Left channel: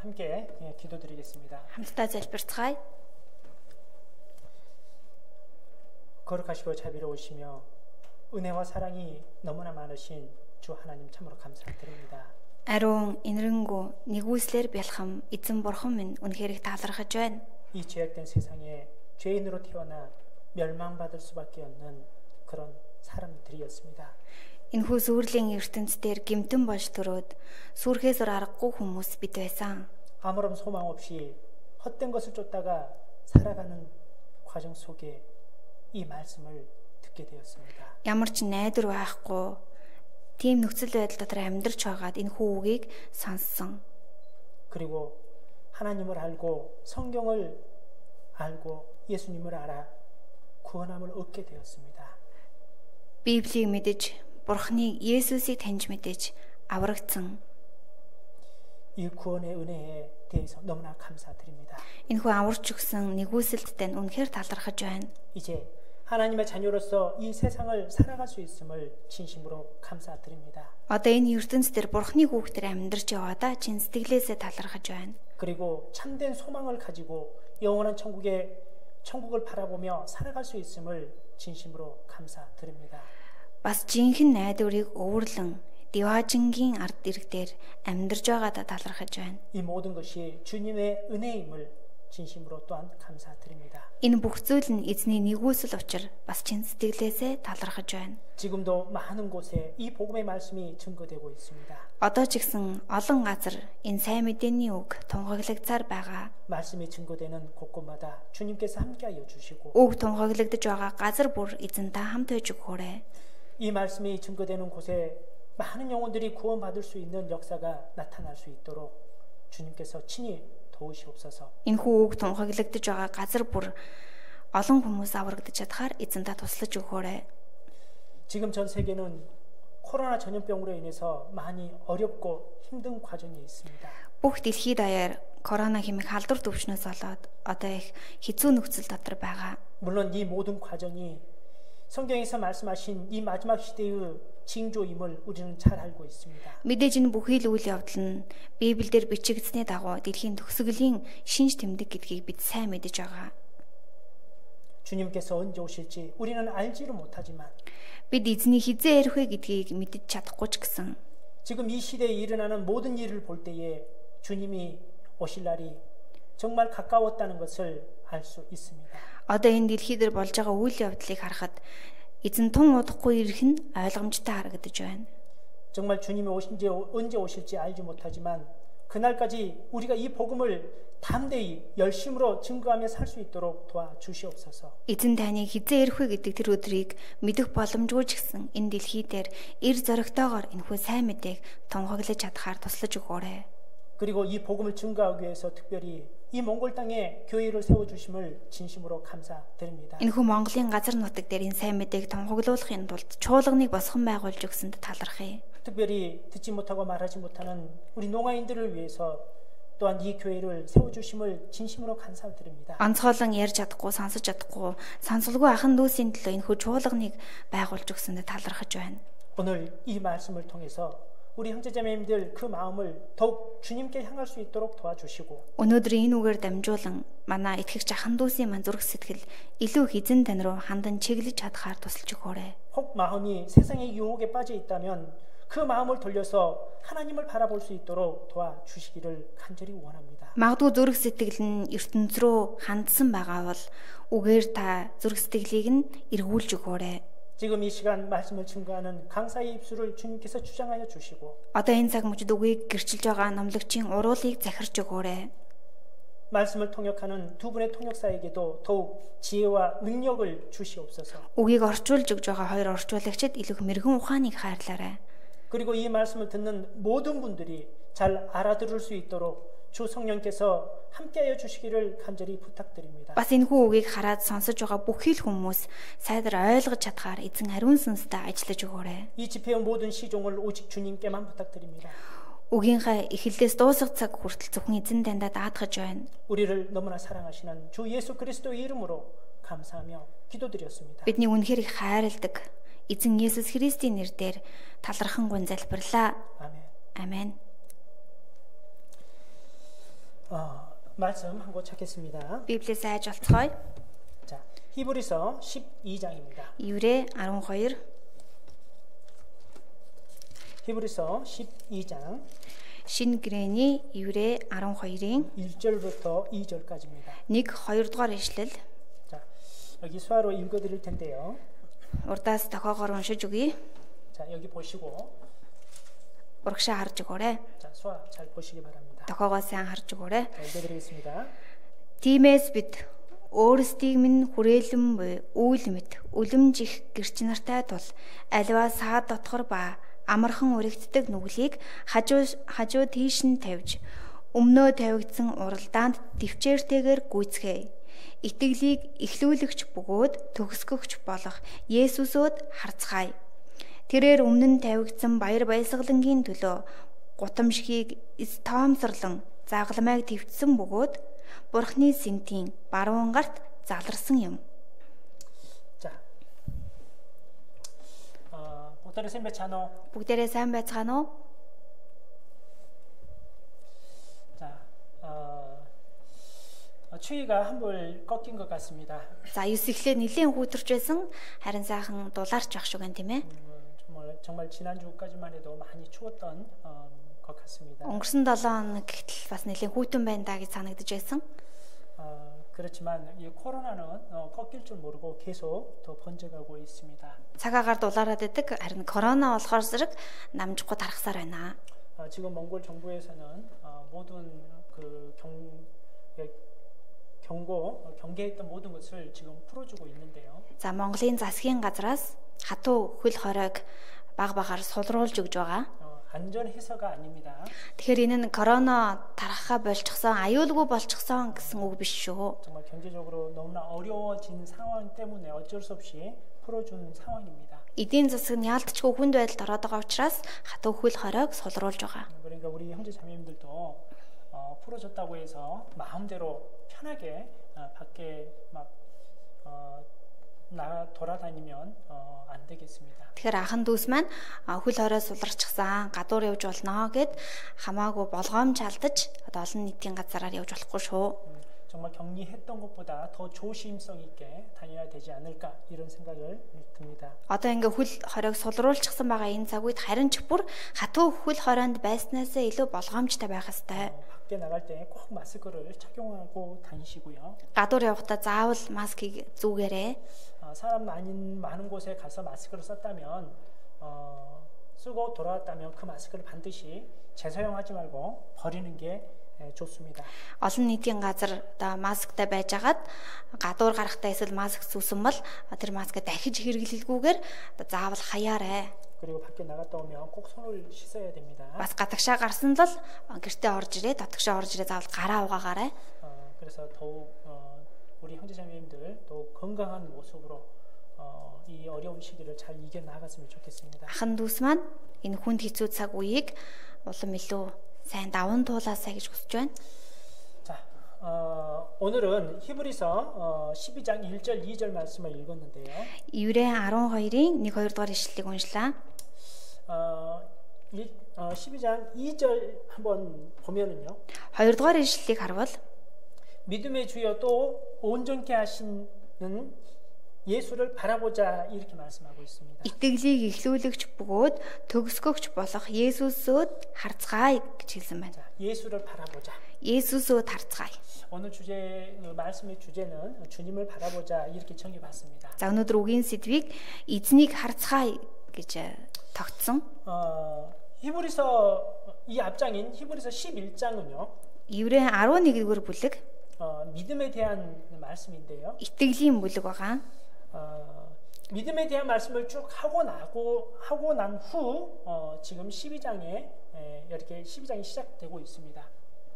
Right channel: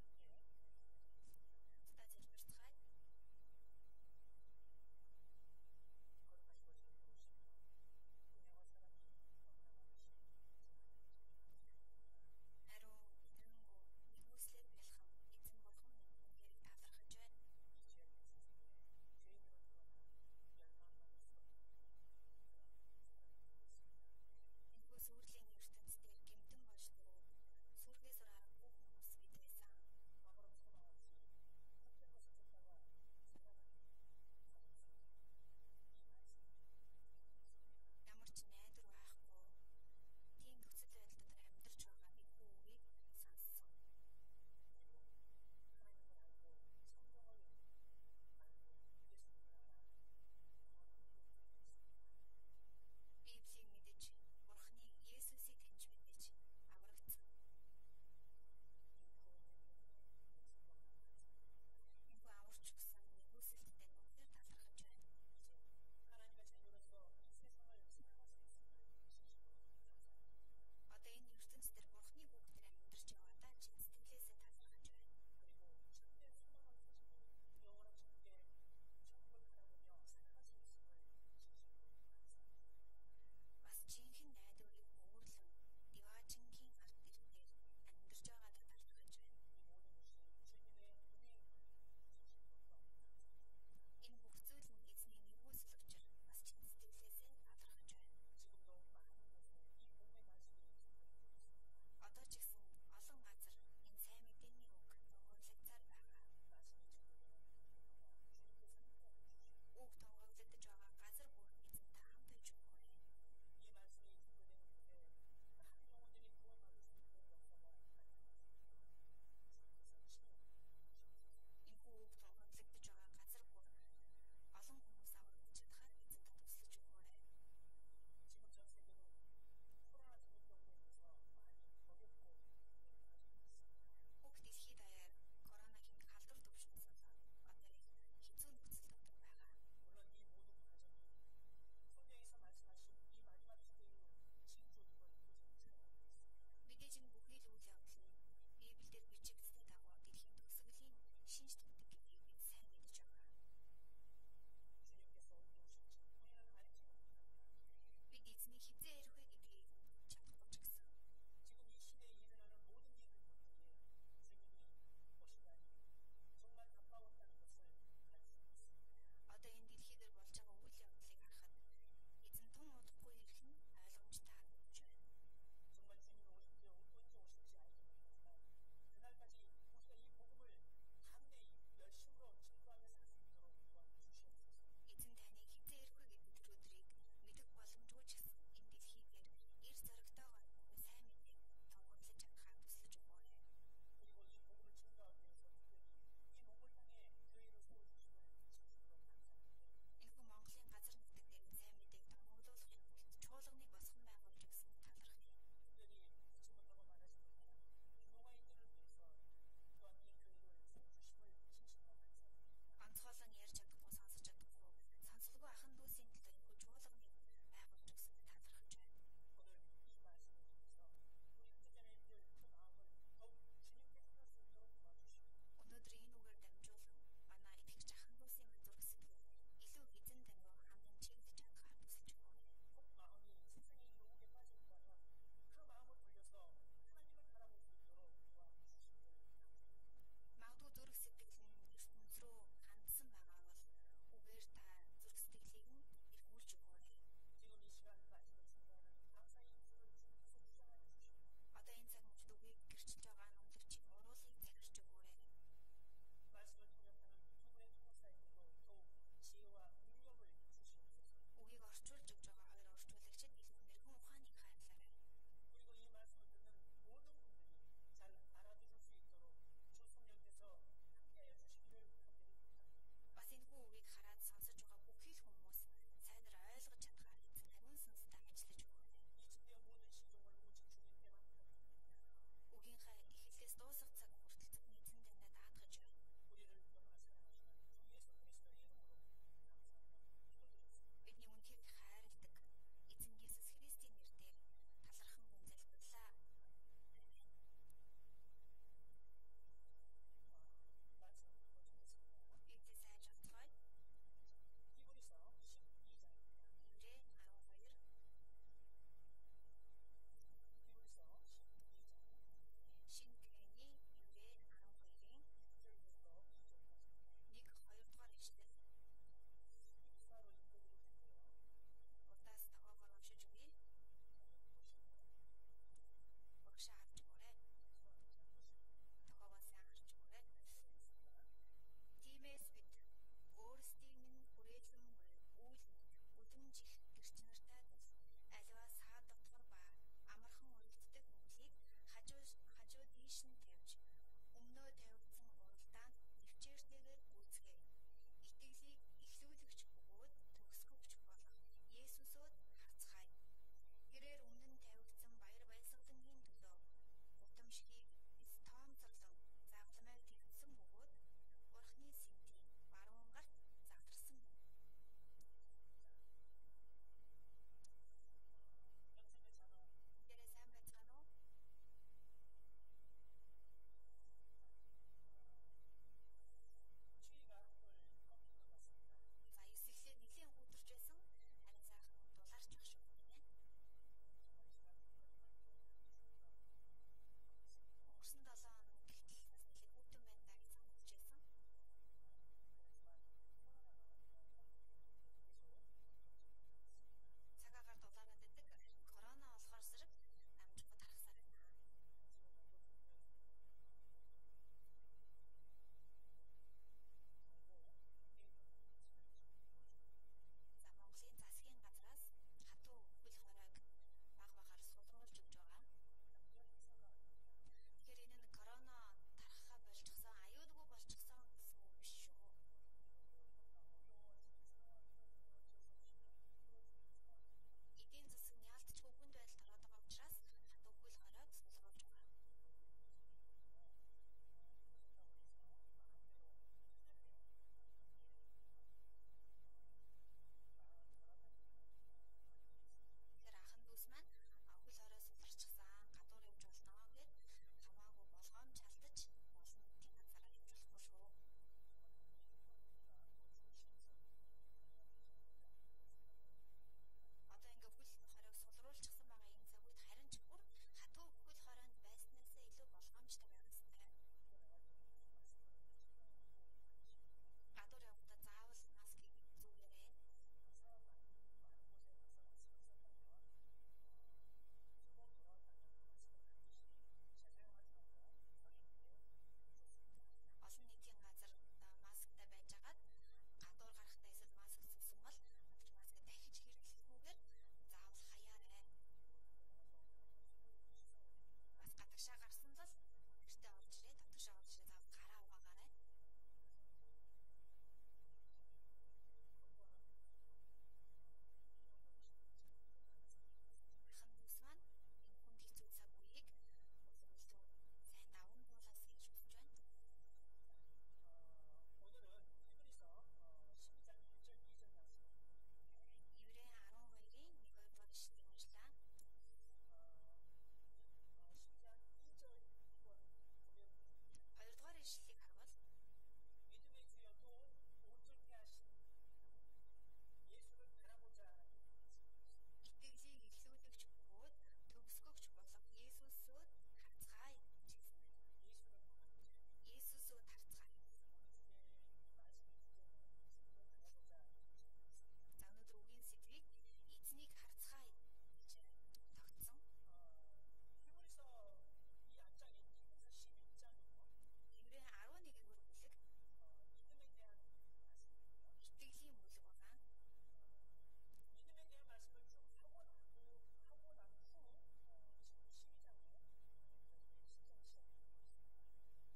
함께 기도드리겠습니다. Хамтдаа залбирцгаая. 거룩하시고 자비로우시며 은혜와 사랑이 너무나 많으신 주 하나님 참으로 감사드립니다. Ариун инэрэнгүү нэгүслэр бэлхэм эзэн бурхан минь үнэхээр их талархаж байна. 이 죄악된 세상에 죄인으로 태어나 멸망받을 수밖에 없는 그런 사람들이었습니다. Энэхүү сүрлийн ертөнцийн гэмтэн болж төрөөд сүрхээс аргагүй хүмүүс бид байсан. 아무런 소망 없이 헛된 것을 쫓다가 살아가는 과정 속에 이 말씀을 듣게 되었습니다. Ямар ч найдвар байхгүй тийм нөхцөл байдал дотор амьдарч байгаад энэ хүүгийг сонссон. 그리고 하나님을 알고 성경을 알고 예수님을 알아 구원함을 얻게 되었습니다. Библийг мэдэж, Бурхныг Есүсийг таньж мэдэж аврагдсан. 이 구원의 은혜에 대해서 너무나 감사드립니다. Энэхүү аварч өгсөн нэгүсэлттэй үнэхээр талархаж байна. 이제 하나님의 자녀로서 이 세상을 살아갈 수 있음을 진심으로 감사드립니다. Одоо энэ ертөнцийн Бурхны хүүхдээр амьдарч яваадаа чин сэтгэлээсээ талархаж байна. 그리고 참된 소망을 가지고 영원한 천국을 바라보며 살아갈 수 있음을 진심으로 감사드립니다. Бас жинхэнэ найдварыг өвөрлөн Диважингийн ард иргдээр амьдарч байгаадаа талархаж байна. 이 모든 것이 주님의 은혜임을 진심으로 또한 감사드립니다. Энэ бүх зүйл нь эзний нэгүсэл учраа бас чин сэтгэлээсээ талархаж байна. 지금도 많은 곳에 이 복음의 말씀이 증거되고 있습니다. Одоо ч гэсэн олон газар энэ сайн мэдээний үг тунхаглагдсаар байгаа. 말씀이 증거되는 곳곳마다 주님께서 함께하여 주시고 Үг тунхаглагдж байгаа газар бүр эзэн та хамт байж өгөөрэй. 이 말씀이 증거되는 곳에 많은 영혼들이 구원받을 수 있는 역사가 나타날 수 있도록 주님께서 친히 도우시옵소서. Энэхүү үг тунхаглагдж байгаа газар бүр олон хүмүүс аврагдаж чадхаар эзэн та туслаж өгөөрэй. 지금 전 세계는 코로나 전염병으로 인해서 많이 어렵고 힘든 과정에 있습니다. Бүх дэлхийд даяар корона хэмээх халдвар төвчнөөс болоод одоо их хэцүү нөхцөл дотор байгаа. 물론 이 모든 과정이 성경에서 말씀하신 이 마지막 시대의 징조임을 우리는 잘 알고 있습니다. Мэдээж энэ бүхий л үйл явдал нь Библиэлд бичигдсэний дагуу дэлхийн төгсгөлийн шинж тэмдэг гэдгийг бид сайн мэдэж байгаа. 주님께서 언제 오실지 우리는 알지를 못하지만 Бид эзний хизээ ирэх вэ гэдгийг мэдэж чадахгүй ч гэсэн 지금 이 시대에 일어나는 모든 일을 볼 때에 주님이 오실 날이 정말 가까웠다는 것을 알 수 있습니다. одоо энэ дэлхийд болж байгаа үйл явдлыг харахад эзэн тун удахгүй ирэх нь ойлгомжтой харагдаж байна. 정말 주님이 언제 오실지 알지 못하지만 그날까지 우리가 이 복음을 담대히 열심으로 증거하며 살 수 있도록 도와주시옵소서. Эзэн таны хизээ ирэх вэ гэдэг тэр өдрийг мэдэх боломжгүй ч гэсэн энэ дэлхий дээр эр зоригтойгоор энэхүү сайн мэдээг тунхаглаж чадхаар туслаж өгөөрэй. 그리고 이 복음을 증거하기 위해서 특별히 이 몽골 땅에 교회를 세워주심을 진심으로 감사드립니다. Энэхүү Монголын газар нутаг дээр энэ сайн мэдээг тунхаглуулахын тулд чуулганыг босгон байгуулж өгсөнд талархъя. 특별히 듣지 못하고 말하지 못하는 우리 농아인들을 위해서 또한 이 교회를 세워주심을 진심으로 감사드립니다. Онцгойлон ярьж чадахгүй, сонсож чадахгүй, сонсолгүй ахын дүүсийн төлөө энэхүү чуулганыг байгуулж өгсөнд талархаж байна. 오늘 이 말씀을 통해서 우리 형제자매님들 그 마음을 더욱 주님께 향할 수 있도록 도와주시고 Өнөөдөр энэ үгээр дамжуулан манай итгэгч ахын дүүсийн мань зүрх сэтгэл илүү эзэн тань руу хандан чиглэж чадхаар тусалж өгөөрэй. 혹 마음이 세상의 유혹에 빠져 있다면 그 마음을 돌려서 하나님을 바라볼 수 있도록 도와주시기를 간절히 원합니다. Магадгүй зүрх сэтгэл нь ертөнц рүү хандсан байгаа бол үгээр та зүрх сэтгэлийг нь эргүүлж өгөөрэй. 지금 이 시간 말씀을 증거하는 강사의 입술을 주님께서 주장하여 주시고 Одоо энэ цаг мөчид үгийг гэрчилж байгаа номлогчийн уруулыг захирч өгөөрэй. 말씀을 통역하는 두 분의 통역사에게도 더욱 지혜와 능력을 주시옵소서. Үгийг орчуулж өгж байгаа хоёр орчуулагчид илүү мэрэгэн ухааныг хайрлаарай. 그리고 이 말씀을 듣는 모든 분들이 잘 알아들을 수 있도록 주 성령께서 함께하여 주시기를 간절히 부탁드립니다. Бас энэхүү үгийг хараад сонсож байгаа бүхий л хүмүүс сайдар ойлгож чадхаар эзэн ариун сүнстэй ажиллаж өгөөрэй. 이 집회의 모든 시종을 오직 주님께만 부탁드립니다. Үгийнхээ эхлэлээс дуусах цаг хүртэл зөвхөн эзэн таньда даатгаж байна. 우리를 너무나 사랑하시는 주 예수 그리스도의 이름으로 감사하며 기도드렸습니다. Бидний үнэхээр их хайрладаг эзэн Есүс Христийн нэрээр талархан гун залбирлаа. 아멘. Амен. 말씀 한 곳 찾겠습니다. Библиэс айж олцгоё. 자, 히브리서 12장입니다. Еврэ 12 히브리서 12장 Шинэ гэрээний Еврэ 12-ийн 1절부터 2절까지입니다. 1, 2 дугаар ишлэл. 자, 여기 수화로 읽어드릴 텐데요. Урдаас тохоогоор уншиж өгье. 자, 여기 보시고, Урагшаа харж өгөөрэй. 자, 수화 잘 보시기 바랍니다. Тохоогоо сайн харж өгөөрэй. 자, 읽어드리겠습니다. Тиймээс бид өөрсдийг минь хүрээлэн буй үйл мэт үлэмж их гэрч нартай тул аливаа саад дотгор ба амархан уригддаг нүглийг хажуу тийш нь тавьж өмнөө тавигдсан уралдаанд төвчээртэйгээр гүйцгээе. Итгэлийг эхлүүлэгч бөгөөд төгсгөгч болох Есүсөд харцгаая. Тэрээр өмнө нь тавигдсан баяр баясгалангийн төлөө гутамшгийг тоомсорлон загламайг твцсэн бөгөөд Бурхны сэнтийн баруун гарт заларсан юм. 자, 복다리 선배 찬호. Бүгдээрээ сайн байцгаана уу? 자, 추위가 한볼 꺾인 것 같습니다. За, 9 эхлээ нэлийн хүүтэрч байсан. Харин сайхан дулаарч байх шиг байна тийм ээ. 정말 지난주까지만 해도 많이 추웠던 것 같습니다. Өнгөрсөн 7 хоног гэтэл бас нэлийн хүүтэн байна даа гэж санагдаж байсан. 그렇지만 이 코로나는 꺾일 줄 모르고 계속 더 번져가고 있습니다. Цагаагаар дулаараад байдаг. Харин корона болохоор зэрэг намжихгүй тархсаар байна. 지금 몽골 정부에서는 모든 그 경계했던 모든 것을 지금 풀어주고 있는데요. За, Монголын засгийн газраас хатуу хөл хоройг баг багаар сулруулж өгж байгаа. 안전 해서가 아닙니다. Тэгэхээр энэ нь корона тархахаа болчихсон, аюулгүй болчихсон гэсэн үг биш шүү. 정말 경제적으로 너무나 어려워진 상황 때문에 어쩔 수 없이 풀어준 상황입니다. Эдийн засаг нь яалтчгүй хүнд байдалд ороод байгаа учраас хатуу хөл хоройг сулруулж байгаа. 그러니까 우리 형제 자매님들도 풀어줬다고 해서 마음대로 편하게 밖에 막 돌아다니면 안 되겠습니다. Тэгэхээр ахан дүүс маань хөл хорой суларчихсан, гадуур явж болно гэд хамаагүй болгоомж алдаж одоо олон нийтийн газараар явж болохгүй шүү. 정말 격리했던 것보다 더 조심성 있게 다녀야 되지 않을까 이런 생각을 듭니다. Одоо ингээ хөл хоройг сулруулчихсан байгаа энэ цаг үед харин ч бүр хатуу хөл хоройнд байснаасаа илүү болгоомжтой байх ёстой. 밖에 나갈 때 꼭 마스크를 착용하고 다니시고요. Гадуур явахдаа заавал маскыг зүүгээрэй. 사람 많은 곳에 가서 마스크를 썼다면 쓰고 돌아왔다면 그 마스크를 반드시 재사용하지 말고 버리는 게 좋습니다. Олон нийтийн газар одоо масктай байжгаад гадуур гарахтаа эсвэл маск зүүсэн бол тэр маскаа дахиж хэрэглэлгүйгээр заавал хаяарай. 그리고 밖에 나갔다 오면 꼭 손을 씻어야 됩니다. Бас гадагшаа гарсан л гэртээ орж ирээ, дотгошоо орж ирээ заавал гараа угаагаарай. 그래서 더욱 우리 형제자매님들 또 건강한 모습으로 이 어려운 시기를 잘 이겨 나갔으면 좋겠습니다. Ахан дүүс маань энэ хүнд хэцүү цаг үеийг улам илүү сайн даван туулаасаа гэж хүсэж байна. 자, 오늘은 히브리서 12장 1절 2절 말씀을 읽었는데요. Еврэ 12-ийн 1, 2 дугаар ишлэлийг уншлаа. 12장 2절 한번 보면은요. 2 дугаар ишлэлийг харвал 믿음의 주여 또 온전케 하시는 예수를 바라보자 이렇게 말씀하고 있습니다. итгэлийг эхлүүлэгч бөгөөд төгсгөгч болох Есүсөд харцгаая гэж хэлсэн байна. 예수를 바라보자. Есүсөд харцгаая. 오늘 말씀의 주제는 주님을 바라보자 이렇게 정해봤습니다. За, өнөөдөр үгийн сэдвийг эзнийг харцгаая гэж тогтсон. 히브리서 이 앞장인 히브리서 11장은요. Еврэ 11-р бүлэг 믿음에 대한 말씀인데요. итгэлийн бүлэг байгаа. 믿음에 대한 말씀을 쭉 하고 난 후 지금 12장에 이렇게 12장이 시작되고 있습니다.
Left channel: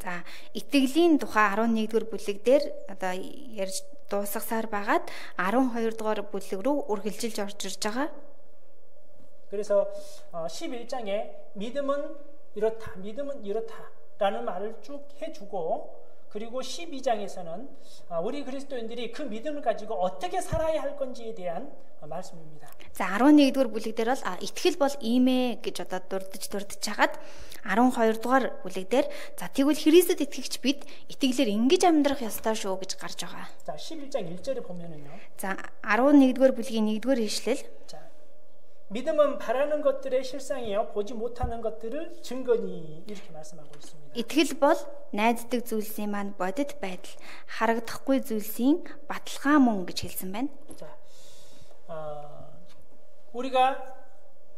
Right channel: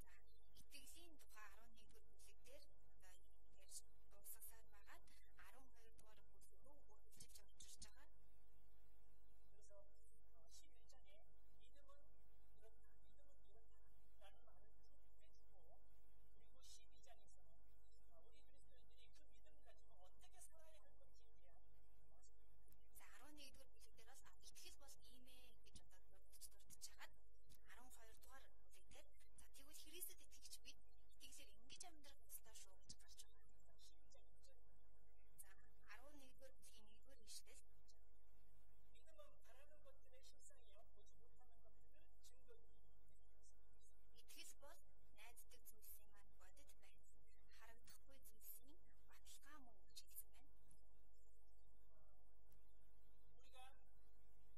За, итгэлийн тухай 11-р бүлэг дээр одоо ярьж дуусгасаар байгаад 12-р бүлэг рүү үргэлжилж орж ирж байгаа. 그래서 11장에 믿음은 이렇다라는 말을 쭉 해주고 그리고 12장에서는 우리 그리스도인들이 그 믿음을 가지고 어떻게 살아야 할 건지에 대한 말씀입니다. За 11-р бүлэг дээр бол итгэл бол ийм ээ гэж одоо дурдж хагаад 12 дугаар бүлэг дээр за тэгвэл Христэд итгэгч бид итгэлээр ингэж амьдрах ёстой шүү гэж гарч байгаа. 자, 11장 1절에 보면은요. За 11-р бүлгийн 1-р ишлэл. 자, 믿음은 바라는 것들의 실상이요 보지 못하는 것들을 증거니 이렇게 말씀하고 있습니다. Итгэл бол найддаг зүйлсийн маань бодит байдал, харагдахгүй зүйлсийн баталгаа мөн гэж хэлсэн байна. 자, 우리가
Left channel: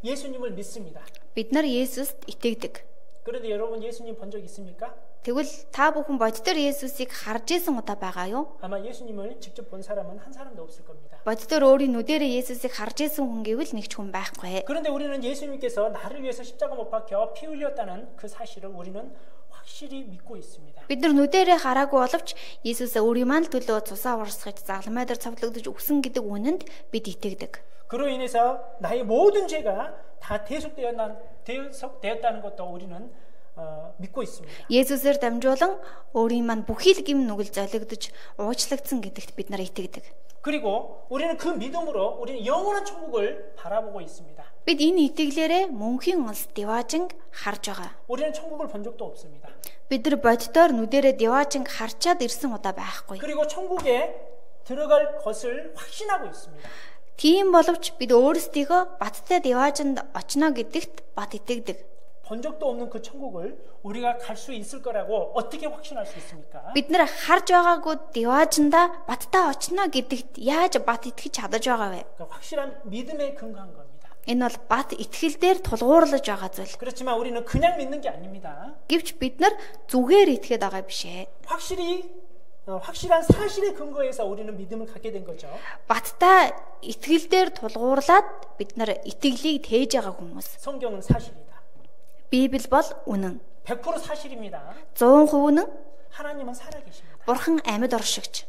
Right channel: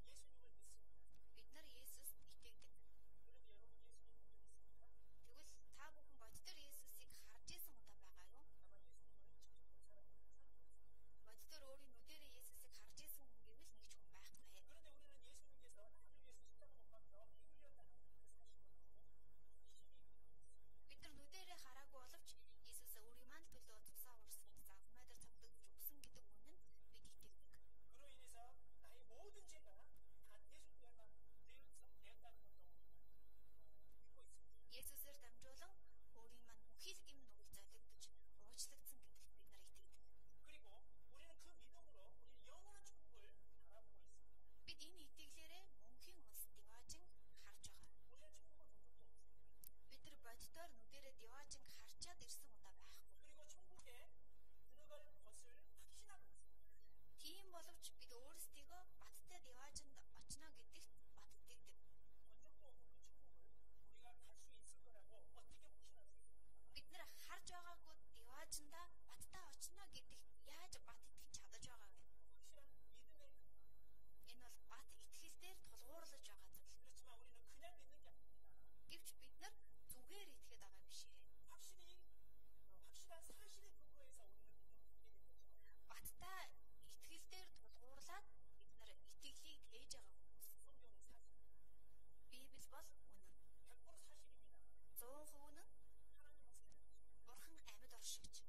예수님을 믿습니다. Бид нар Есүст итгэдэг. 그런데 여러분 예수님 본 적 있습니까? Тэгвэл та бүхэн бодитоор Есүсийг харж исэн удаа байгаа юу? 아마 예수님을 직접 본 사람은 한 사람도 없을 겁니다. бодитоор өөрийн нүдэрээ Есүсийг харж исэн хүн гэвэл нэг ч хүн байхгүй. 그런데 우리는 예수님께서 나를 위해서 십자가 못 박혀 피 흘렸다는 그 사실을 우리는 확실히 믿고 있습니다. Бид нар нүдэрээ хараагүй боловч Есүс өөрийн маань төлөө цусаа урсгаж загламай дээр цавлагдаж өгсөн гэдэг үнэнд бид итгэдэг. 그로 인해서 나의 모든 죄가 다 대속되었다는 것도 우리는 믿고 있습니다. Есүсээр дамжуулан өөрийн маань бүхий л гим нүгэл золигдож уучлагдсан гэдэгт бид нар итгэдэг. 그리고 우리는 그 믿음으로 우리는 영원한 천국을 바라보고 있습니다. Бид энэ итгэлээрээ мөнхийн улс Деважинг харж байгаа. 우리는 천국을 본 적도 없습니다. Бид нар бодитоор нүдэрээ Деважинг харчаад ирсэн удаа байхгүй. 그리고 천국에 들어갈 것을 확신하고 있습니다. Тийм боловч бид өөрсдийгөө баттай Деважинд очно гэдэгт бат итгэдэг. 본 적도 없는 그 천국을 우리가 갈 수 있을 거라고 어떻게 확신할 수 있습니까? Бид нар харж байгаагүй Деважинда баттай очно гэдэгт яаж бат итгэж чадаж байгаа вэ? 그러니까 확실한 믿음에 근거한 겁니다. Энэ бол бат итгэл дээр тулгуурлаж байгаа зүйл. 그렇지만 우리는 그냥 믿는 게 아닙니다. Гэвч бид нар зүгээр итгээд байгаа биш ээ. 확실한 사실에 근거해서 우리는 믿음을 갖게 된 거죠. Баттай итгэл дээр тулгуурлаад бид нар итгэлийг тээж байгаа хүмүүс. 성경은 사실이다. Библи бол үнэн. 100% 사실입니다. 100% үнэн. 하나님은 살아계십니다. Бурхан амьд оршигч.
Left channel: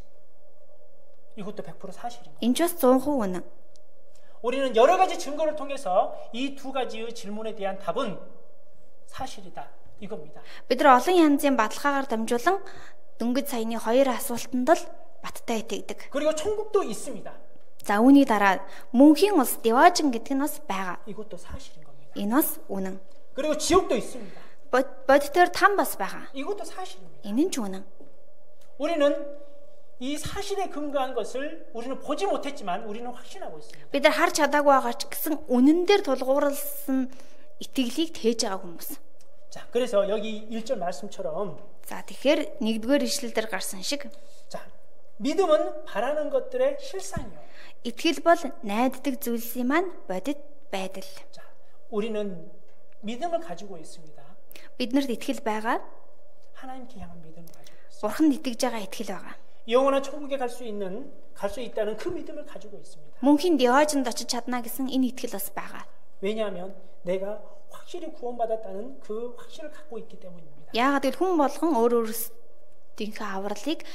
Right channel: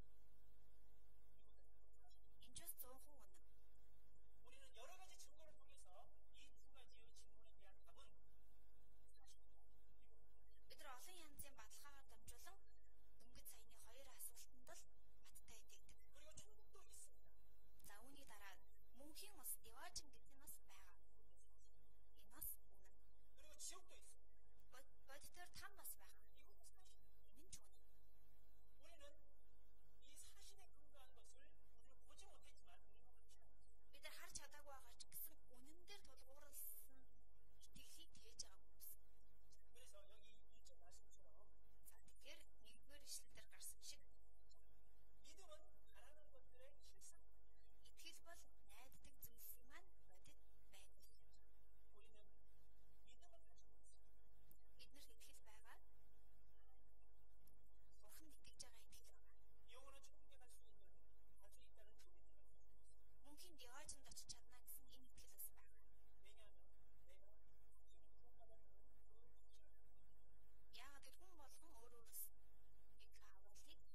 이것도 100% 사실입니다. Энэ ч бас 100% үнэн. 우리는 여러 가지 증거를 통해서 이 두 가지의 질문에 대한 답은 사실이다. 이겁니다. Бид нар олон янзын баталгаагаар дамжуулан дөнгөж саяны хоёр асуултанд л баттай итгэдэг. 그리고 천국도 있습니다. За үүний дараа мөнхийн улс Деважин гэдэг нь бас байгаа. 이것도 사실인 겁니다. Энэ бас үнэн. 그리고 지옥도 있습니다. Бодитоор там бас байгаа. 이것도 사실입니다. Энэ нь ч үнэн. 우리는 이 사실에 근거한 것을 우리는 보지 못했지만 우리는 확신하고 있습니다. Бид нар харж чадаагүй байгаа ч гэсэн үнэн дээр тулгуурласан итгэлийг тээж байгаа хүмүүс. 자, 그래서 여기 1절 말씀처럼 За тэгэхээр нэгдүгээр ишлэл дээр гарсан шиг 자, 믿음은 바라는 것들의 실상이요. итгэл бол найддаг зүйлсийн маань бодит байдал. 자, 우리는 믿음을 가지고 있습니다. Биднэрт итгэл байгаа. 하나님께 향한 믿음을 가지고 있습니다. Бурханд итгэж байгаа итгэл байгаа. 영원한 천국에 갈 수 있다는 그 믿음을 가지고 있습니다. Мөнхийн Деважинд очиж чадна гэсэн энэ итгэл бас байгаа. 왜냐하면 내가 확실히 구원받았다는 그 확신을 갖고 있기 때문입니다. Яагаад гэвэл хүн болгон өөрийнхөө авралыг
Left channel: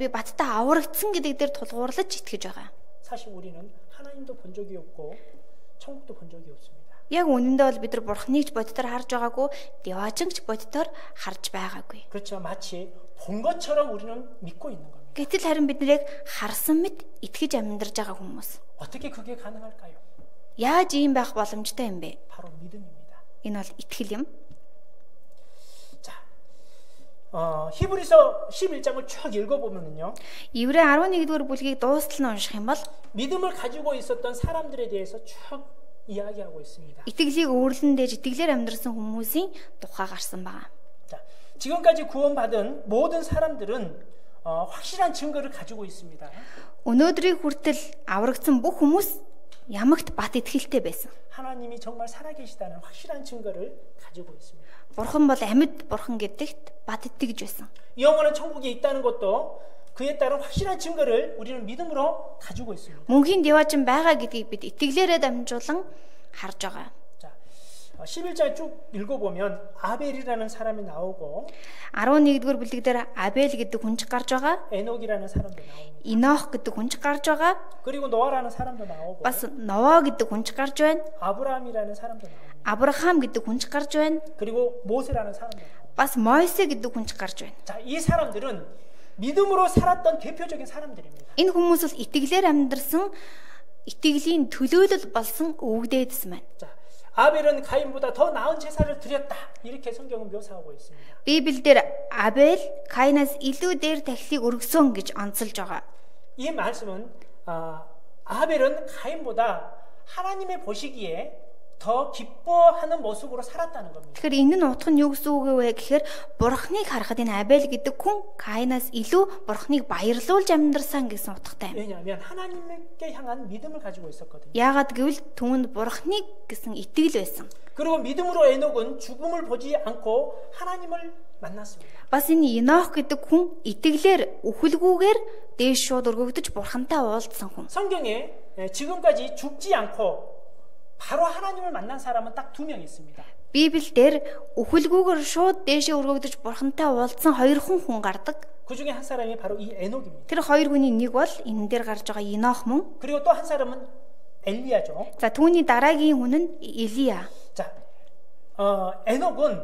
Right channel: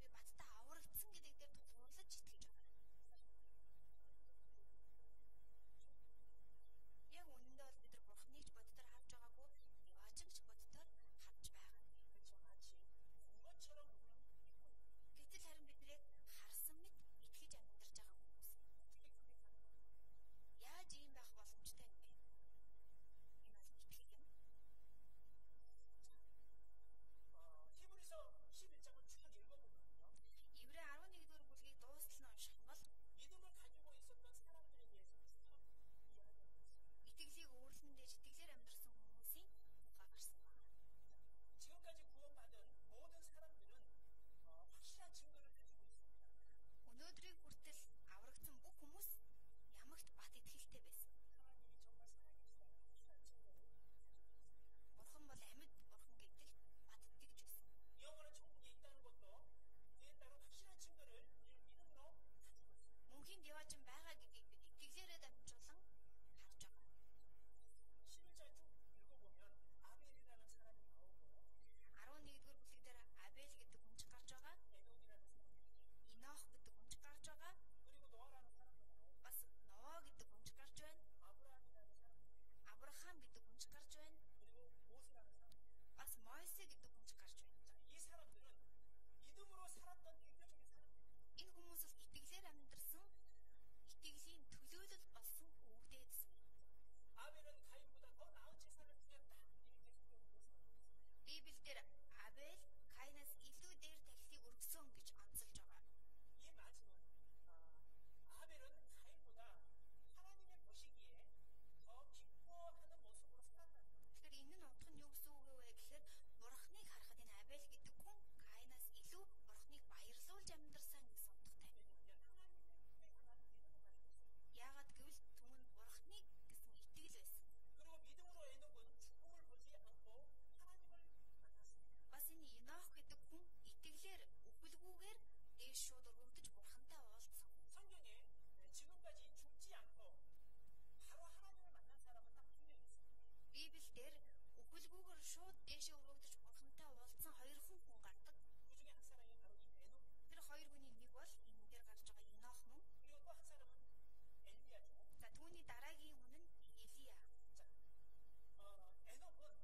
би баттай аврагдсан гэдэг дээр тулгуурлаж итгэж байгаа. 사실 우리는 하나님도 본 적이 없고 천국도 본 적이 없습니다. Яг үнэндээ бол бид нар Бурханыг ч бодитоор харж байгаагүй, Деважинг ч бодитоор харж байгаагүй. 그렇지만 마치 본 것처럼 우리는 믿고 있는 겁니다. Гэтэл харин бид нарыг харсан мэт итгэж амьдарч байгаа хүмүүс. 어떻게 그게 가능할까요? Яаж ийм байх боломжтой юм бэ? 바로 믿음입니다. Энэ бол итгэл юм. 자, 히브리서 11장을 쭉 읽어보면요. Еврей 11-р бүлгийг дуустал нь унших юм бол 믿음을 가지고 있었던 사람들에 대해서 쭉 이야기하고 있습니다. итгэлийг өөрлөн дээж итгэлээр амьдрсан хүмүүсийн тухай гарсан байна. 자, 지금까지 구원받은 모든 사람들은 확실한 증거를 가지고 있습니다. Өнөөдрийг хүртэл аврагдсан бүх хүмүүс ямагт бат итгэлтэй байсан. 하나님이 정말 살아계시다는 확실한 증거를 가지고 있습니다. Бурхан бол амьд бурхан гэдэгт бат итгэж байсан. 영원한 천국에 있다는 것도 그에 따른 확실한 증거를 우리는 믿음으로 가지고 있습니다. Мөнхийн Деважин байгаа гэдгийг бид итгэлээрээ дамжуулан харж байгаа. 자, 11장 쭉 읽어보면 아벨이라는 사람이 나오고 11-р бүлэг дээр Абель гэдэг хүн ч гарч байгаа. 에녹이라는 사람도 나옵니다. Инох гэдэг хүн ч гарч байгаа. 그리고 노아라는 사람도 나오고 Бас Нова гэдэг хүн ч гарч байна. 아브라함이라는 사람도 나옵니다. Авраам гэдэг хүн ч гарч байна. 그리고 모세라는 사람도 나옵니다. Бас Мойсе гэдэг хүн ч гарч байна. 자, 이 사람들은 믿음으로 살았던 대표적인 사람들입니다. Энэ хүмүүс бол итгэлээр амьдрсан итгэлийн төлөөлөл болсон өвгдээдсэн байна. 자, 아벨은 가인보다 더 나은 제사를 드렸다. 이렇게 성경은 묘사하고 있습니다. Библиэлд Абель Каинаас илүү дээр тахилыг өргөсөн гэж онцолж байгаа. 이 말씀은 아벨은 가인보다 하나님의 보시기에 더 기뻐하는 모습으로 살았다는 겁니다. Тэгэхээр энэ нь утга нь юу гэсэн үг вэ гэхээр бурхныг харахад энэ Абель гэдэг хүн Каинаас илүү бурхныг баярлуулж амьдрсан гэсэн утгатай. 왜냐하면 하나님께 향한 믿음을 가지고 있었거든요. Яагаад гэвэл түүнд бурхныг гэсэн итгэл байсан. 그리고 믿음으로 에녹은 죽음을 보지 않고 하나님을 만났습니다. Бас энэ Енох гэдэг хүн итгэлээр үхэлгүйгээр дээш шууд өргөгдөж бурхантай уулзсан хүн. 성경에 지금까지 죽지 않고 바로 하나님을 만난 사람은 딱 2명 있습니다. Библиэлд үхэлгүйгээр шууд дээшээ өргөгдөж бурхантай уулзсан 2 хүн гардаг. 그 중에 한 사람이 바로 이 에녹입니다. Тэр 2 хүний нэг бол энэ дээр гарч байгаа Енох мөн. 그리고 또 한 사람은 엘리야죠. За түүний дараагийн хүн нь Илия. 자, 에녹은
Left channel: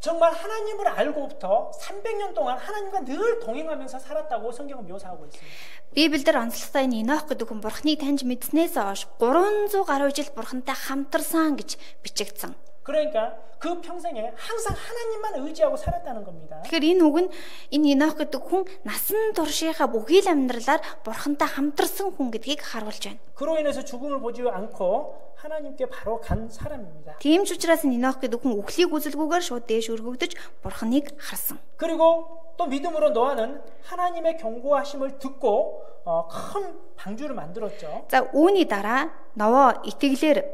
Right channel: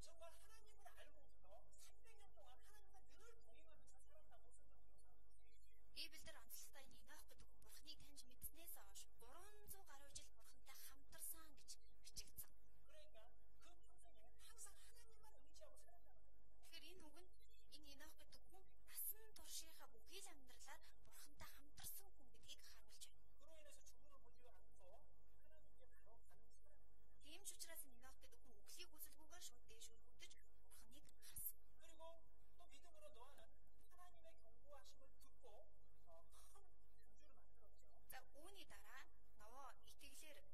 정말 하나님을 알고부터 300년 동안 하나님과 늘 동행하면서 살았다고 성경은 묘사하고 있습니다. Библиэлд онцлогтой энэ Енох гэдэг хүн бурхныг таньж мэдснээс хойш 300 гаруй жил бурхантай хамтарсан гэж бичигдсэн. 그러니까 그 평생에 항상 하나님만 의지하고 살았다는 겁니다. Тэгэхээр энэ үг нь энэ Енох гэдэг хүн насан туршийнхаа бүхий л амьдралаар бурхантай хамтарсан хүн гэдгийг харуулж байна. 그로 인해서 죽음을 보지 않고 하나님께 바로 간 사람입니다. Тийм ч учраас Енох гэдэг хүн үхлийг үзэлгүйгээр шууд дээш өргөгдөж бурхныг харсан. 그리고 또 믿음으로 노아는 하나님의 경고하심을 듣고 큰 방주를 만들었죠. За үүний дараа Ново итгэлээр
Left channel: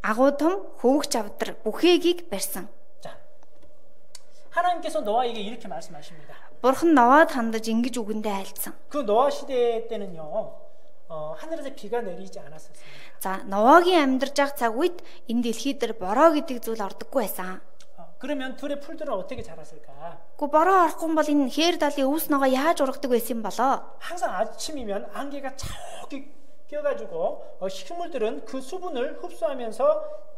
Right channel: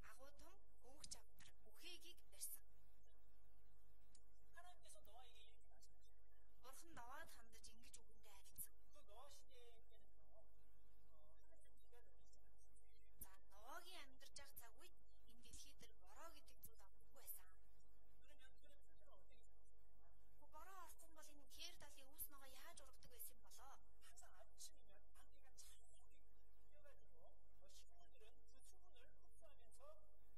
агуу том хөвгч авдар бүхээгийг барьсан. 자, 하나님께서 노아에게 이렇게 말씀하십니다. Бурхан Новод хандаж ингэж үгэндээ айлцсан. 그 노아 시대 때는요, 하늘에서 비가 내리지 않았었습니다. За Новогийн амьдарч байгаа цаг үед энэ дэлхий дээр бороо гэдэг зүйл ордоггүй байсан. 그러면 들의 풀들은 어떻게 자랐을까? Гэхдээ бороо орохгүй бол энэ хээр далын өвс ногоо яаж ургадаг байсан болоо? 항상 아침이면 안개가 자욱이 껴가지고 식물들은 그 수분을 흡수하면서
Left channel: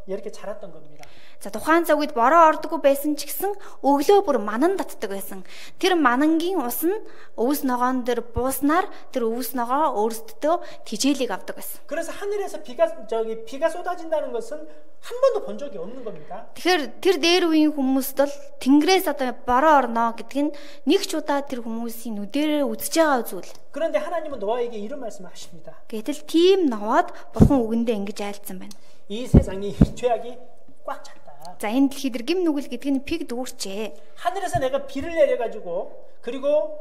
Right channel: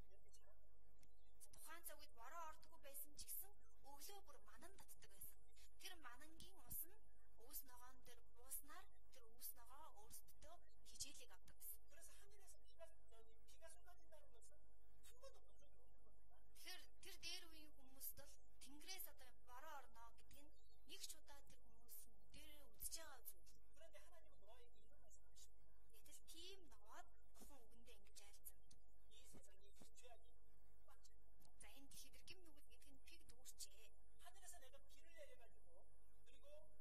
이렇게 자랐던 겁니다. За тухайн цаг үед бороо ордоггүй байсан ч гэсэн өглөө бүр манан татдаг байсан. Тэр манангийн ус нь өвс ногоон дээр бууснаар тэр өвс ногоо өөрсдөө тижээлийг авдаг байсан. 그래서 하늘에서 비가 쏟아진다는 것은 한 번도 본 적이 없는 겁니다. Тэгэхээр тэр дээр үеийн хүмүүст бол Тэнгэрээс одоо бороо орно гэдг нь нэг ч удаа тэр хүмүүсийн нүдэрээ үзэж байгаа зүйл. 그런데 하나님은 노아에게 이런 말씀을 하십니다. Гэтэл тийм Новод бурхан үгэндээ ингэж айлцсан байна. 이 세상이 죄악이 꽉 찼다. За энэ дэлхий дээр гим нүгэл гэдэг нь пиг дүүрчээ. 하늘에서 내가 비를 내려가지고 그리고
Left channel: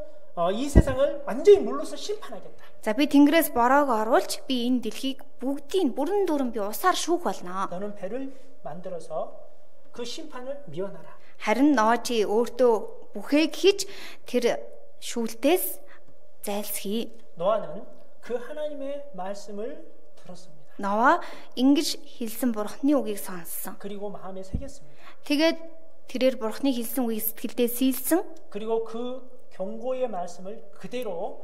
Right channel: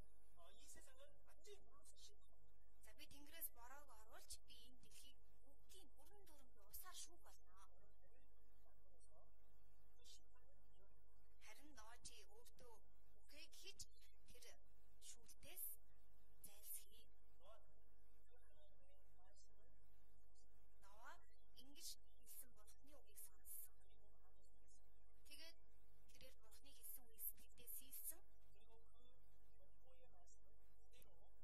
이 세상을 완전히 물로서 심판하겠다. За би Тэнгэрээс бороог оруулж би энэ дэлхийг бүгдийг бүрэн дүүрэн би усаар шүүх болно. 너는 배를 만들어서 그 심판을 미워하라. Харин Ноочи өөртөө бүхээг хийж тэр шүүлтээс зайлсхий. 노아는 그 하나님의 말씀을 들었습니다. Ново ингэж хэлсэн бурхны үгийг сонссон. 그리고 마음에 새겼습니다. Тэгээд тэрээр бурхны хэлсэн үгийг сэтгэлдээ сийлсэн. 그리고 그 경고의 말씀을 그대로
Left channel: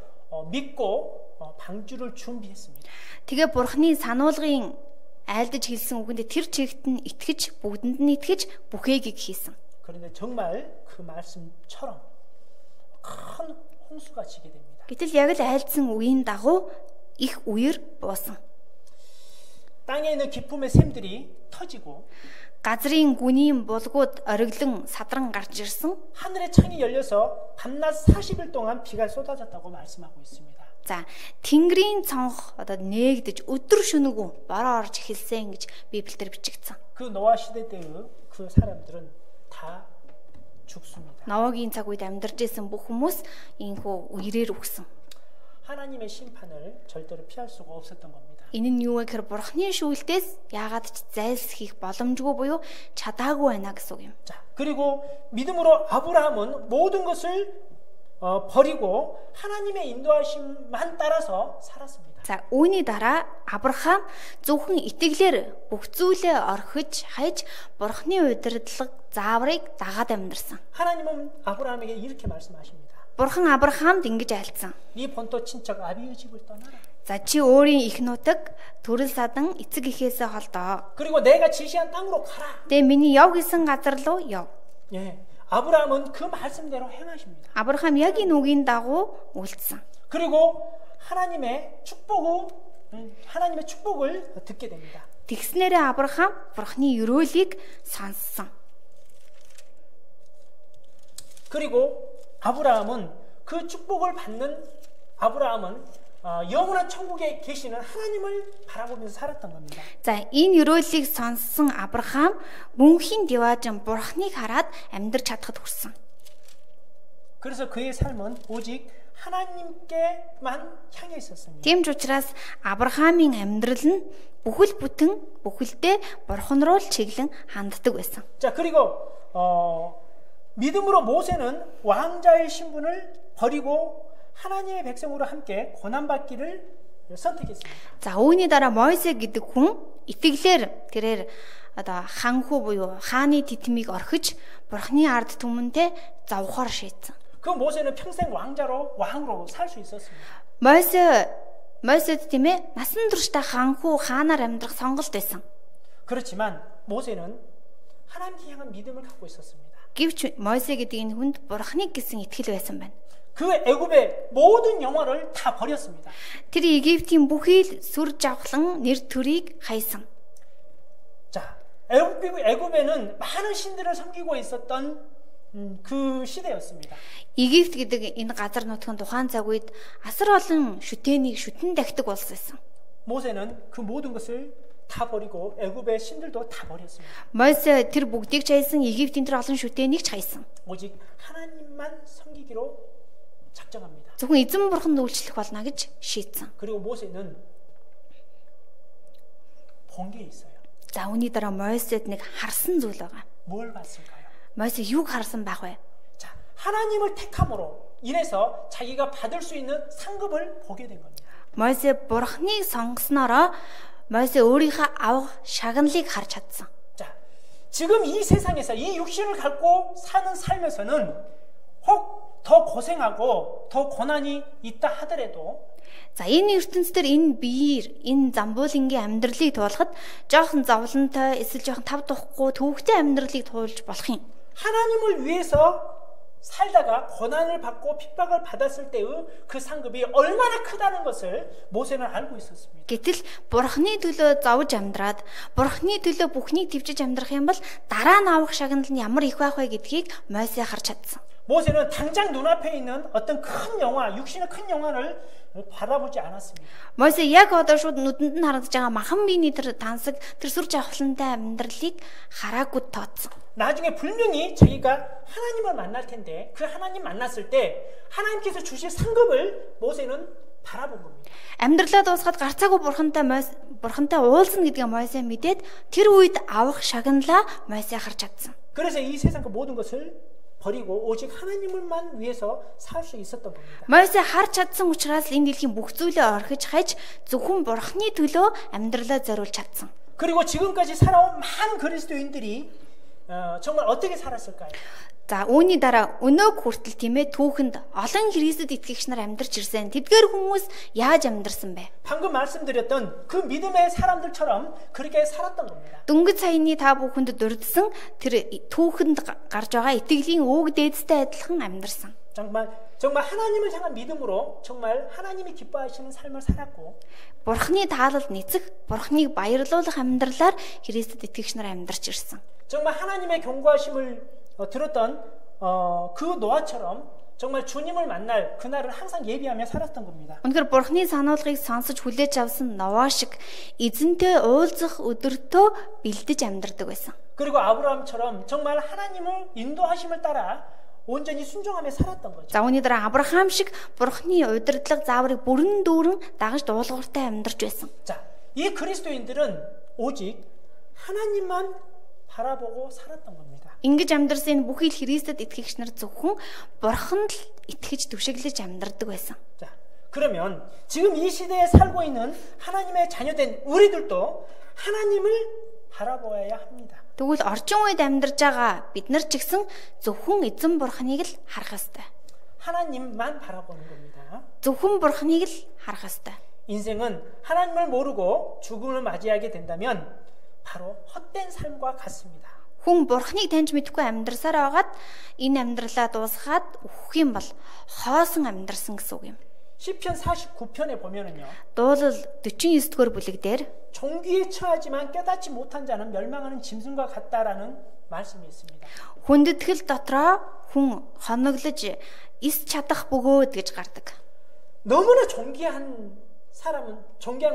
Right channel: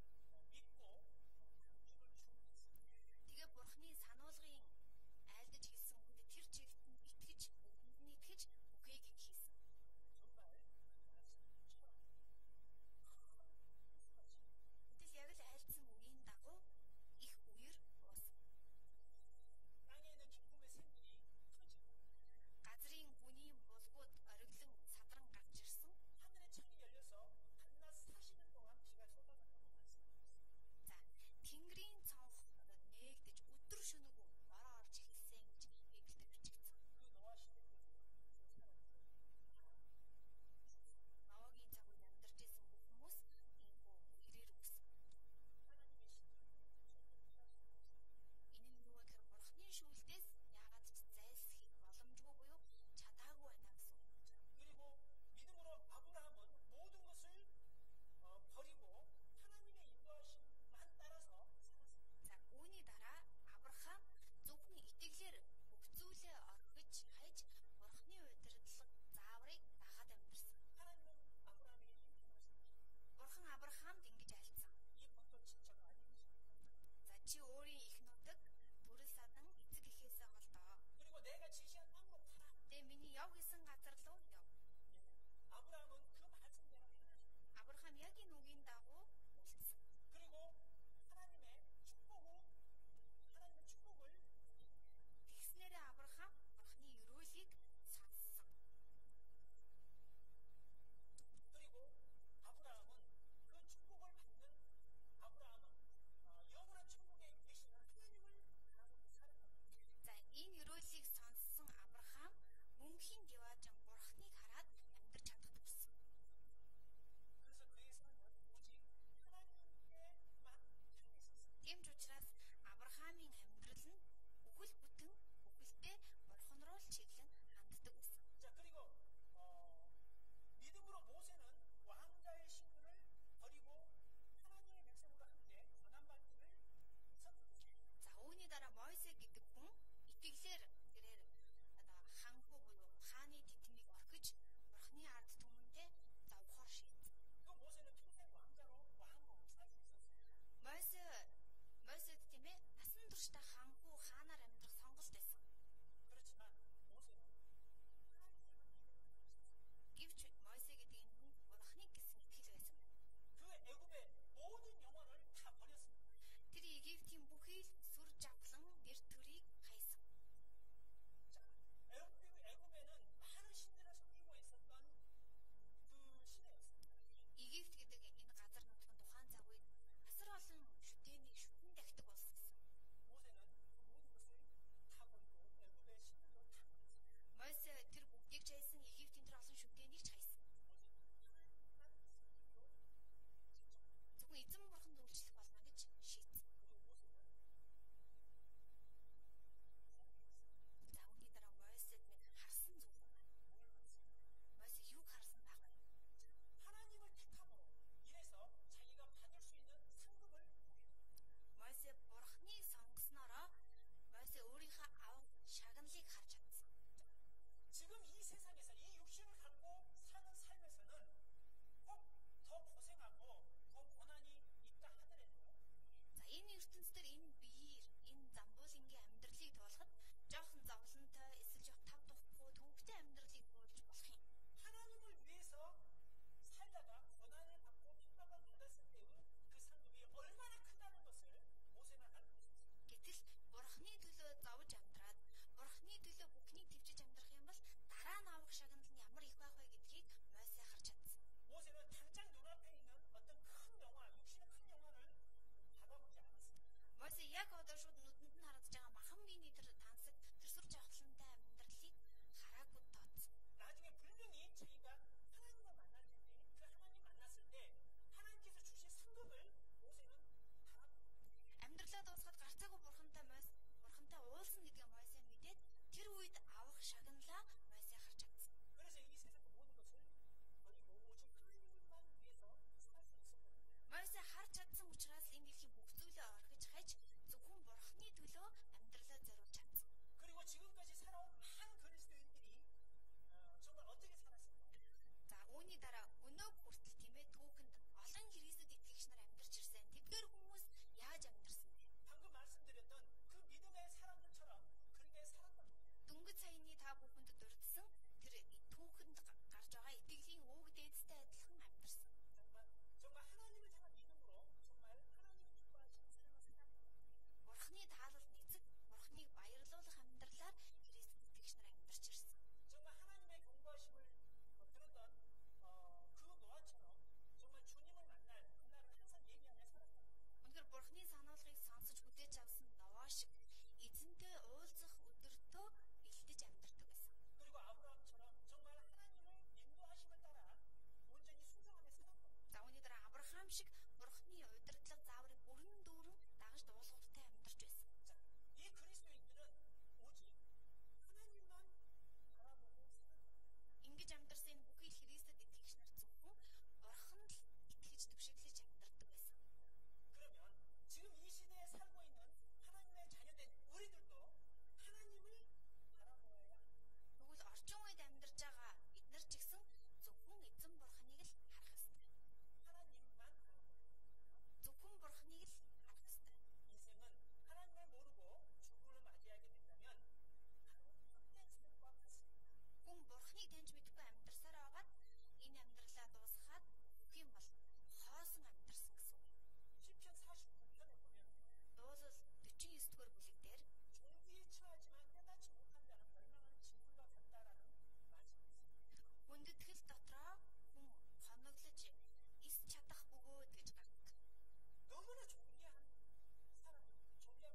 믿고 방주를 준비했습니다. Тэгээ бурхны сануулгын айлдаж хэлсэн үгэндээ тэр чигт нь итгэж бүгдэнд нь итгэж бүхээгийг хийсэн. 그런데 정말 그 말씀처럼 큰 홍수가 지게 됩니다. Гэтэл яг л айлдсан үеийн дагуу их үер буусан. 땅에 있는 기품의 샘들이 터지고 газрын гүнийн булгууд ориглон садран гарч ирсэн. 하늘의 창이 열려서 밤낮 40일 동안 비가 쏟아졌다고 말씀하고 있습니다. За Тэнгэрийн цонх одоо нээгдэж өдөр шөнөгүй бороо орж эхэлсэн гэж Библиэлд бичигдсэн. 그 노아 시대 때의 그 사람들은 다 죽습니다. Новогийн цаг үед амьдарч исэн бүх хүмүүс ийхүү үерээр үхсэн. 하나님의 심판을 절대로 피할 수가 없었던 겁니다. Энэ нь юу вэ гэхээр бурхны шүүлтээс яагаад ч зайлсхийх боломжгүй буюу чадаагүй байна гэсэн үг юм. 자, 그리고 믿음으로 아브라함은 모든 것을 버리고 하나님의 인도하심만 따라서 살았습니다. За үүний дараа Авраам зөвхөн итгэлээр бүх зүйлээ орхиж хайж бурхны удирдлага зааврыг дагаад амьдарсан. 하나님은 아브라함에게 이렇게 말씀하십니다. Бурхан Авраамд ингэж айлцсан. 네 본토 친척 아비의 집을 떠나라. За чи өөрийн их нутаг төрөл садан эцэг эхээсээ холдоо. 그리고 내가 지시한 땅으로 가라. Тэгээ миний яв гэсэн газар руу яв. 예, 아브라함은 그 말씀대로 행하십니다. Авраам яг энэ үгийн дагуу үйлдсэн. 그리고 하나님의 축복의 하나님의 축복을 듣게 됩니다. Тэгснээрээ Авраам Бурхны өрөөлийг сонссон. 그리고 아브라함은 그 축복을 받는 아브라함은 영원한 천국에 계시는 하나님을 바라보면서 살았던 겁니다. За энэ өрөөлийг сонссон Авраам мөнхийн деважин Бурхныг хараад амьдрч чадхад хүрсэн. 그래서 그의 삶은 오직 하나님께만 향해 있었습니다. Тийм ч учраас Авраамийн амьдрал нь бүхэл бүтэн бүхэлдээ Бурхан руу л чиглэн ханддаг байсан. 자, 그리고 믿음으로 모세는 왕자의 신분을 버리고 하나님의 백성으로 함께 고난받기를 선택했습니다. За үүний дараа Мойсе гэдэг хүн итгэлээр тэрээр одоо ханхүү буюу хааны титмийг орхиж Бурхны ард түмэнтэй завхаар шийдсэн. 그 모세는 평생 왕으로 살 수 있었습니다. Мойсед тийм ээ насан туршдаа ханхүү хаанаар амьдрах сонголт байсан. 그렇지만 모세는 하나님께 향한 믿음을 갖고 있었습니다. Гэвч Мойсе гэдэг энэ хүнд Бурхныг гэсэн итгэл байсан байна. 그 애굽의 모든 영화를 다 버렸습니다. Тэр Египтийн бүхий л сүр жавхлан нэр төрийг хайсан. 자, 애굽에는 많은 신들을 섬기고 있었던 그 시대였습니다. Египт гэдэг энэ газар нутгийн тухайн цаг үед асар олон шүтээнийг шүтэн дахидаг улс байсан. 모세는 그 모든 것을 다 버리고 애굽의 신들도 다 버렸습니다. Мойсе тэр бүгдийг ч хайсан, Египтийн тэр олон шүтээнийг ч хайсан. 오직 하나님만 섬기기로 작정합니다. Зөвхөн эзэн бурханд үйлчлэх болно гэж шийдсэн. 그리고 모세는 본 게 있어요. За үүний дараа Мойсед нэг харсан зүйл байгаа. 뭘 봤을까요? Мойсе юуг харсан байх вэ? 자, 하나님을 택함으로 인해서 자기가 받을 수 있는 상급을 보게 된 겁니다. Мойсе бурхныг сонгоснороо Мойсе өөрийнхөө авах шагналыг харж чадсан. 자, 지금 이 세상에서 이 육신을 갖고 사는 삶에서는 혹 더 고생하고 더 고난이 있다 하더라도 За энэ ертөнцийн энэ биеэр энэ замбуулынгийн амьдралыг туулахад жоохон зовлонтой эсвэл жоохон тав тухгүй төвөгтэй амьдралыг туулж болох юм. 하나님을 위해서 살다가 고난을 받고 핍박을 받았을 때의 그 상급이 얼마나 크다는 것을 모세는 알고 있었습니다. Гэтэл бурхны төлөө зовж амьдраад бурхны төлөө бүхнийг төвчж амьдрах юм бол дараа нь авах шагнал нь ямар их байх вэ гэдгийг Мойсе харж чадсан. 모세는 당장 눈앞에 있는 어떤 큰 영화, 육신의 큰 영화를 바라보지 않았습니다. Мойсе яг одоо шууд нүдэнд нь харагдаж байгаа махан биений тэр тансаг тэр сүр жавхлантай амьдралыг хараагүй тооцсон. 나중에 분명히 자기가 하나님을 만날 텐데 그 하나님 만났을 때 하나님께서 주실 상급을 모세는 바라본 겁니다. Амьдралаа дуусгаад гарцаагүй бурхантай уулзна гэдгээ Мойсе мэдээд тэр үед авах шагналаа Мойсе харж чадсан. 그래서 이 세상 그 모든 것을 버리고 오직 하나님을만 위해서 살 수 있었던 겁니다. Мойсе харж чадсан учраас энэ дэлхийн бүх зүйлээ орхиж хайж зөвхөн бурхны төлөө амьдралаа зориулж чадсан. 그리고 지금까지 살아온 많은 그리스도인들이 정말 어떻게 살았을까요? За үүний дараа өнөөг хүртэл тийм ээ түүхэнд олон Христэд итгэгч нар амьдарч ирсэн. Тэдгээр хүмүүс яаж амьдарсан бэ? 방금 말씀드렸던 그 믿음의 사람들처럼 그렇게 살았던 겁니다. Дөнгөж саяны та бүхэнд дурдсан тэр түүхэнд гарч байгаа итгэлийн өвөг дээдстэй адилхан амьдарсан. 정말 하나님을 향한 믿음으로 정말 하나님이 기뻐하시는 삶을 살았고 Бурхны таалалд нийцэх, Бурхныг баярлуулах амьдралаар Христэд итгэгч нар амьдарч ирсэн. 정말 하나님의 경고하심을 들었던 그 노아처럼 정말 주님을 만날 그날을 항상 예비하며 살았던 겁니다. Үнэхээр Бурхны сануулгыг сонсож хүлээж авсан Новаа шиг эзэнтэй уулзах өдөртөө бэлдэж амьдардаг байсан. 그리고 아브라함처럼 정말 하나님을 인도하심을 따라 온전히 순종하며 살았던 거죠. За үүний дараа Авраам шиг Бурхны удирдлага зааврыг бүрэн дүүрэн дагаж дуулууртай амьдарч байсан. 자, 이 그리스도인들은 오직 하나님만 바라보고 살았던 겁니다. Ингэж амьдарсан энэ бүхий л Христэд итгэгч нар зөвхөн Бурханд л итгэж түшиглэж амьдардаг байсан. 자, 그러면 지금 이 시대에 살고 있는 하나님의 자녀된 우리들도 하나님을 바라보아야 합니다. Тэгвэл орчин үед амьдарч байгаа бид нар ч гэсэн зөвхөн эзэн Бурханыг л харах ёстой. 하나님만 바라보는 겁니다. зөвхөн Бурханыг л харах ёстой. 인생은 하나님을 모르고 죽음을 맞이하게 된다면 바로 헛된 삶과 같습니다. Хүн Бурханыг таньж мэдэхгүй амьдрсаар байгаад энэ амьдралаа дуусгаад өөх юм бол хоосон амьдрсан гэсэн үг юм. 시편 49편에 보면은요. Дуулал 49-р бүлэг дээр 종기에 처하지만 깨닫지 못한 자는 멸망하는 짐승과 같다라는 말씀이 있습니다. хүндэтгэл дотроо хүн хоноглож ис чадах бөгөөд гэж гардаг. 너무나 존귀한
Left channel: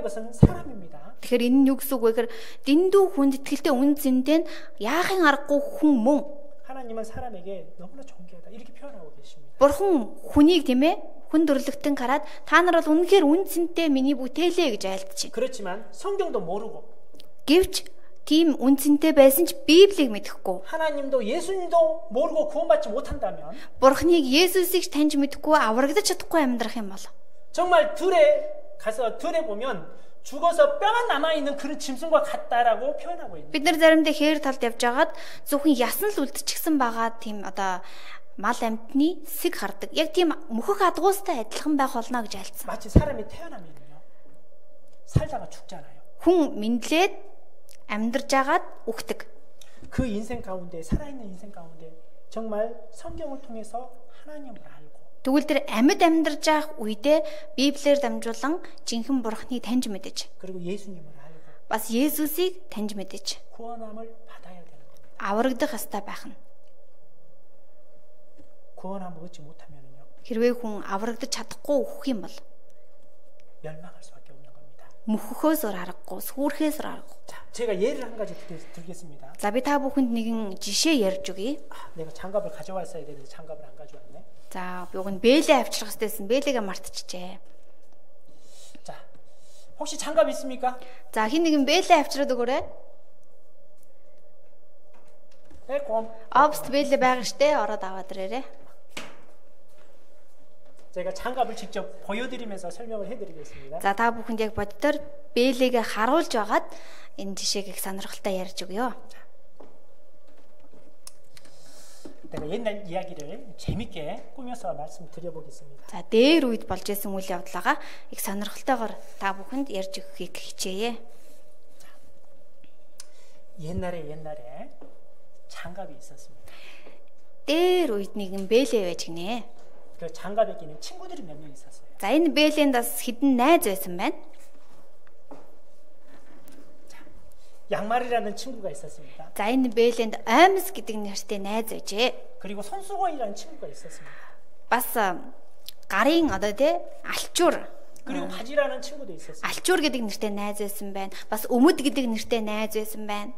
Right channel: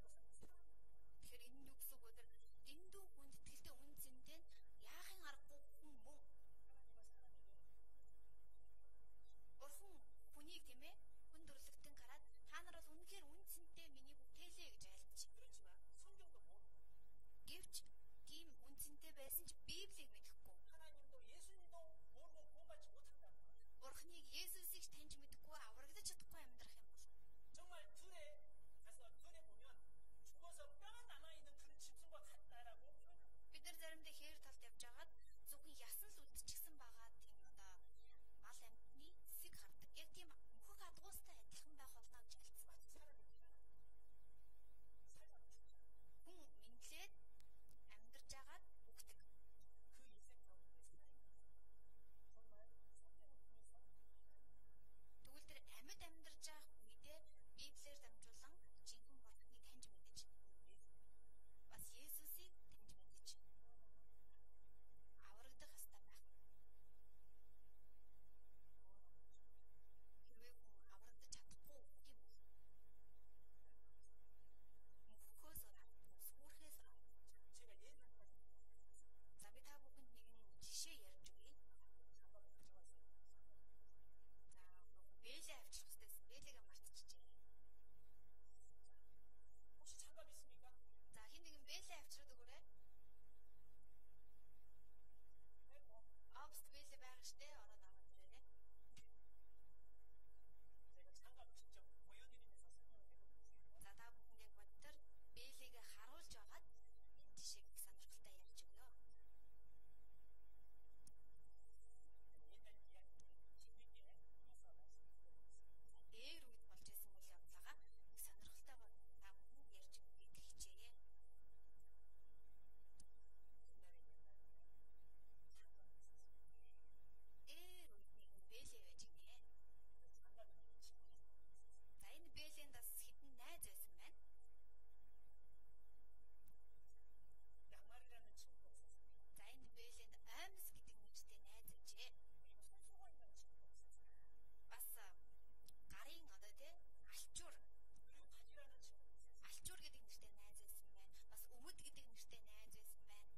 것은 사람입니다. Тэгэхээр энэ нь юу гэсэн үг вэ гэхээр дэндүү хүндэтгэлтэй үн цэнтэй нь яахын аргагүй хүн мөн. 하나님은 사람에게 너무나 존귀하다 이렇게 표현하고 계십니다. Бурхан хүнийг тийм ээ хүн дөрлөгтөн хараад та нар бол үнэхээр үн цэнтэй миний бүтээлээ гэж айлтж байна. 그렇지만 성경도 모르고 Гэвч тийм үн цэнтэй байсан ч Библийг мэдэхгүй. 하나님도 예수님도 모르고 구원받지 못한다면 Бурханыг Есүсийг таньж мэдэхгүй аврагдаж чадахгүй амьдрах юм бол 정말 들에 보면 죽어서 뼈가 남아있는 그런 짐승과 같다라고 표현하고 있는. бид нар заримдаа хээр талд явж байгаад зөвхөн ясан л үлдчихсэн байгаа тийм одоо мал амьтны сэг хардаг. Яг тийм мөхөх адгуустай адилхан байх болно гэж альцсан. 마치 사람이 태어나면요 살다가 죽잖아요. Хүн мэдлээд амьдарж агаад үхдэг. 그 인생 가운데 살아있는 인생 가운데 정말 성경을 통해서 하나님을 알고 Тэгвэл тэр амьд амьдарж байх үедээ Библиэр дамжуулан жинхэнэ Бурханыг таньж мэдэж, 그리고 예수님을 알고 бас Есүсийг таньж мэдэж 구원함을 받아야 되는 겁니다. аврагдах ёстой байх нь. 구원함을 얻지 못하면요 Хэрвээ хүн аврагдаж чадахгүй үхэх юм бол 멸망할 수밖에 없는 겁니다. мөхөхөөс өр аргагүй, сүрхээс өр аргагүй. 자, 제가 예를 한 가지 들겠습니다. За би та бүхэнд нэгэн жишээ ярьж өгье. 내가 장갑을 가져왔어야 되는데 장갑을 안 가져왔네. За би уг нь бэлээ авчрах хэрэгтэйсэн. бэлээгээ мартчихжээ. 자, 혹시 장갑 있습니까? За хин нэгэн бэлээ авчраад өгөөрэй. 네, 그럼 Обст бэлээ байгаа штэ. Ороод аваад ирээрэй. 제가 장갑을 직접 보여드리면서 설명을 해드리겠습니다. За та бүхэнд яг боддоор бэлээгээ харуулж агаад энэ жишээг их сонирхолтой ярьж өгье. 내가 옛날 이야기를 재밌게 꾸며서 말씀드려보겠습니다. За дээр үед болж исэн үйл явдлаагаа их сонирхолтойгоор та бүхэнд ярьж өгөхийг хичээе. 옛날에 장갑이 있었습니다. Дээр үед нэгэн бэлээ байж гинэ. 그 장갑에 끼는 친구들이 몇 명 있었어요. За энэ бэлээнд бас хідэн найз байсан байна. 양말이라는 친구가 있었습니다. За энэ бэлээнд Аймс гэдэг нэртэй найз байжээ. 그리고 손수건이라는 친구가 있었습니다. Бас гарын одоо тий алчуур 그리고 바지라는 친구도 있었습니다. алчуур гэдэг нэртэй найз байсан байна. Бас өмд гэдэг нэртэй найз байсан байна.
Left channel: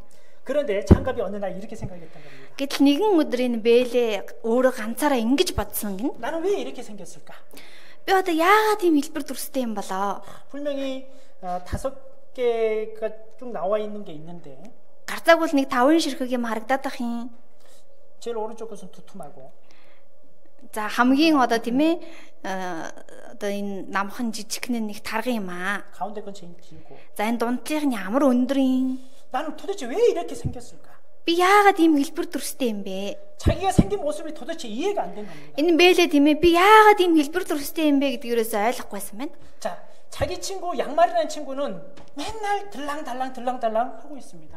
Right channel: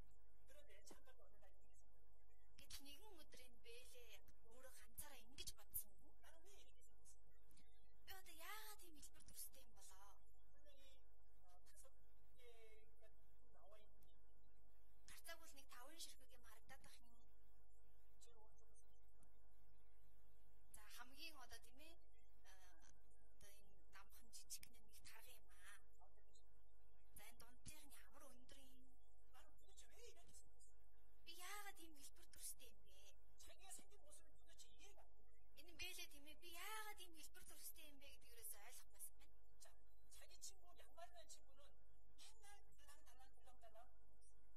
그런데 장갑이 어느 날 이렇게 생각했던 겁니다. Гэтэл нэгэн өдөр энэ бэлээ өөрөө ганцаараа ингэж бодсон гин. 나는 왜 이렇게 생겼을까? Би одоо яагаад ийм хэлбэр төрстэй юм болоо? 분명히 5개가 쭉 나와 있는 게 있는데 Гарцааг бол нэг 5 ширхэг юм харагдаад ах юм. 제일 오른쪽 것은 두툼하고 За хамгийн одоо тийм ээ одоо энэ намхан жижигхэн нэг тарган юм аа. 가운데 건 제일 길고 За энэ дундлынх нь ямар өндөр юм? 나는 도대체 왜 이렇게 생겼을까? Би яагаад ийм хэлбэр төрстэй юм бэ? 자기가 생긴 모습이 도대체 이해가 안 된 겁니다. Энэ бэлээ тийм ээ би яагаад ийм хэлбэр төрстэй юм бэ гэдгээрээс ойлгохгүйсэн байна. 자, 자기 친구 양말이라는 친구는 맨날 들랑달랑 하고 있습니다.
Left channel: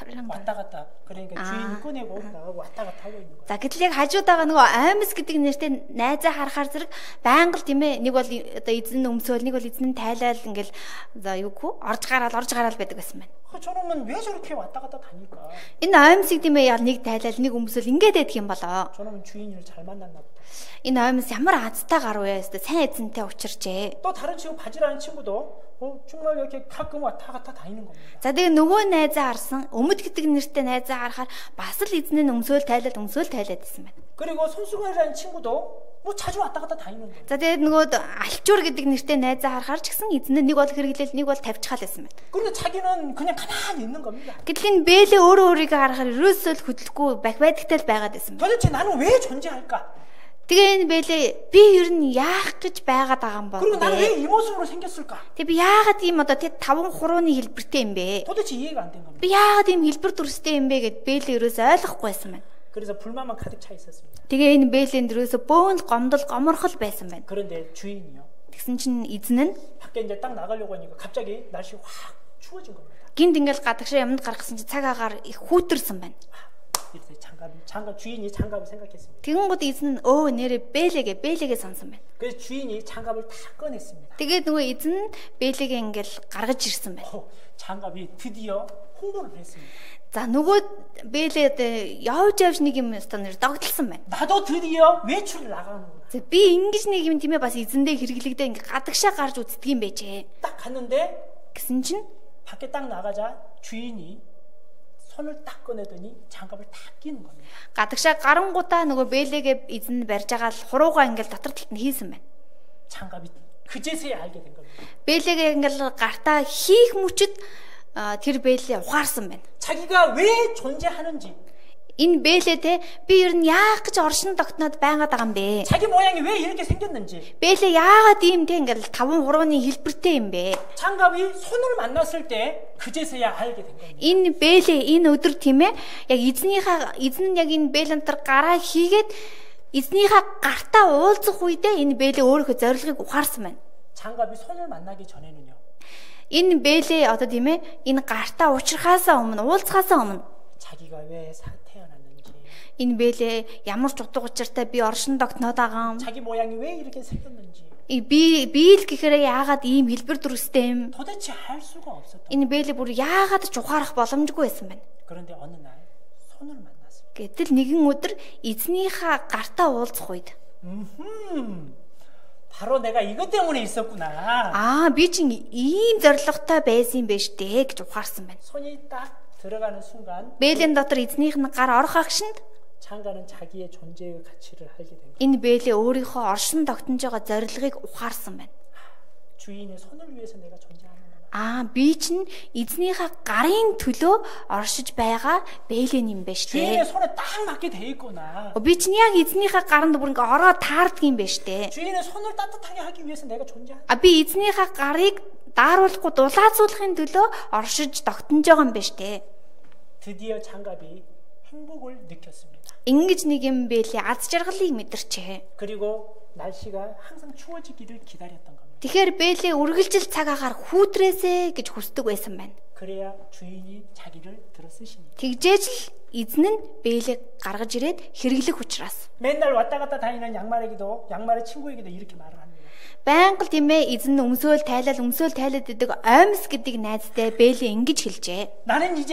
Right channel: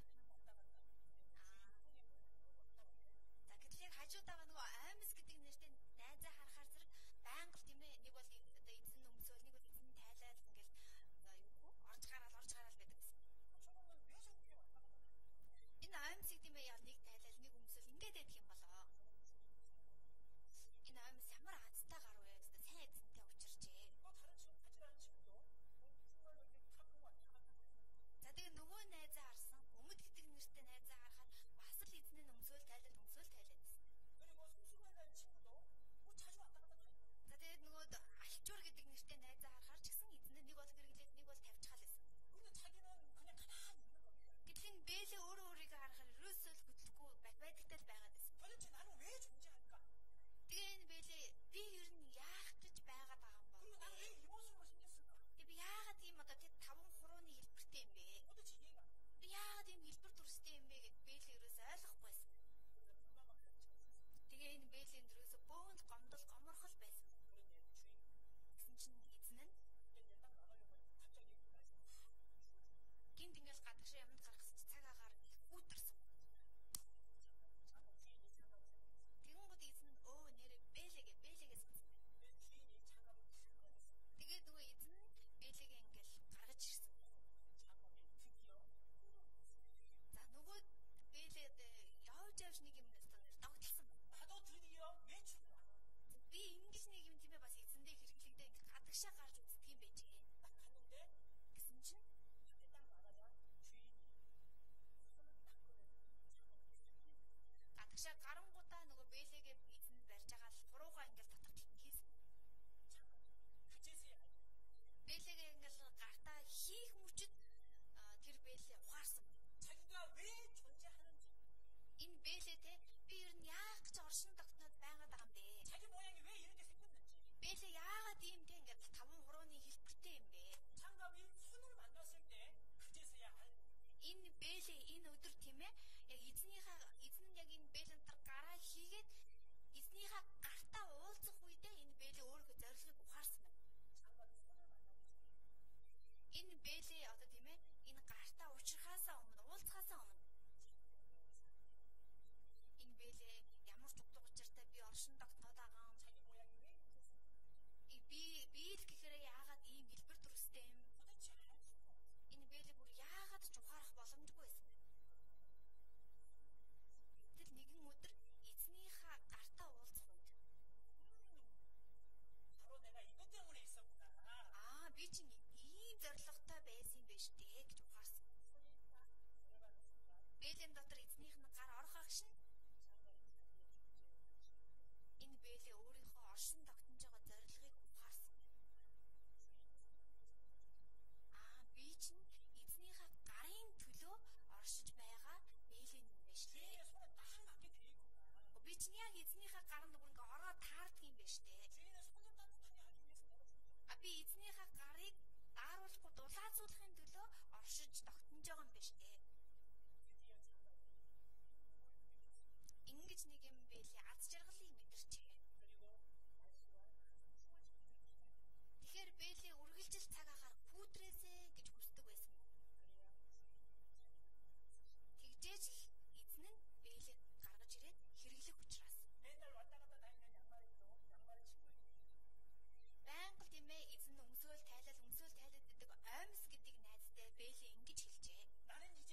왔다 갔다. 그러니까 주인 꺼내고 나가고 왔다 갔다 하고 있는 거예요. За гэтэл яг хажуудаага нөгөө Аймс гэдэг нэртэй найзаа харахаар зэрэг байнга л тийм ээ нэг бол одоо эзэн өмсөөл нэг бол эзэн тайлал ингээл за юу гэх орж гараал байдаг байсан байна. 저놈은 왜 저렇게 왔다 갔다 다닐까? Энэ Аймсыг тийм ээ яг нэг тайлал нэг өмсөөл ингээд байдаг юм болоо. 저놈은 주인을 잘 만났나 보다. Энэ Аймс ямар азтай гар вэ? Сайн эзэнтэй учирчээ. 또 다른 친구 바지라는 친구도 정말 이렇게 가끔 왔다 갔다 다니는 겁니다. За тэгээ нөгөө найзаа харсан өмд гэдэг нэртэй найзаа харахаар бас л эзэн нь өмсөөл тайлаад байсан байна. 그리고 손수건이라는 친구도 뭐 자주 왔다 갔다 다니는 거예요. За тэгээд нөгөө алчуур гэдэг нэртэй найзаа харахаар ч гэсэн эзэн нь нэг бол хэрэглээл нэг бол тавьчихал байсан байна. 그런데 자기는 그냥 가만히 있는 겁니다. Гэтэл энэ бэлээ өөрийгөө харахаар ерөөсөө л хөдөлгөхгүй байдагтай л байгаад байсан байна. 도대체 나는 왜 존재할까? Тэгээ энэ бэлээ би ер нь яах гэж байгаад байгаа юм бол. 그리고 나는 왜 이 모습으로 생겼을까? Тэгээ би яагаад ийм одоо тэг 5 хурууны хэлбэртэй юм бэ? 도대체 이해가 안 된 겁니다. Би яагаад ийм хэлбэр төрстэй юм бэ гэд бэлээ ерөөсөө ойлгохгүйсэн байна. 그래서 불만만 가득 차 있었습니다. Тэгээ энэ бэлээнд ерөөсөө бөөн гоморхол байсан байна. 그런데 주인이요. Тэгсэн чинь эзэн нь 밖에 이제 딱 나가려고 하니까 갑자기 날씨 확 추워진 겁니다. гинт ингээл гадагшаа юмд гаргасан чинь цаг агаар их хүүтэрсэн байна. 이렇게 장갑 장갑 주인이 장갑을 생각했습니다. Тэгэнгүүт эзэн нь нэрээ бэлэгээ сонсон байна. 그래서 주인이 장갑을 다 꺼냈습니다. Тэгээд нөгөө эзэн нь бэлэгээ ингээл гаргаж ирсэн байна. 장갑이 드디어 홍보를 했습니다. За нөгөө бэлээд явж нэг юм станаар догтлсон байна. 나도 드디어 외출을 나가는구나. За би ингэж нэг юм тийм ээ бас эзэндээ хэрэглэгдээ ингээ гадагшаа гарч үздэг юм байжээ. 딱 갔는데 Гэсэн чинь 밖에 딱 나가자 주인이 손을 딱 꺼내더니 장갑을 다 끼는 겁니다. гадагшаа гарангуудаа нөгөө бэлээгээ эзэн барьж байгаа л хуруугаа ингээл дотор талд нь хийсэн байна. 장갑이 그제서야 알게 된 겁니다. Бэлээгээ ингээл гартаа хийх мөчөд тэр бэлээ ухаарсан байна. 자기가 왜 존재하는지, Энэ бэлээтэй би ер нь яах гэж оршин тогтноод байгаад байгаа юм бэ? 자기 모양이 왜 이렇게 생겼는지, Бэлээ яагаад ийм те ингээл 5 хурууны хэлбэртэй юм бэ? 장갑이 손을 만났을 때 그제서야 알게 된 겁니다. Энэ бэлээ энэ өдөр тийм ээ яг эзэн нь яг энэ бэлэнтэр гараа хийгээд эзнийхээ гартаа уулзах үедээ энэ бэлээ өөрийнхөө зорилгыг ухаарсан байна. 장갑이 손을 만나기 전에는요, Энэ бэлээ одоо тийм ээ энэ гартаа учрахаасаа өмнө уулзахаасаа өмнө 자기가 왜 태어났는지, энэ бэлээ ямар ч утга учиртай би оршин тогтноод байгаа юм. 자기 모양이 왜 이렇게 생겼는지 Би л гэхээр яагаад ийм хэлбэр дүрстэй юм? 도대체 알 수가 없었던. Энэ бэлээ бүр яагаад ч ухаарах боломжгүй байсан байна. 그런데 어느 날 손을 만났습니다. Гэтэл нэгэн өдөр эзнийхээ гартаа уулзах үед 바로 내가 이것 때문에 있었구나. би чинь ийм зоригтой байсан юм байна штэ гэж ухаарсан байна. 손이 딱 들어가는 순간 Бэлэн дотор эзнийх нь гар орох агшинд 장가는 자기의 존재의 가치를 알게 된 거예요. энэ бэлээ өөрийнхөө оршин тогтнож байгаа зорилгыг ухаарсан байна. 주인의 손을 위해서 내가 존재하는구나. Би чинь эзнийхээ гарын төлөө оршиж байгаа бэлэн юм байна 주인의 штэ. 손에 딱 맞게 돼 있구나. Би чинь яг эзнийхээ гаранд бүр ингээ ороод таардаг юм байна штэ. 주인의 손을 따뜻하게 하기 위해서 내가 존재하는. Би эзнийхээ гарыг дааруулахгүй дулаацуулахын төлөө оршиж тогтнож байгаа юм байна штэ. 드디어 장갑이 행복을 느꼈습니다. Ингэж нэг юм бэлээ аз жаргалыг мэдэрчээ. 그리고 날씨가 항상 추워지기를 기다렸던 겁니다. Тэгэхээр бэлээ үргэлжил цаг агаар хүүтрээсэ гэж хүсдэг байсан байна. 그래야 주인이 자기를 들어 쓰시니. Тэгжээж л эзэн нь бэлээ гаргаж ирээд хэрэглэх учраас. 맨날 왔다 갔다 다니는 양말의 친구에게도 이렇게 말을 합니다. Байнга л тийм ээ эзэн нь өмсөөл тайлаад идэг оймс гэдэг найзтай бэлээ ингэж хэлжээ. 나는 이제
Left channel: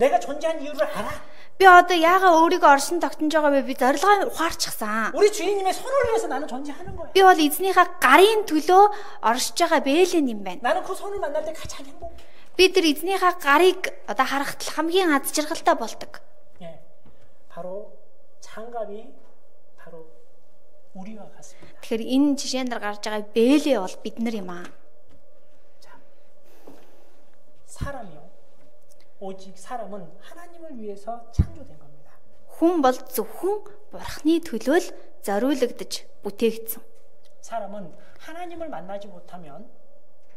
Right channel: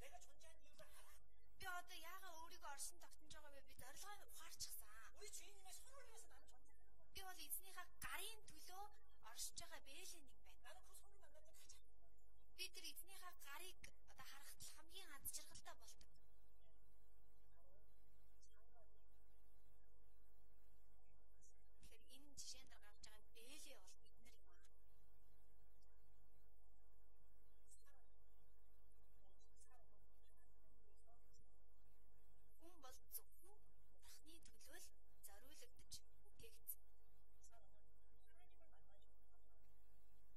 내가 존재한 이유를 알아. Би одоо яагаад өөрийгөө оршин тогтнож байгаа вэ? Би зорилгоо ухаарчихсан. 우리 주인님의 손을 위해서 나는 존재하는 거야. Би бол эзнийхээ гарын төлөө оршиж байгаа бэлэн юм байна. 나는 그 손을 만날 때 가장 행복해. Би тэр эзнийхээ гарыг одоо харахад хамгийн аз жаргалтай болдог. 예, 바로 장갑이 바로 우리와 같습니다. Тэгэхээр энэ жишээн дээр гарч байгаа бэлээ бол бид нар юм аа. 자, 사람이요. 오직 사람은 하나님을 위해서 창조된 겁니다. Хүн бол зөвхөн Бурхны төлөө л зориулагдж бүтээгдсэн. 사람은 하나님을 만나지 못하면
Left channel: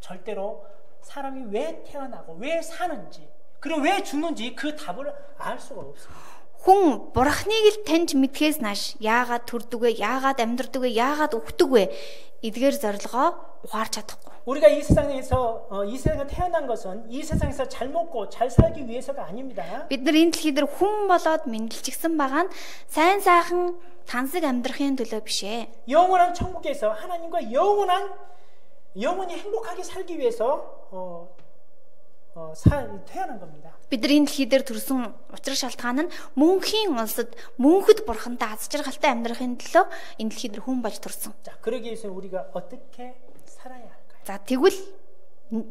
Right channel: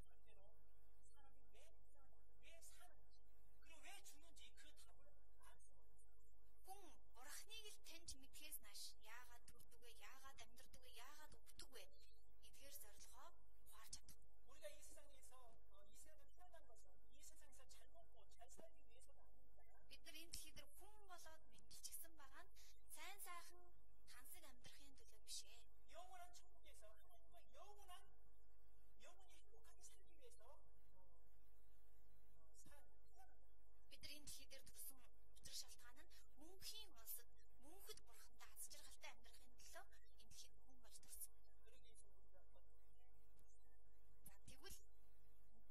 절대로 사람이 왜 태어나고 왜 사는지 그리고 왜 죽는지 그 답을 알 수가 없습니다. Хүн Бурхныг л таньж мэдхээс нааш яагаад төрдөг вэ? Яагаад амьдардаг вэ? Яагаад өгдөг вэ? Эдгээр зорилгоо ухаарч чадахгүй. 우리가 이 세상에 태어난 것은 이 세상에서 잘 먹고 잘 살기 위해서가 아닙니다. Бид нар энэ дэлхий дээр хүн болоод мэндэлчихсэн байгаа нь сайн сайхан тансаг амьдрахын төлөө биш ээ. 영원한 천국에서 하나님과 영원히 행복하게 살기 위해서 태어난 겁니다. Бид нар энэ дэлхий дээр төрсөн учир шалтгаан нь мөнхийн улсад мөнхөд бурхантай аз жаргалтай амьдрахын төлөө энэ дэлхий дээр хүн болж төрсөн. 자, 그러기 위해서 우리가 어떻게 살아야 할까요? За тэгвэл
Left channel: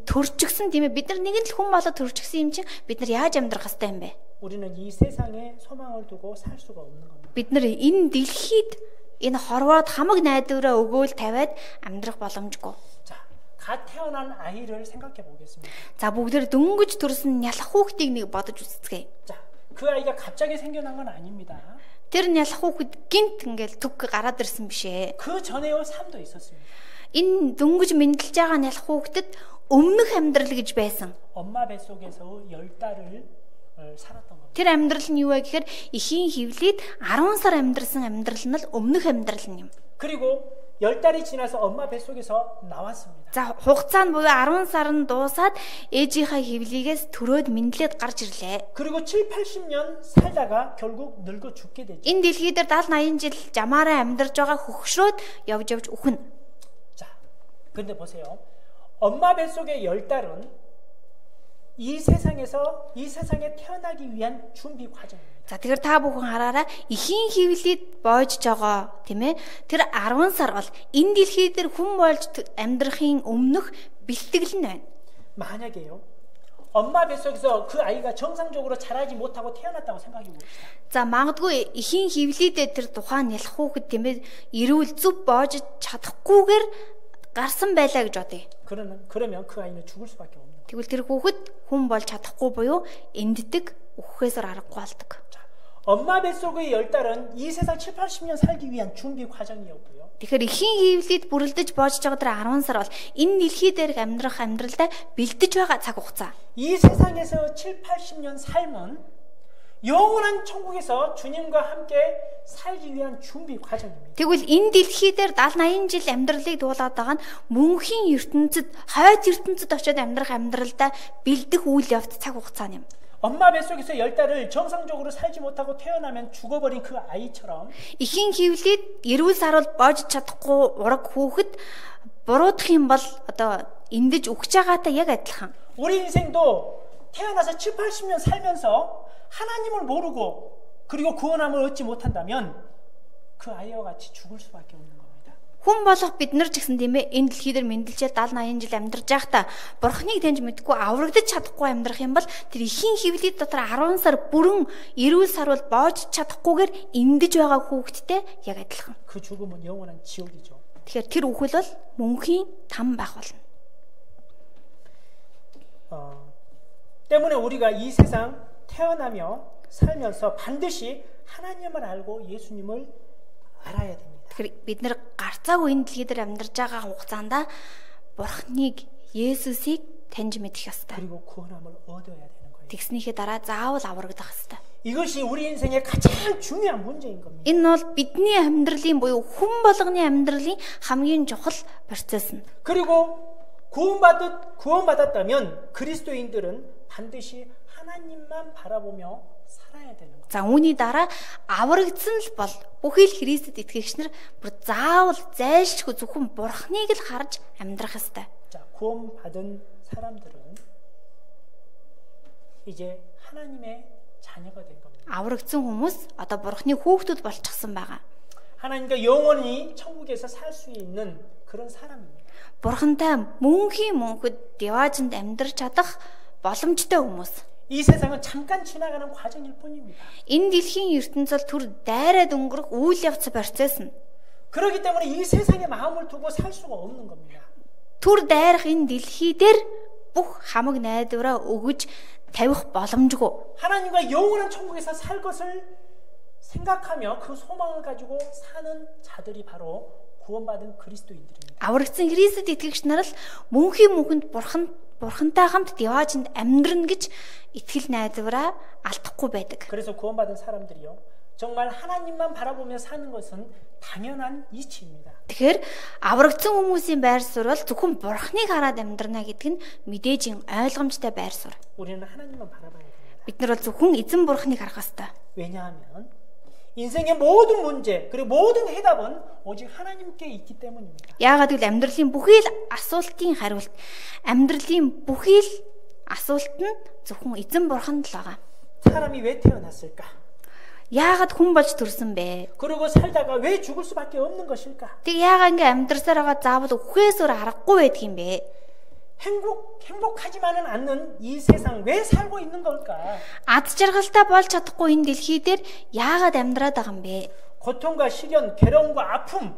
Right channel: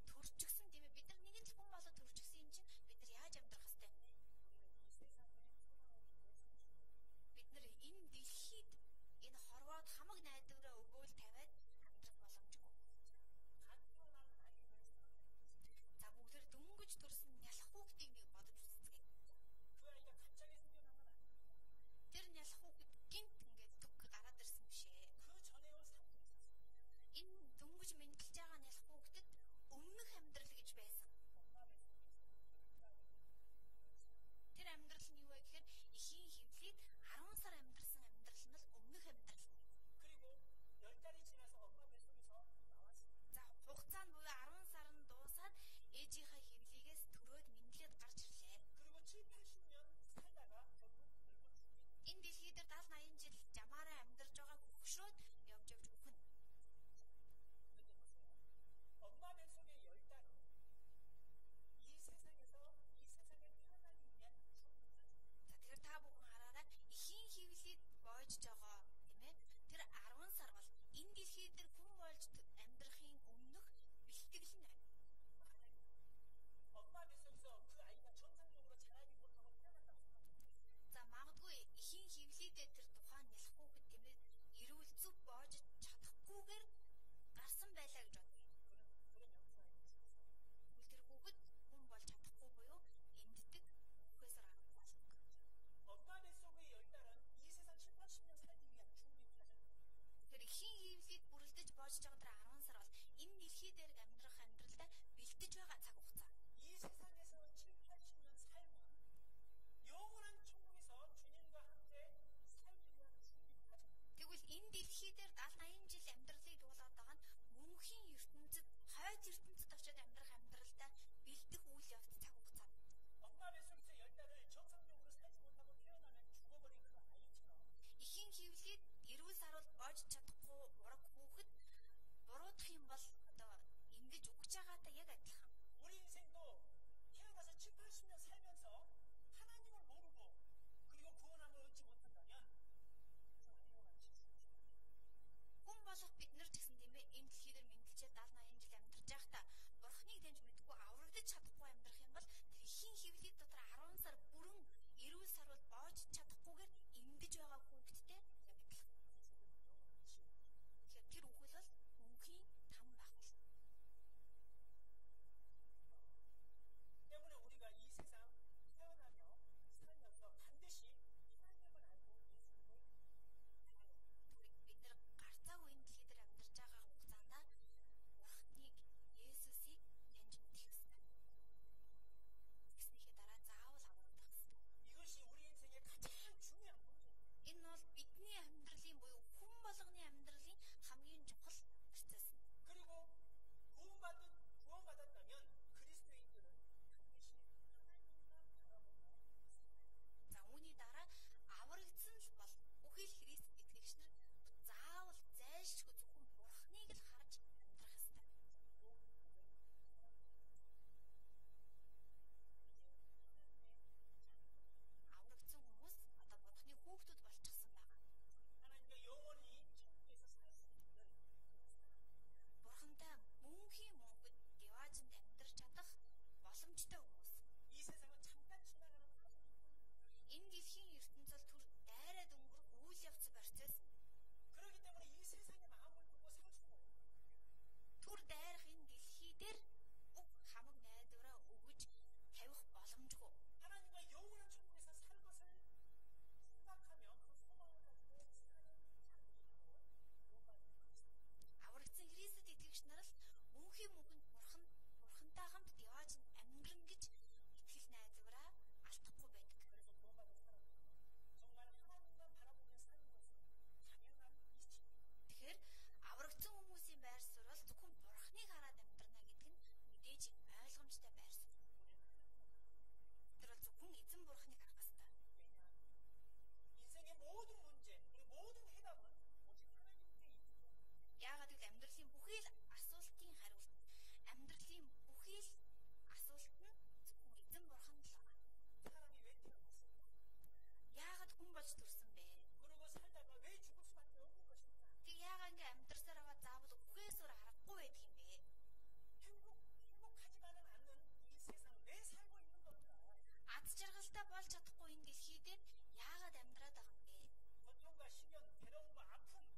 төрчихсөн тийм ээ бид нар нэгэн л хүн болоод төрчихсөн юм чинь бид нар яаж амьдрах хэвтэй юм бэ? 우리는 이 세상에 소망을 두고 살 수가 없는 겁니다. Бид нар энэ дэлхийд энэ хорвоод хамаг найдвараа өгөөл тавиад амьдрах боломжгүй. 자, 갓 태어난 아이를 생각해 보겠습니다. За бүгдээр дөнгөж төрсөн нялх хүүхдийг нэг бодож үзцгээе. 자, 그 아이가 갑자기 생겨난 건 아닙니다. Тэр нялх хүүхэд гинт ингээл түг гараад ирсэн биш ээ. 그 전에의 삶도 있었습니다. Энэ дөнгөж мэндэлж байгаа нялх хүүхдэд өмнөх амьдрал гэж байсан. 엄마 뱃속에서 10달을 살았던 겁니다. Тэр амьдрал нь юу вэ гэхээр эхийн хөвлөд 10 сар амьдрсан амьдрал нь л өмнөх амьдрал нь юм. 그리고 10달이 지나서 엄마 뱃속에서 나왔습니다. За хугацаа нь буюу 10 сар нь дуусаад ээжийнхаа хөвлийгээс төрөөд мэдлээд гарч ирлээ. 그리고 7, 80년 살다가 결국 늙어 죽게 되죠. Энэ дэлхий дээр 70 80 жил жамаараа амьдарч байгаа хөгшрөөд явж үхнэ. 자, 근데 보세요. 엄마 뱃속의 10달은 이 세상에 태어나기 위한 준비 과정입니다. За тэгэхээр та бүхэн хараараа эхийн хөвлөд боожж байгаа тийм ээ. Тэр 10 сар бол энэ дэлхий дээр хүн болж амьдрахын өмнөх бэлтгэл нь байна. 만약에요. 엄마 뱃속에서 그 아이가 정상적으로 자라지 못하고 태어났다고 생각해 봅시다. За магадгүй эхийн хөвлөдөө тэр тухайн нялх хүүхэд тийм ээ эрүүл зүв боож чадахгүйгээр гарсан байлаа гэж бодъё. 그러면 그 아이는 죽을 수밖에 없는 거예요. Тэгвэл тэр хүүхэд хүн болж чадахгүй буюу энддэг үххээсээр аргагүй болдог. 엄마 뱃속의 10달은 이 세상 7, 80년 살기 위한 준비 과정이었고요. Тэгэхээр эхийн хөвлөд бүрэлдэж боож байгаа тэр 10 сар бол энэ дэлхий дээрх амьдрах амьдралдаа бэлдэж байгаа цаг хугацаа. 이 세상에서 7, 80년 삶은 영원한 천국에서 주님과 함께 살기 위한 준비 과정입니다. Тэгвэл энэ дэлхий дээр 70 80 жил амьдралыг дуулаад байгаа нь мөнхийн ертөнцид, хойд ертөнцид очиод амьдрах амьдралдаа бэлдэх үйл явц цаг хугацаа юм. 엄마 뱃속에서 10달을 정상적으로 살지 못하고 태어나면 죽어버린 그 아이처럼 Эхийн хөвлөд эрүүл саруул боож чадахгүй ураг хүүхэд буруудах юм бол одоо эндэж өгч байгаатай яг адилхан. 우리 인생도 태어나서 7, 80년 살면서 하나님을 모르고 그리고 구원함을 얻지 못한다면 그 아이와 같이 죽을 수밖에 없는 겁니다. Хүн болох бид нар ч гэсэн тийм ээ энэ дэлхий дээр мэндэлжээ 70 80 жил амьдарч байхдаа бурхныг таньж мэдгүй аврагдаж чадахгүй амьдрах юм бол тэр эхийн хөвлөд дотор 10 сар бүрэн эрүүл сарвал боож чадахгүйгээр эндэж байгаа хүүхэдтэй яг адилхан. 그 죽음은 영원한 지옥이죠. Тэгэхээр тэр үхэл бол мөнхийн там байх болно. 때문에 우리가 이 세상 태어나며 살면서 반드시 하나님을 알고 예수님을 알아야 됩니다. Тэгэхээр бид нэр гарцаагүй энэ дэлхий дээр амьдарч байгаа хугацаанд бурхныг Есүсийг таньж мэдэх ёстой. 그리고 구원함을 얻어야 되는 거예요. Тэгснийхээ дараа заавал аврагдах ёстой. 이것이 우리 인생의 가장 중요한 문제인 겁니다. Энэ бол бидний амьдралын буюу хүн болгоны амьдралын хамгийн чухал процесс нь. 그리고 구원받았다면 그리스도인들은 반드시 하나님만 바라보며 살아야 되는 거예요. За үүний дараа аврагдсан л бол бүхий л Христэд итгэгч нар бүр заавал зайлшгүй зөвхөн бурхныг л харж амьдрах ёстой. 자, 구원받은 사람들은 이제 하나님의 자녀가 된 겁니다. Аврагдсан хүмүүс одоо бурхны хүүхдүүд болчихсон байгаа. 하나님과 영원히 천국에서 살 수 있는 그런 사람입니다. Бурхантай мөнхийн мөнхөд яваажинд амьдрч чадах боломжтой хүмүүс. 이 세상은 잠깐 지나가는 과정일 뿐입니다. Энэ дэлхийн ертөнцөл түр дайраад өнгөрөх үйл явц процесс нь. 그렇기 때문에 이 세상에 마음을 두고 살 수가 없는 겁니다. Түр дайрах энэ дэлхий дээр бүх хамаг найдвараа өгөж тавих боломжгүй. 하나님과 영원한 천국에서 살 것을 생각하며 그 소망을 가지고 사는 자들이 바로 구원받은 그리스도인들입니다. Аврагдсан Христэд итгэгч нар л мөнхийн мөнхөнд бурхантай хамт яваажинд амьдрна гэж итгэл найдвараа алдахгүй байдаг. 그래서 구원받은 사람들이요. 정말 하나님만 바라보며 사는 것은 당연한 이치입니다. Тэгэхээр аврагдсан хүмүүсийн байр суурь бол зөвхөн бурхныг хараад амьдрна гэдэг нь мэдээж ойлгомжтой байр суурь. 우리는 하나님만 바라봐야 됩니다. Бид нар бол зөвхөн эзэн бурхныг харах ёстой. 왜냐하면 인생의 모든 문제 그리고 모든 해답은 오직 하나님께 있기 때문입니다. Яагаад гэвэл амьдралын бүхий л асуултын хариулт, амьдралын бүхий л асуулт нь зөвхөн эзэн бурханд л байгаа. 사람이 왜 태어났을까? Яагаад хүн болж төрсөн бэ? 그리고 살다가 왜 죽을 수밖에 없는 것일까? Тэг яагаад ингээ амьдрсаар байгаа заавал үхээсээр аргагүй байдаг юм бэ? 행복하지만은 않는 이 세상 왜 살고 있는 걸까? Ад жаргалтай болж чадахгүй энэ дэлхий дээр яагаад амьдраад байгаа юм бэ? 고통과 시련, 괴로움과 아픔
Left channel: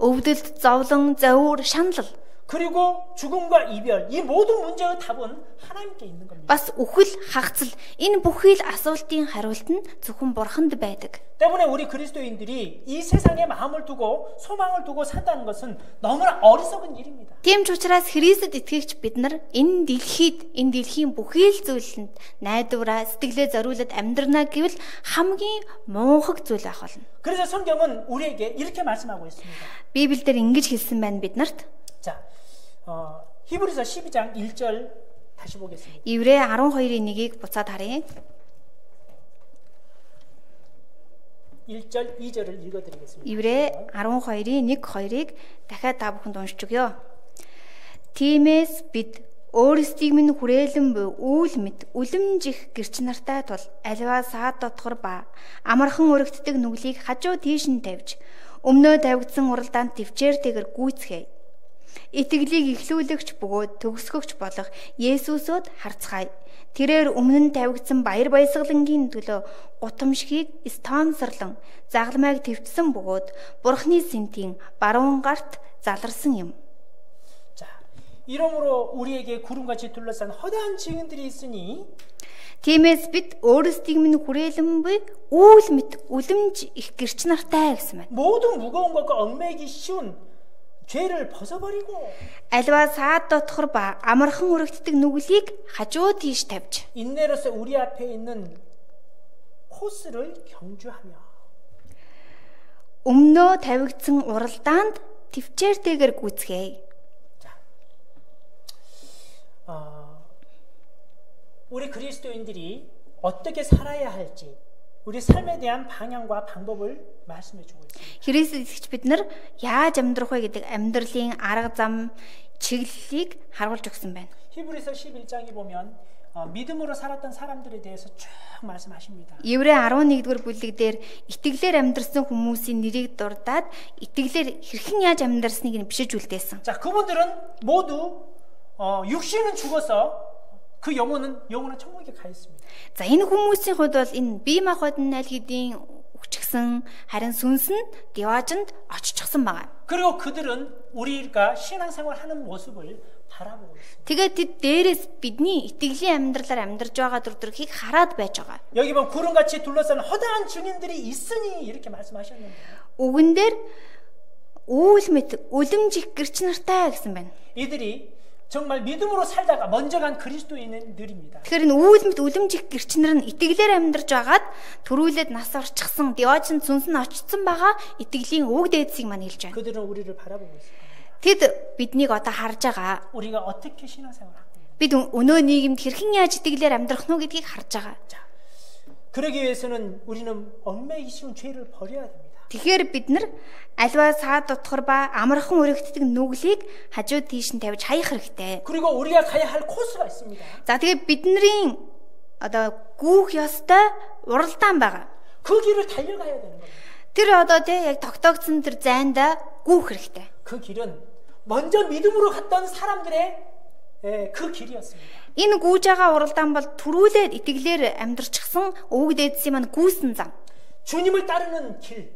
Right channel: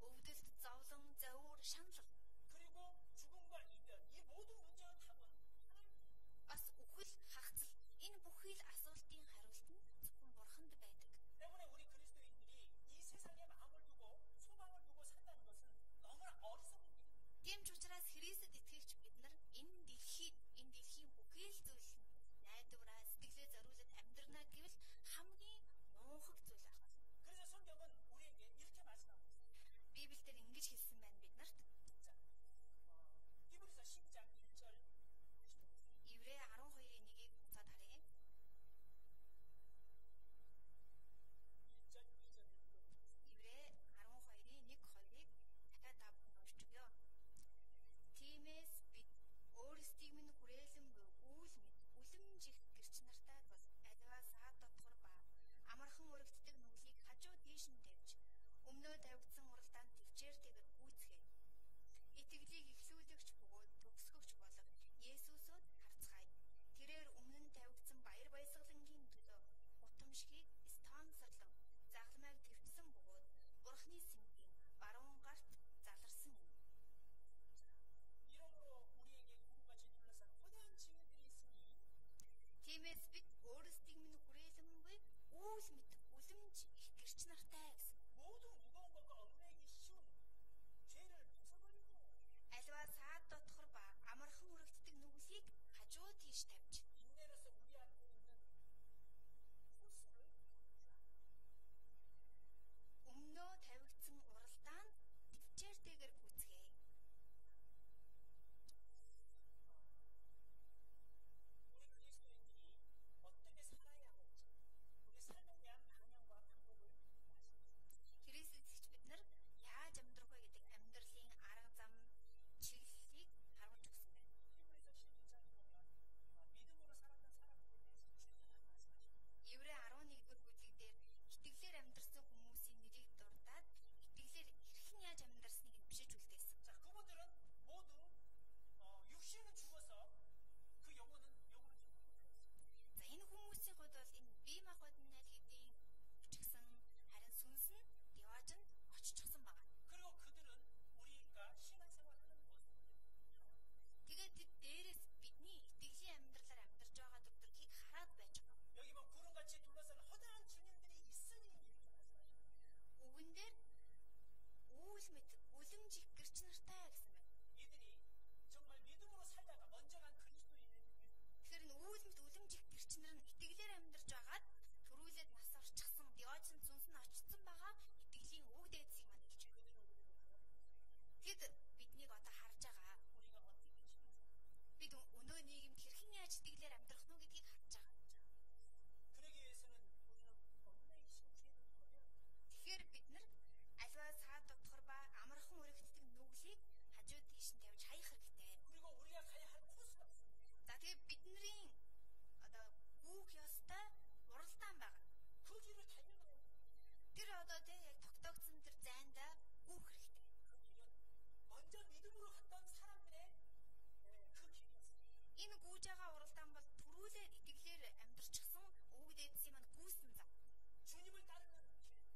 Өвдөлт, зовлон, зовөр, шанал. 그리고 죽음과 이별, 이 모든 문제의 답은 하나님께 있는 겁니다. Бас үхэл, хагацал энэ бүхий л асуултын хариулт нь зөвхөн Бурханд байдаг. 때문에 우리 그리스도인들이 이 세상에 마음을 두고 소망을 두고 산다는 것은 너무나 어리석은 일입니다. Тийм ч учраас Христэд итгэгч бид нар энэ дэлхийн бүхий л зүйлэнд найдвараа сэтгэлээ зориулаад амьдрнаа гэвэл хамгийн муухай зүйл байх болно. 그래서 성경은 우리에게 이렇게 말씀하고 있습니다. Библиэлд ингэж хэлсэн байна биднарт. 자, 히브리서 12장 1절 다시 보겠습니다. Еврей 12-ийн 1-ийг буцаад харъя. 1절 2절을 읽어드리겠습니다. Еврей 12-ийн 1-2-ыг дахиад та бүхэнд уншиж өгье. Тиймээс бид өөрсдийг минь хүрээлэн буй үүл мэд үлэмжих гэрч нартай тул аливаа саад дотгор ба амархан өргөддөг нүглийг хажуу тийш нь тавьж өмнөө тавигдсан уралдаанд төвчээртэйгэр гүйцгээе. Итгэлийг ихлүүлэгч бөгөөд төгсгөгч болох Есүсөд харцгаая. Тэрээр өмнө нь тавигдсан баяр баясгалангийн төлөө гутамшгийг стонсорлон загламайг твцсэн бөгөөд Бурхны сэнтийн баруун гарт заларсан юм. 자, 이러므로 우리에게 구름같이 둘러싼 허다한 증인들이 있으니 Тиймээс бид өөрсдийг минь хүрээлэн буй үүл мэт үлэмж их гэрч нартай гэсэн байна. 모든 무거운 것과 얽매이기 쉬운 죄를 벗어버리고 Аливаа саад дотгор ба амархан өргөддөг нүглийг хажуу тийш тавьж 인내로서 우리 앞에 있는 코스를 경주하며 өмнөө тавигдсан уралдаанд төвчээртэйгэр гүйцгээе. 우리 그리스도인들이 어떻게 살아야 할지 우리 삶에 대한 방향과 방법을 말씀해 주고 있습니다. Христ итгэж бид нар яаж амьдрах вэ гэдэг амьдралын арга зам чиглэлийг харуулж өгсөн байна. 히브리서 11장에 보면 믿음으로 살았던 사람들에 대해서 쭉 말씀하십니다. Еврей 11-р бүлэг дээр итгэлээр амьдрсан хүмүүсийн нэрийг дурдаад итгэлээр хэрхэн яаж амьдрсныг нь бишиж үлдээсэн. 자, 그분들은 모두 육신은 죽어서 그 영혼은 영원한 천국에 가 있습니다. За энэ хүмүүсийн хувьд бол энэ бие махбодын аль хэдийн үхчихсэн харин сүнс нь деважинд оччихсан байгаа. 그리고 그들은 우리가 신앙생활 하는 모습을 바라보고 있습니다. Тэгээд тэд дээрээс бидний итгэлийн амьдралаар амьдарч байгаа зүрхийг хараад байж байгаа. 여기 보면 구름같이 둘러싼 허다한 증인들이 있으니 이렇게 말씀하셨는데 Үгэн дээр үүл мэт үлэмжих гэрч нартай гэсэн байна. 이들이 정말 믿음으로 살다가 먼저 간 그리스도인들입니다. Тэгэхээр энэ үүл мэт үлэмжих гэрч нар нь итгэлээр амьдарч байгаад төрүүлээд нас орчихсан деважинд сүнс нь очсон байгаа итгэлийн үг дээдсийг маань хэлж байна. 그들은 우리를 바라보고 있습니다. Тэд биднийг одоо харж байгаа. 우리가 어떻게 신앙생활을 하고 있는가? Бид өнөө нийгэмд хэрхэн яаж итгэлээр амьдрах нь гэдгийг харж байгаа. 자, 그러기 위해서는 우리는 얽매이기 쉬운 죄를 버려야 됩니다. Тэгэхээр бид нар аливаа саад дотгор ба амархан өргөддөг нүглийг хажуу тийш нь тавьж хаях хэрэгтэй. 그리고 우리가 가야 할 코스가 있습니다. За тэгээд бидний одоо гүүх ёстой уралдаан байгаа. 그 길을 달려가야 되는 겁니다. Тэр одоо яг тогтоогдсон тэр зайнда гүүх хэрэгтэй. 그 길은 먼저 믿음으로 갔던 사람들의 그 길이었습니다. Энэ гүүж байгаа уралдаан бол түрүүлээд итгэлээр амьдрчихсан өвөг дээдсийн маань гүйсэн зам. 주님을 따르는 길,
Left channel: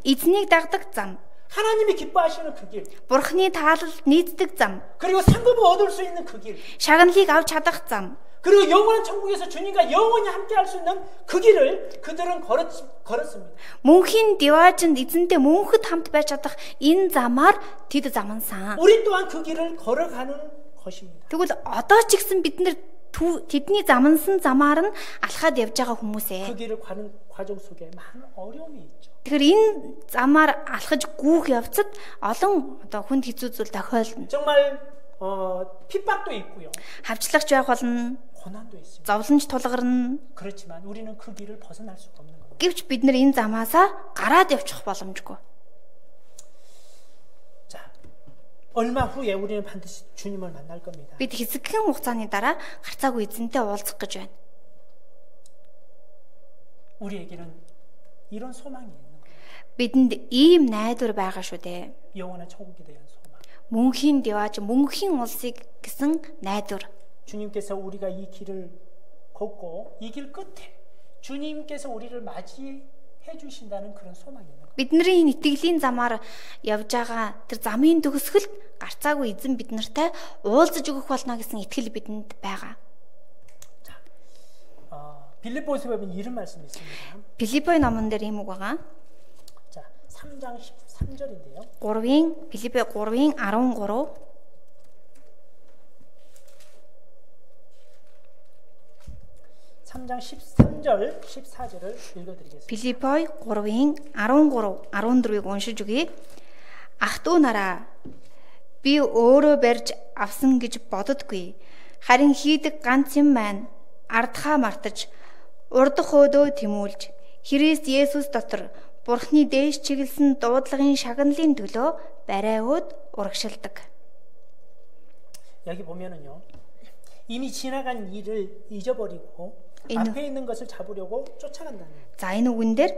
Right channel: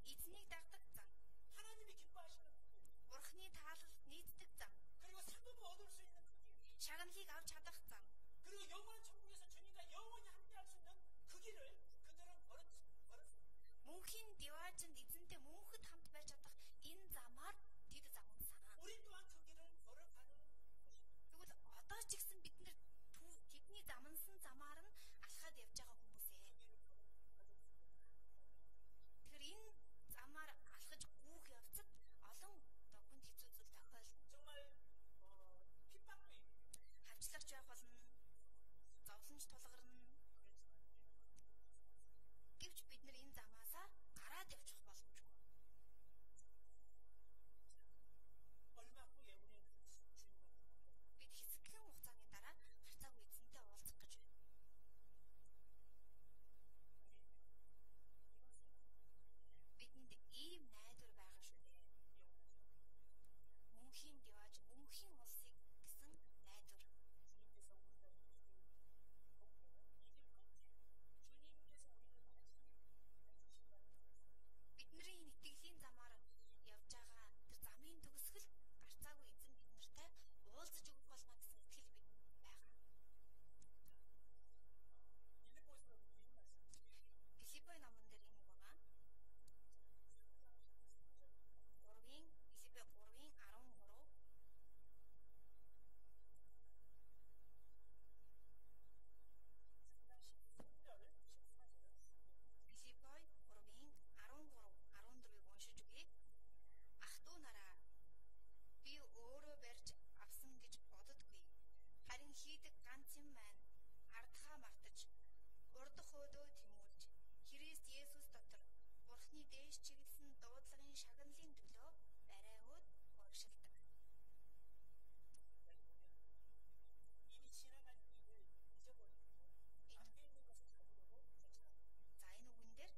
Эзнийг дагдаг зам. 하나님이 기뻐하시는 그 길, Бурхны таалалд нийцдэг зам. 그리고 상급을 얻을 수 있는 그 길, Шагналыг авч чадах зам. 그리고 영원한 천국에서 주님과 영원히 함께할 수 있는 그 길을 그들은 걸었습니다. Мөнхийн деважинд эзэнтэй мөнхөд хамт байж чадах энэ замаар тэд замансан. 우리 또한 그 길을 걸어가는 것입니다. Тэгвэл одоо ч гэсэн бид нар тэдний замансан замаар нь алхаад явж байгаа хүмүүсээ. 그 길을 가는 과정 속에 많은 어려움이 있죠. Тэгэхээр энэ замаар алхаж гүүх явцад олон одоо хүнд хэцүү зүйл тохиолдно. 정말 핍박도 있고요. Хавчлагч байх болно, 고난도 있습니다. зовлонч тулгарна. 그렇지만 우리는 그 길을 벗어날 수가 없는 겁니다. Гэвч бид нар энэ замаасаа гараад явчих боломжгүй. 자, 얼마 후에 우리는 반드시 주님을 만날 겁니다. Бид хэсэгхэн хугацааны дараа гарцаагүй эзэнтэй уулзах гэж байна. 우리에게는 이런 소망이 있는 거예요. Бидэнд ийм найдвар байгаа шүү дээ. 영원한 천국에 대한 소망. Мөнхийн деваж, мөнхийн улсыг гэсэн найдвар. 주님께서 우리가 이 길을 걷고 이 길 끝에 주님께서 우리를 맞이해 주신다는 그런 소망이 있는 거예요. Бидний энэ итгэлийн замаар явж байгаа тэр замын төгсгөлд гарцаагүй эзэн бид нартай уулзаж өгөх болно гэсэн итгэл бидэнд байгаа. 빌립보서 보면 이런 말씀이 있습니다. Филиппо номон дээр ийм үг байгаа. 자, 3장 13절인데요. Филиппо 3-ын 13 3장 13절, 14절을 읽어드리겠습니다. Филиппо 3-ын 13, 14-ыг уншиж өгье. Ах トゥ нараа би өөрөө барьж авсан гэж боддоггүй. Харин хийдэг ганц юм маань ардхаа мартаж урдах өөдөө тэмүүлж Христ Есүс дотор Бурхны дээш чиглэсэн дуудлагын шагналын төлөө барай өөд урагшилдаг. 여기 보면은요. 이미 지나간 일을 잊어버리고 앞에 있는 것을 잡으려고 쫓아간다는 거예요. За энэ үгэн дээр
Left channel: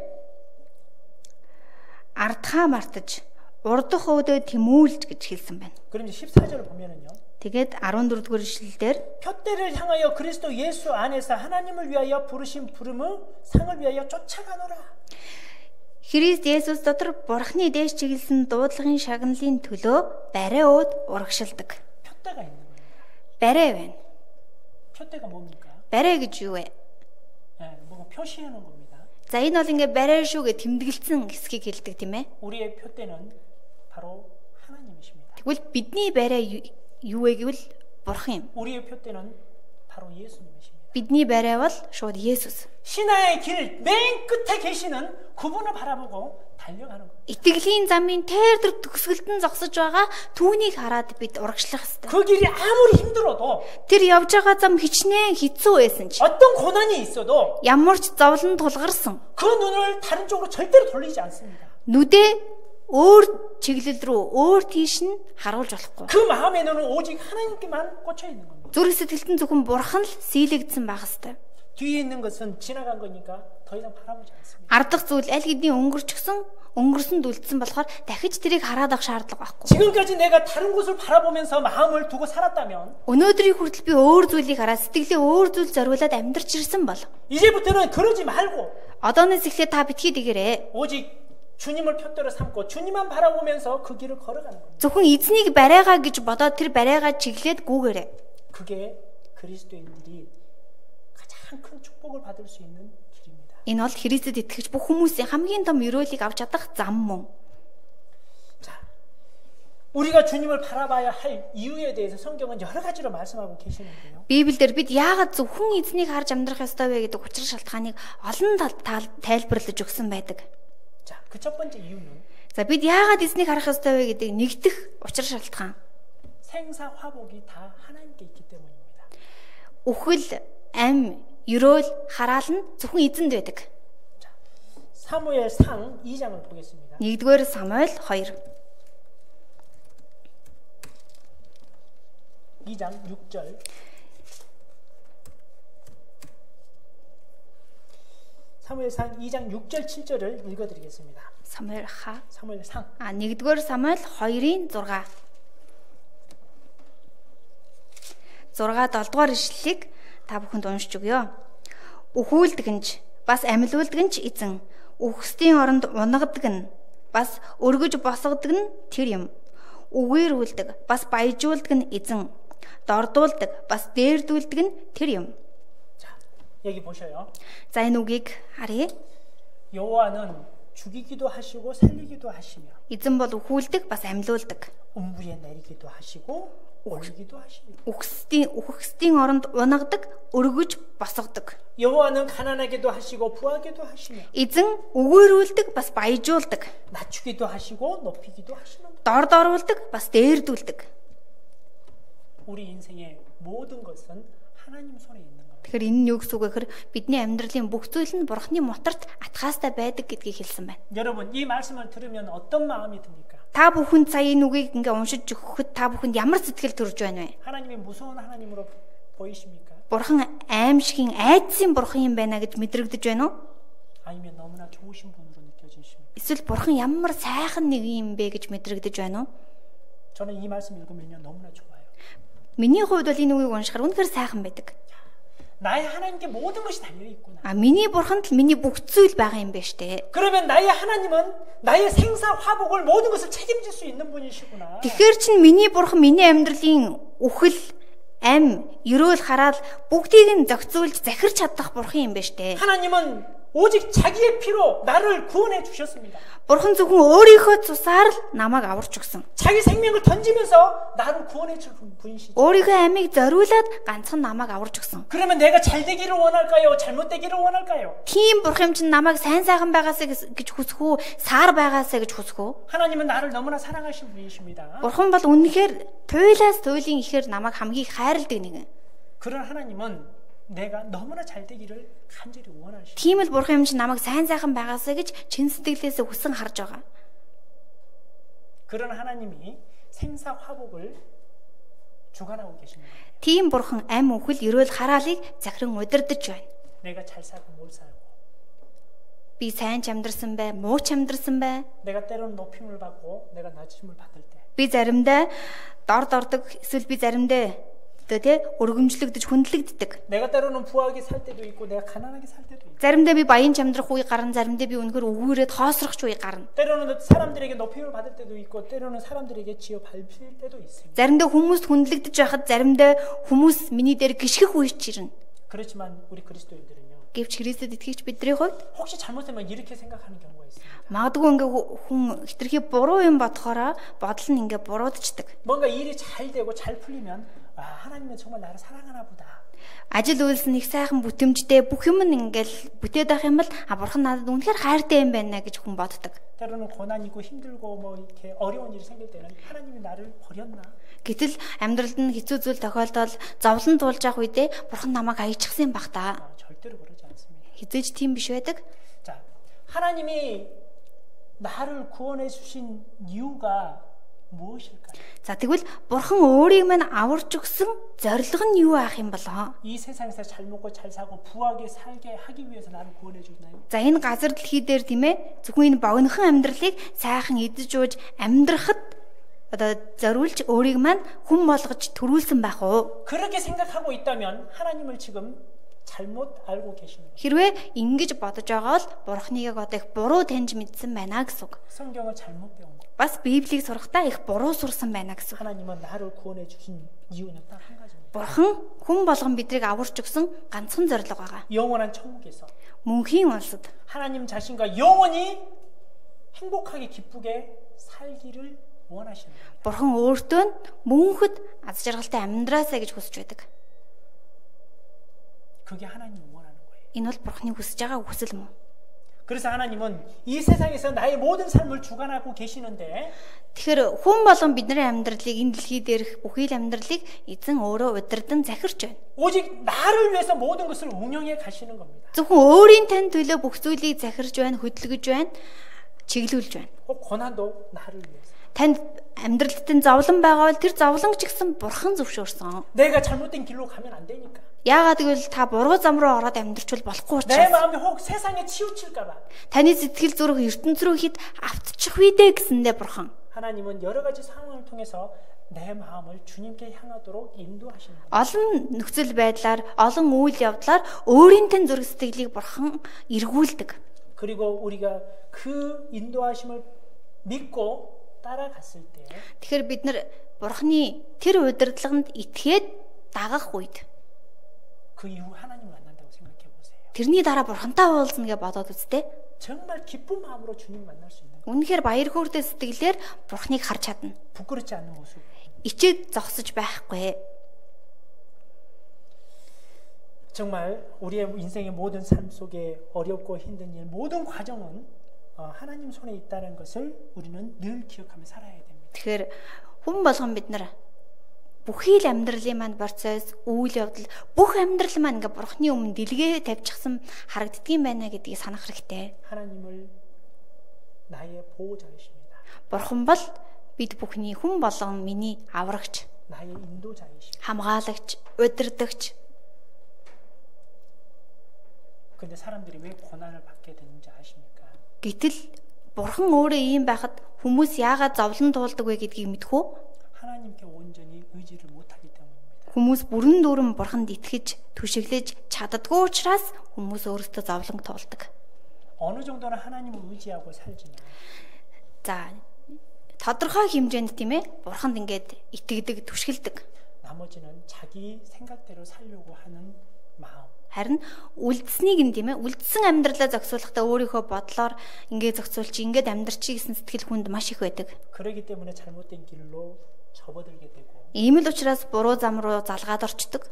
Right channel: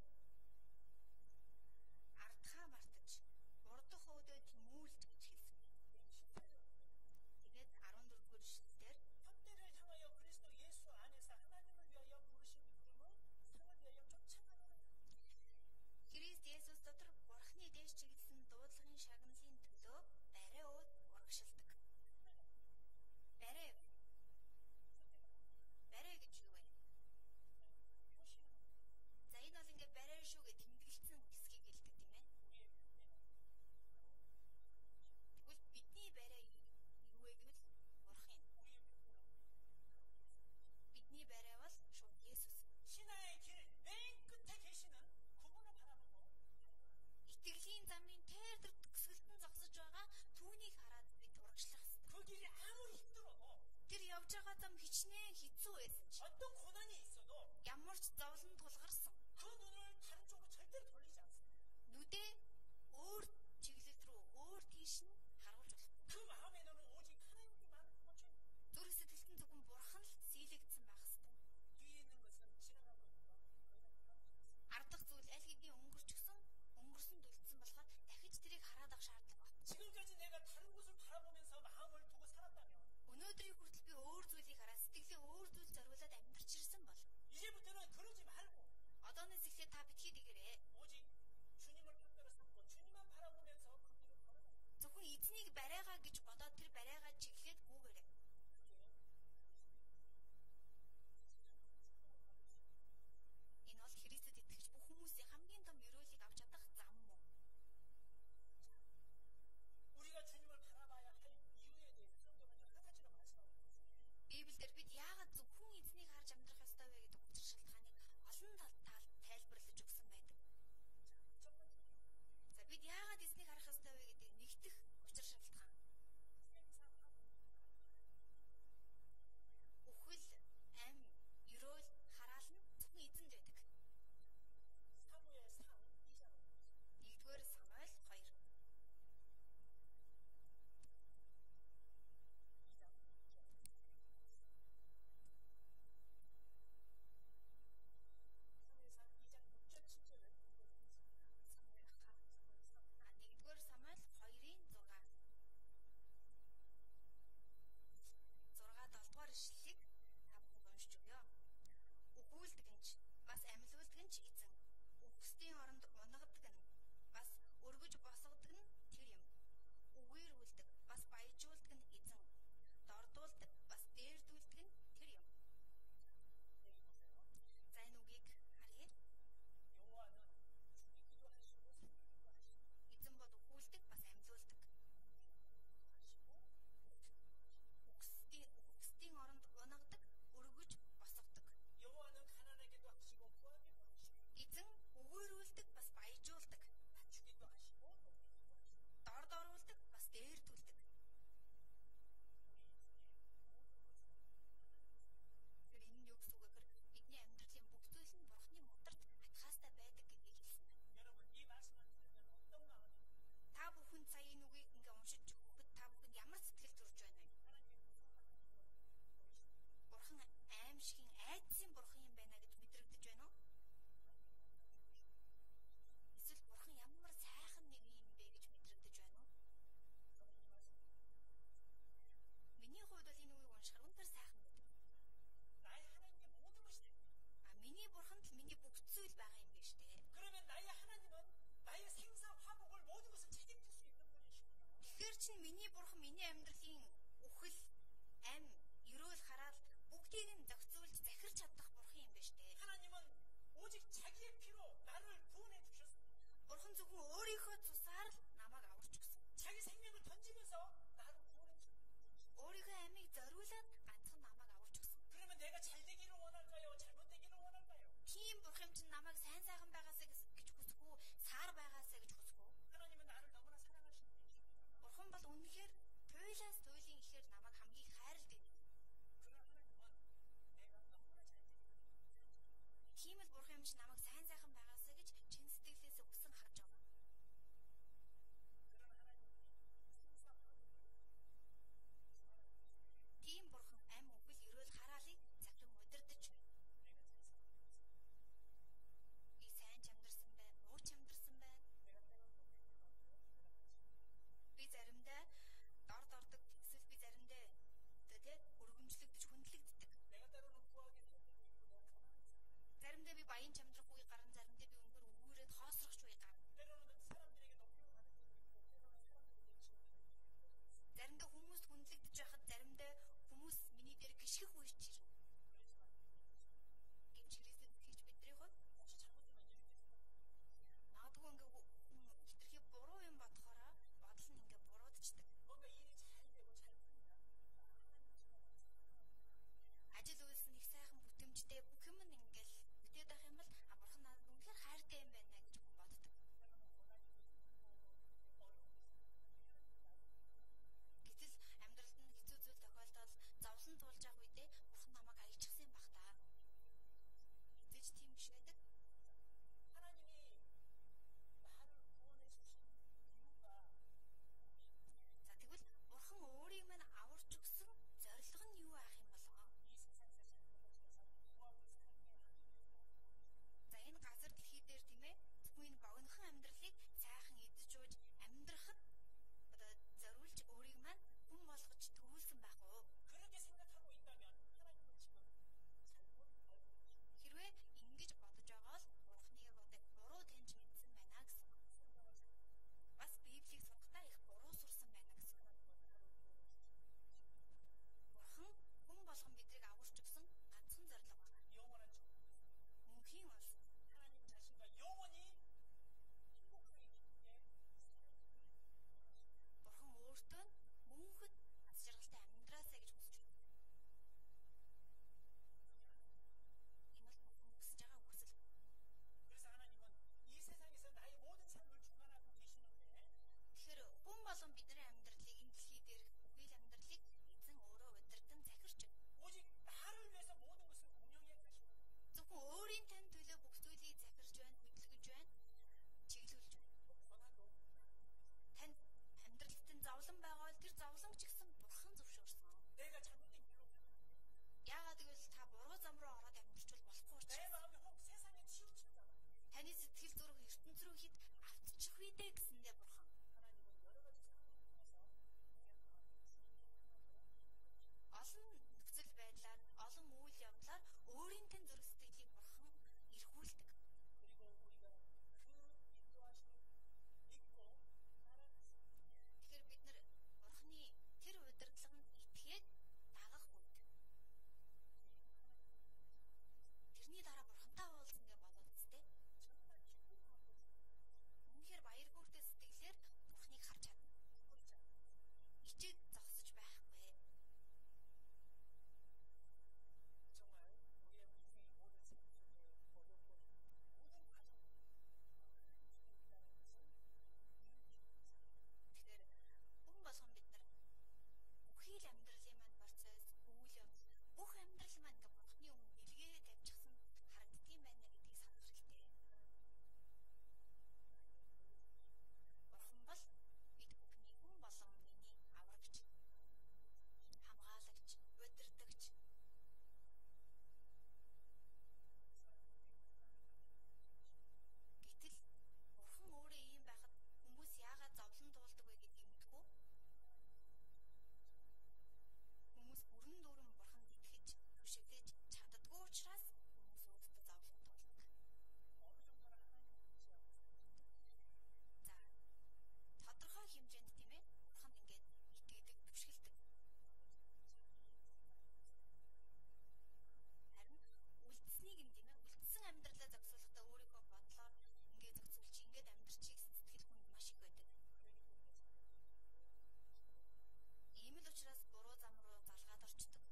ардхаа мартаж урдах өөдөө тэмүүлж гэж хэлсэн байна. 그럼 이제 14절을 보면은요. Тэгээд 14-р эшлэлдэр 표대를 향하여 그리스도 예수 안에서 하나님을 위하여 부르신 부름의 상을 위하여 쫓아가노라. Христ Есүс дотор Бурхны дээш чиглэсэн дуудлагын шагналын төлөө барай өөд урагшилдаг. 표대가 있는 거예요. Барай байна. 표대가 뭡니까? Барай гэж юу вэ? 뭐가 표시해 놓은 겁니다. За энэ бол ингээ барай шүү гэж тэмдэглэсэн хэсгийг хэлдэг тийм ээ. 우리의 표대는 바로 하나님이십니다. Тэгвэл бидний барай юу вэ гэвэл Бурхан юм. 우리의 표대는 바로 예수님이십니다. Бидний барай бол шууд Есүс. 신화의 길 맨 끝에 계시는 그분을 바라보고 달려가는 겁니다. Итгэлийн замын тээр төгсгөлд нь зогсож байгаа түүнийг хараад бид урагшлах ёстой. 그 길이 아무리 힘들어도 Тэр явж байгаа зам хичнээн хэцүү байсан ч 어떤 고난이 있어도 ямар ч зовлон тулгарсан 그 눈을 다른 쪽으로 절대로 돌리지 않습니다. нүдээ өөр чиглэл рүү өөр тийш нь харуулж болохгүй. 그 마음의 눈은 오직 하나님께만 꽂혀 있는 겁니다. Зүрх сэтгэлд нь зөвхөн Бурхан л сийлэгдсэн байх ёстой. 뒤에 있는 것은 지나간 거니까 더 이상 바라보지 않습니다. Ардах зүйл аль хэдийн өнгөрсөнд үлдсэн болохоор дахиж тэрийг хараад авах шаардлага байхгүй. 지금까지 내가 다른 곳을 바라보면서 마음을 두고 살았다면 Өнөөдрийн хүртэл би өөр зүйлийг хараад сэтгэлээ өөр зүйл зориулаад амьдарч ирсэн бол 이제부터는 그러지 말고 одооноос эхлээд та битгий дэгэрээ. 오직 주님을 표대로 삼고 주님만 바라보면서 그 길을 걸어가는 겁니다. Зөвхөн эзнийг барайгаа гэж бодоод тэр барайгаа чиглээд гүүгээрээ. 그게 그리스도인들이 가장 큰 축복을 받을 수 있는 길입니다. Энэ бол Христэд итгэж бүх хүмүүсийн хамгийн том өрөөлийг авч чадах зам мөн. 자, 우리가 주님을 바라봐야 할 이유에 대해서 성경은 여러 가지로 말씀하고 계시는데요. Библиэлд бид яагаад зөвхөн эзнийг харж амьдрах ёстой вэ гэдэг учир шалтгааныг олон тайлбарлаж өгсөн байдаг. 자, 그 첫 번째 이유는 За бид яагаад эзнийг харах ёстой вэ гэдэг нэгдэх учир шалтгаан. 생사 화복이 다 하나님께 있기 때문입니다. Үхэл, ам, ерөөл, хараал нь зөвхөн эзэнд байдаг. 자, 사무엘상 2장을 보겠습니다. 1-р Самуэль 2. 2장 6절. 사무엘상 2장 6절 7절을 읽어드리겠습니다. 사무엘상. 1-р Самуэль 2-ын 6. 7-р ишлэлийг та бүхэнд уншиж өгье. Үхүүлдэгнж бас амьлуулдэгнж эзэн, үхсдийн оронд унагадаг нь бас өргөж босгодог нь тэр юм. Үгээрүүлдэг бас баяжуулдаг нь эзэн, дордуулдаг бас дээрдүүлдэг нь тэр юм. 자, 여기 보셔요. За энэ үгийг харъя. 여호와는 죽이기도 하시고 살리기도 하시며 Эзэн бол үхүүлдэг бас амьлуулдаг. 음부에 내리기도 하시고 올리기도 하시며 үхсдийн оронд унагадаг, өргөж босгодог. 여호와는 가난하게도 하시고 부하게도 하시며 Эзэн үгээрүүлдэг бас баяжуулдаг. 낮추기도 하시고 높이기도 하시는 Дорд оруулдаг бас дээрдүүлдэг. 우리 인생의 모든 것은 하나님 손에 있는 겁니다. Тэгэхээр энэ нь юу гэсэн үг вэ гэхээр бидний амьдралын бүх зүйл нь Бурхны моторт атгаастай байдаг гэдгийг хэлсэн байна. 여러분 이 말씀을 들으면 어떤 마음이 듭니까? Та бүхэнд сая энэ үгийг ингээ уншиж өгөхөд та бүхэнд ямар сэтгэл төрж байна вэ? 하나님이 무서운 하나님으로 보이십니까? Бурхан аимшигын айдсын бурхан юм байна гэж мэдрэгдэж байна уу? 아니면 너무나 좋으신 분으로 느껴지십니까? Эсвэл бурхан ямар сайхан нэг юм бэ гэж мэдрэгдэж байна уу? 저는 이 말씀 읽으면요 너무나 좋아요. Миний хувьд бол энэ үгийг уншихаар үнэхээр сайхан байдаг. 나의 하나님께 모든 것이 달려 있구나. миний бурханд л миний бүх зүйл байгаа юм байна штэ. 그러면 나의 하나님은 나의 생사 화복을 모든 것을 책임질 수 있는 분이시구나. Тэгэхээр чин миний бурхан миний амьдралын үхэл, ам, ерөөл хараад бүгдийг нь зохицуулж захирч чадах бурхан юм байна штэ. 하나님은 오직 자기의 피로 나를 구원해 주셨습니다. Бурхан зөвхөн өөрийнхөө цусаар л намайг аварч өгсөн. 자기 생명을 던지면서 나를 구원해 줄 분이시죠. өөрийнхөө амийг зориулаад ганцхан намайг аварч өгсөн. 그러면 내가 잘 되기를 원할까요? 잘못되기를 원할까요? Тийм бурхан чинь намайг сайн сайхан байгаасаа гэж хүсэх үү, саар байгаасаа гэж хүсэх үү? 하나님은 나를 너무나 사랑하신 분이십니다. Бурхан бол үнэхээр туйлаас туйлын ихээр намайг хамгийн хайрладаг нэгэн. 그런 하나님은 내가 너무나 잘 되기를 간절히 원하시죠. Тийм л бурхан юм чинь намайг сайн сайхан байгаасаа гэж чин сэтгэлээсээ хүсэн харж байгаа. 그런 하나님이 생사 화복을 주관하고 계십니다. Тийм бурхан ам үхэл ерөөл хараалыг захиран удирдах байна. 내가 잘 살고 못 살고, Би сайн ч амьдрсан бай, муу ч амьдрсан бай. 내가 때로는 높임을 받고 내가 낮음을 받을 때, Би заримдаа дорд ордог, эсвэл би заримдаа өргөмжлөгдөж хүндлэгддэг. 내가 때로는 부하게 살 때도 있고 내가 가난하게 살 때도 있고, Заримдаа би баян чамдрах үе гарна, заримдаа би үнэхээр өгөөрөөд хоосрох үе гарна. 때로는 사람들에게 높임을 받을 때도 있고, 때로는 사람들에게 지어 밟힐 때도 있습니다. Заримдаа хүмүүст хүндлэгдэж байхад, заримдаа хүмүүс миний дээр гიშгэх үе ч ирнэ. 그렇지만 우리 그리스도인들은요, Гэвч Христэд итгэгч бидний хувьд 혹시 잘못하면 이렇게 생각하는 경우가 있습니다. магадгүй ингээ хүн хитрхи буруу юм бодохороо бодол нь ингээ буруудчихдаг. 뭔가 일이 잘 되고 잘 풀리면 하나님은 정말 나를 사랑하나 보다. Ажил үйлс нь их сайхан бүтэмжтэй бүх юм нь ингээл бүтээд байх юм бол бурхан надад үнэхээр хайртай юм байна гэж хүн боддог. 때로는 고난 있고 힘들고 뭐 이렇게 어려운 일이 생길 때는 하나님이 나를 버렸나? Гэтэл амьдралд нь хэцүү зүйл тохиолдол зовлон туулж явах үедээ бурхан намайг аяйчихсан юм баг та. 절대로 그러지 않습니다. Хизээж тийм биш байдаг. 자, 하나님이 나를 구원해 주신 이유가 무엇일까요? За тэгвэл бурхан өөрийг мань аварч өгсөн зорилго нь юу аах юм болоо? 이 세상에서 잘 먹고 잘 사고 부하게 살게 하기 위해서 나를 구원해 주나요? За энэ газар дэлхий дээр тийм ээ зөвхөн энэ богинохон амьдралыг сайхан идэж ууж амьдрахад одоо зориулж өөрийг мань хүн болгож төрүүлсэн байх уу? 그렇게 생각하고 있다면 하나님을 지금 잘못 알고 계십니다. Хэрвээ ингэж бодож байгаа бол бурхныг одоо их буруу таньж мэдсэн байна гэсэн үг. 성경을 잘못 배운 거. Бас Библийг сурахдаа их буруу сурсан байна гэсэн үг. 하나님은 나를 구원해 주신 이유는 딱 한 가지입니다. Бурхан хүн болгон бидрийг аварч өгсөн ганцхан зорилго байгаа. 영원한 천국에서 Мөнхийн улсад 하나님 자신과 영원히 행복하게 기쁘게 살기를 원하시는 거예요. Бурхан өөртөө нь мөнхөд аз жаргалтай амьдраасаа гэж хүсэж байдаг. 그게 하나님이 원하는 거예요. Энэ бол Бурханы хүсэж байгаа хүсэл мөн. 그래서 하나님은 이 세상에서 나의 모든 삶을 주관하고 계시는데 Тэгэхээр хүн болгон бидний амьдралыг энэ дэлхий дээрх бүхий л амьдралыг эзэн өөрөө удирдан захирч байна. 오직 나를 위해서 모든 것을 운영해 가시는 겁니다. Зөвхөн өөрийн тань төлөө бүх зүйлийг захирч байна, хөдөлгөж байна, чиглүүлж байна. 고난도 나를 위해서. Танд амьдралд нь зовлон байгаа бол тэр зовлон ч гэсэн Бурхан зөвшөөрсөн. 내가 잘못된 길로 가면 안 되니까. Яагаад гэвэл та буруу зам руу ороод амьдрчвал болохгүй 내 учраас. 마음이 혹 세상에 치우칠까 봐. Таны сэтгэл зүрх ертөнц рүү хэд автчих үедээ гэсэндээ Бурхан. 하나님은 여러 가지 상황을 통해서 내 마음을 주님께 향하도록 인도하시는 거예요. Олон нөхцөл байдлаар, олон үйл явдлаар өөрийн тань зүрх сэтгэлийг Бурхан эргүүлдэг. 그리고 우리가 그 인도하심을 믿고 따라갔을 때 Тэгэхээр бид нар Бурханы тэр удирдлаганд итгээд дагах үед 그 이후 하나님 만난다고 생각해 보세요. тэрний дараа Бурхантай уулзна гэж бодоод үзтээ. 정말 기쁜 마음으로 주님 만날 수 있는 Үнэхээр баяр хөөртэй сэтгэлээр Бурханыг харж чадна. 부끄럽지 않는 모습. Ичээд зогсож байхгүй. 정말 우리의 인생의 모든 삶 속에 어렵고 힘든 일, 모든 과정은 하나님 손에 있다는 것을 우리는 늘 기억하며 살아야 됩니다. Тэгэхээр хүн болгон бид нар бүхий л амьдралын маань процесс, үйл явдал, бүх амьдрал маань ингээ Бурханы өмнө дэлгээ тавьчихсан харагддгийм байна гэдгийг санах хэрэгтэй. 하나님을 나의 보호자이십니다. Бурхан бол бид бүхний хүн болгон миний аврагч, 나의 인도자이십니다. хамгаалагч, удирдагч. 근데 사람들이 왜 고난을 받게 되는지 아십니까? Гэтэл Бурхан өөрөө ийм байхад хүмүүс яагаад зовлон туулдаг вэ гэдгийг мэдэх үү? 하나님께 온전히 의지를 못하기 때문입니다. Хүмүүс бүрэн дүүрэн бурханд итгэж, түшиглэж чаддаггүй учраас хүмүүс өөрсдөө зовлон туулдаг. 어느 정도는 하나님을 의지하고 살지만 За тодорхой хэмжээнд тийм ээ бурханд ингээд итгэдэг, түшгэлдэг. 나머지는 자기 생각대로 살려고 하는 마음. Харин үлдсэнийг нь тийм ээ үлдсэн амьдралаа зохицуулахдаа өөрийнхөө бодлоор ингээд зохицуулчих, ингээд амьдрчих гэсэн сэтгэл хүнд маш их байдаг. 그러기 때문에 잘못된 길로 접어들게 되고 Ийм л учраас буруу зам руу залгаад орчдөг.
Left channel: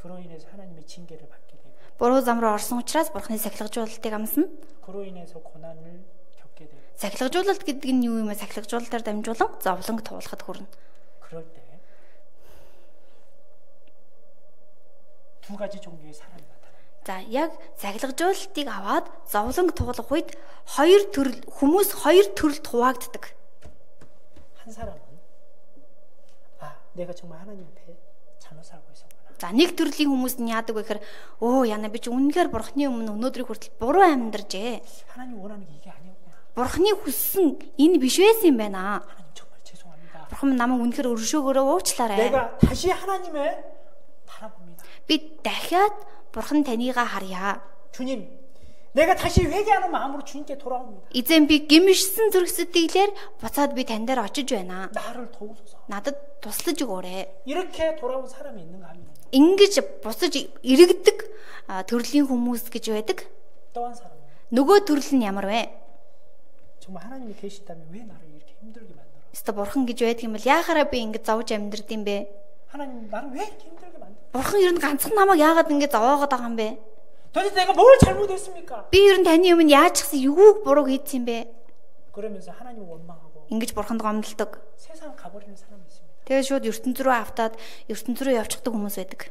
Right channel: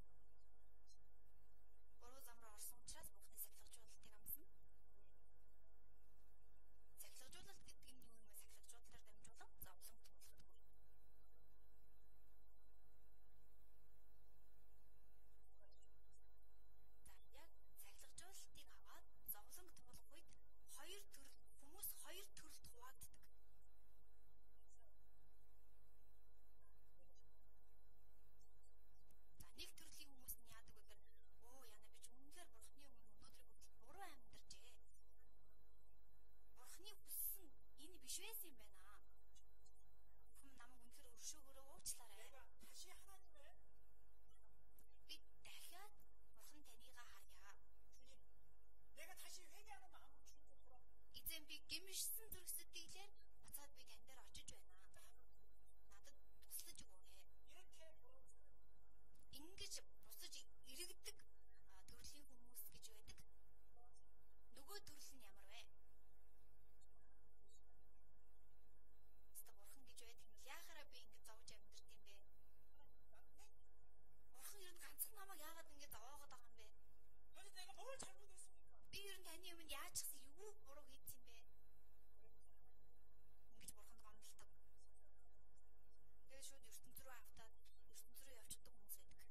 그로 인해서 하나님의 징계를 받게 되고 Буруу зам руу орсон учраас бурхны сахилгажуулалтыг амсна. 그로 인해서 고난을 겪게 되고 Сахилгажуулалт гэдэг нь юу юм бэ? Сахилгажуулалтаар дамжуулан зовлонг туулахад хүрнэ. 그럴 때 두 가지 종류의 사람이 나타납니다. За яг сахилгажуулалтыг аваад зовлонг туулах үед хоёр төрөл хүмүүс хоёр төрөлд хуваагддаг. 한 사람은 내가 정말 하나님 앞에 잘못 살고 있었구나. За нэг төрлийн хүмүүс нь яадаг вэ гэхээр яна би чи үнэхээр бурхны өмнө өнөөдрийг хүртэл буруу амьдаржээ. 하나님 원하는 게 이게 아니었구나. Бурхны хүссэн энэ биш байсан юм байна. 하나님 정말 죄송합니다. Бурхан намайг үнэхээр өршөөгөөрөө уучлаарай. 내가 다시 하나님을 바라봅니다. Би дахиад бурхан танийгаа харъя. 주님, 내가 다시 회개하는 마음으로 주님께 돌아옵니다. Эзэн би гимшсэн зүрх сэтгэлээр буцаад би тань дээр очиж байна. 나를 도우소서. Надад туслаж өгөөрэй. 이렇게 돌아온 사람이 있는가 하면 Ингэж бусаж иргэдэг төрлийн хүмүүс гэж байдаг. 또 한 사람은 Нөгөө төрөл нь ямар вэ? 정말 하나님이 계시다면 왜 나를 이렇게 힘들게 만들어? Өстө бурхан гэж байдаг юм бол яахаараа би ингэж зовж амьдрд юм бэ? 하나님 나를 왜 이렇게 힘들게 만들어? Бурхан ер нь ганцхан намайг яагаад ингэж зовоогоод байгаа юм бэ? 도대체 내가 뭘 잘못했습니까? Би ер нь таны өмнө яаж чигсэн юуг буруу хийсэн юм бэ? 그러면서 하나님을 원망하고 Ингэж бурханд гомдолдог. 세상 가버리는 사람이 있습니다. Тэгээд шууд ертөнц рүү автаад ертөнц рүү явчихдаг хүмүүс байдаг.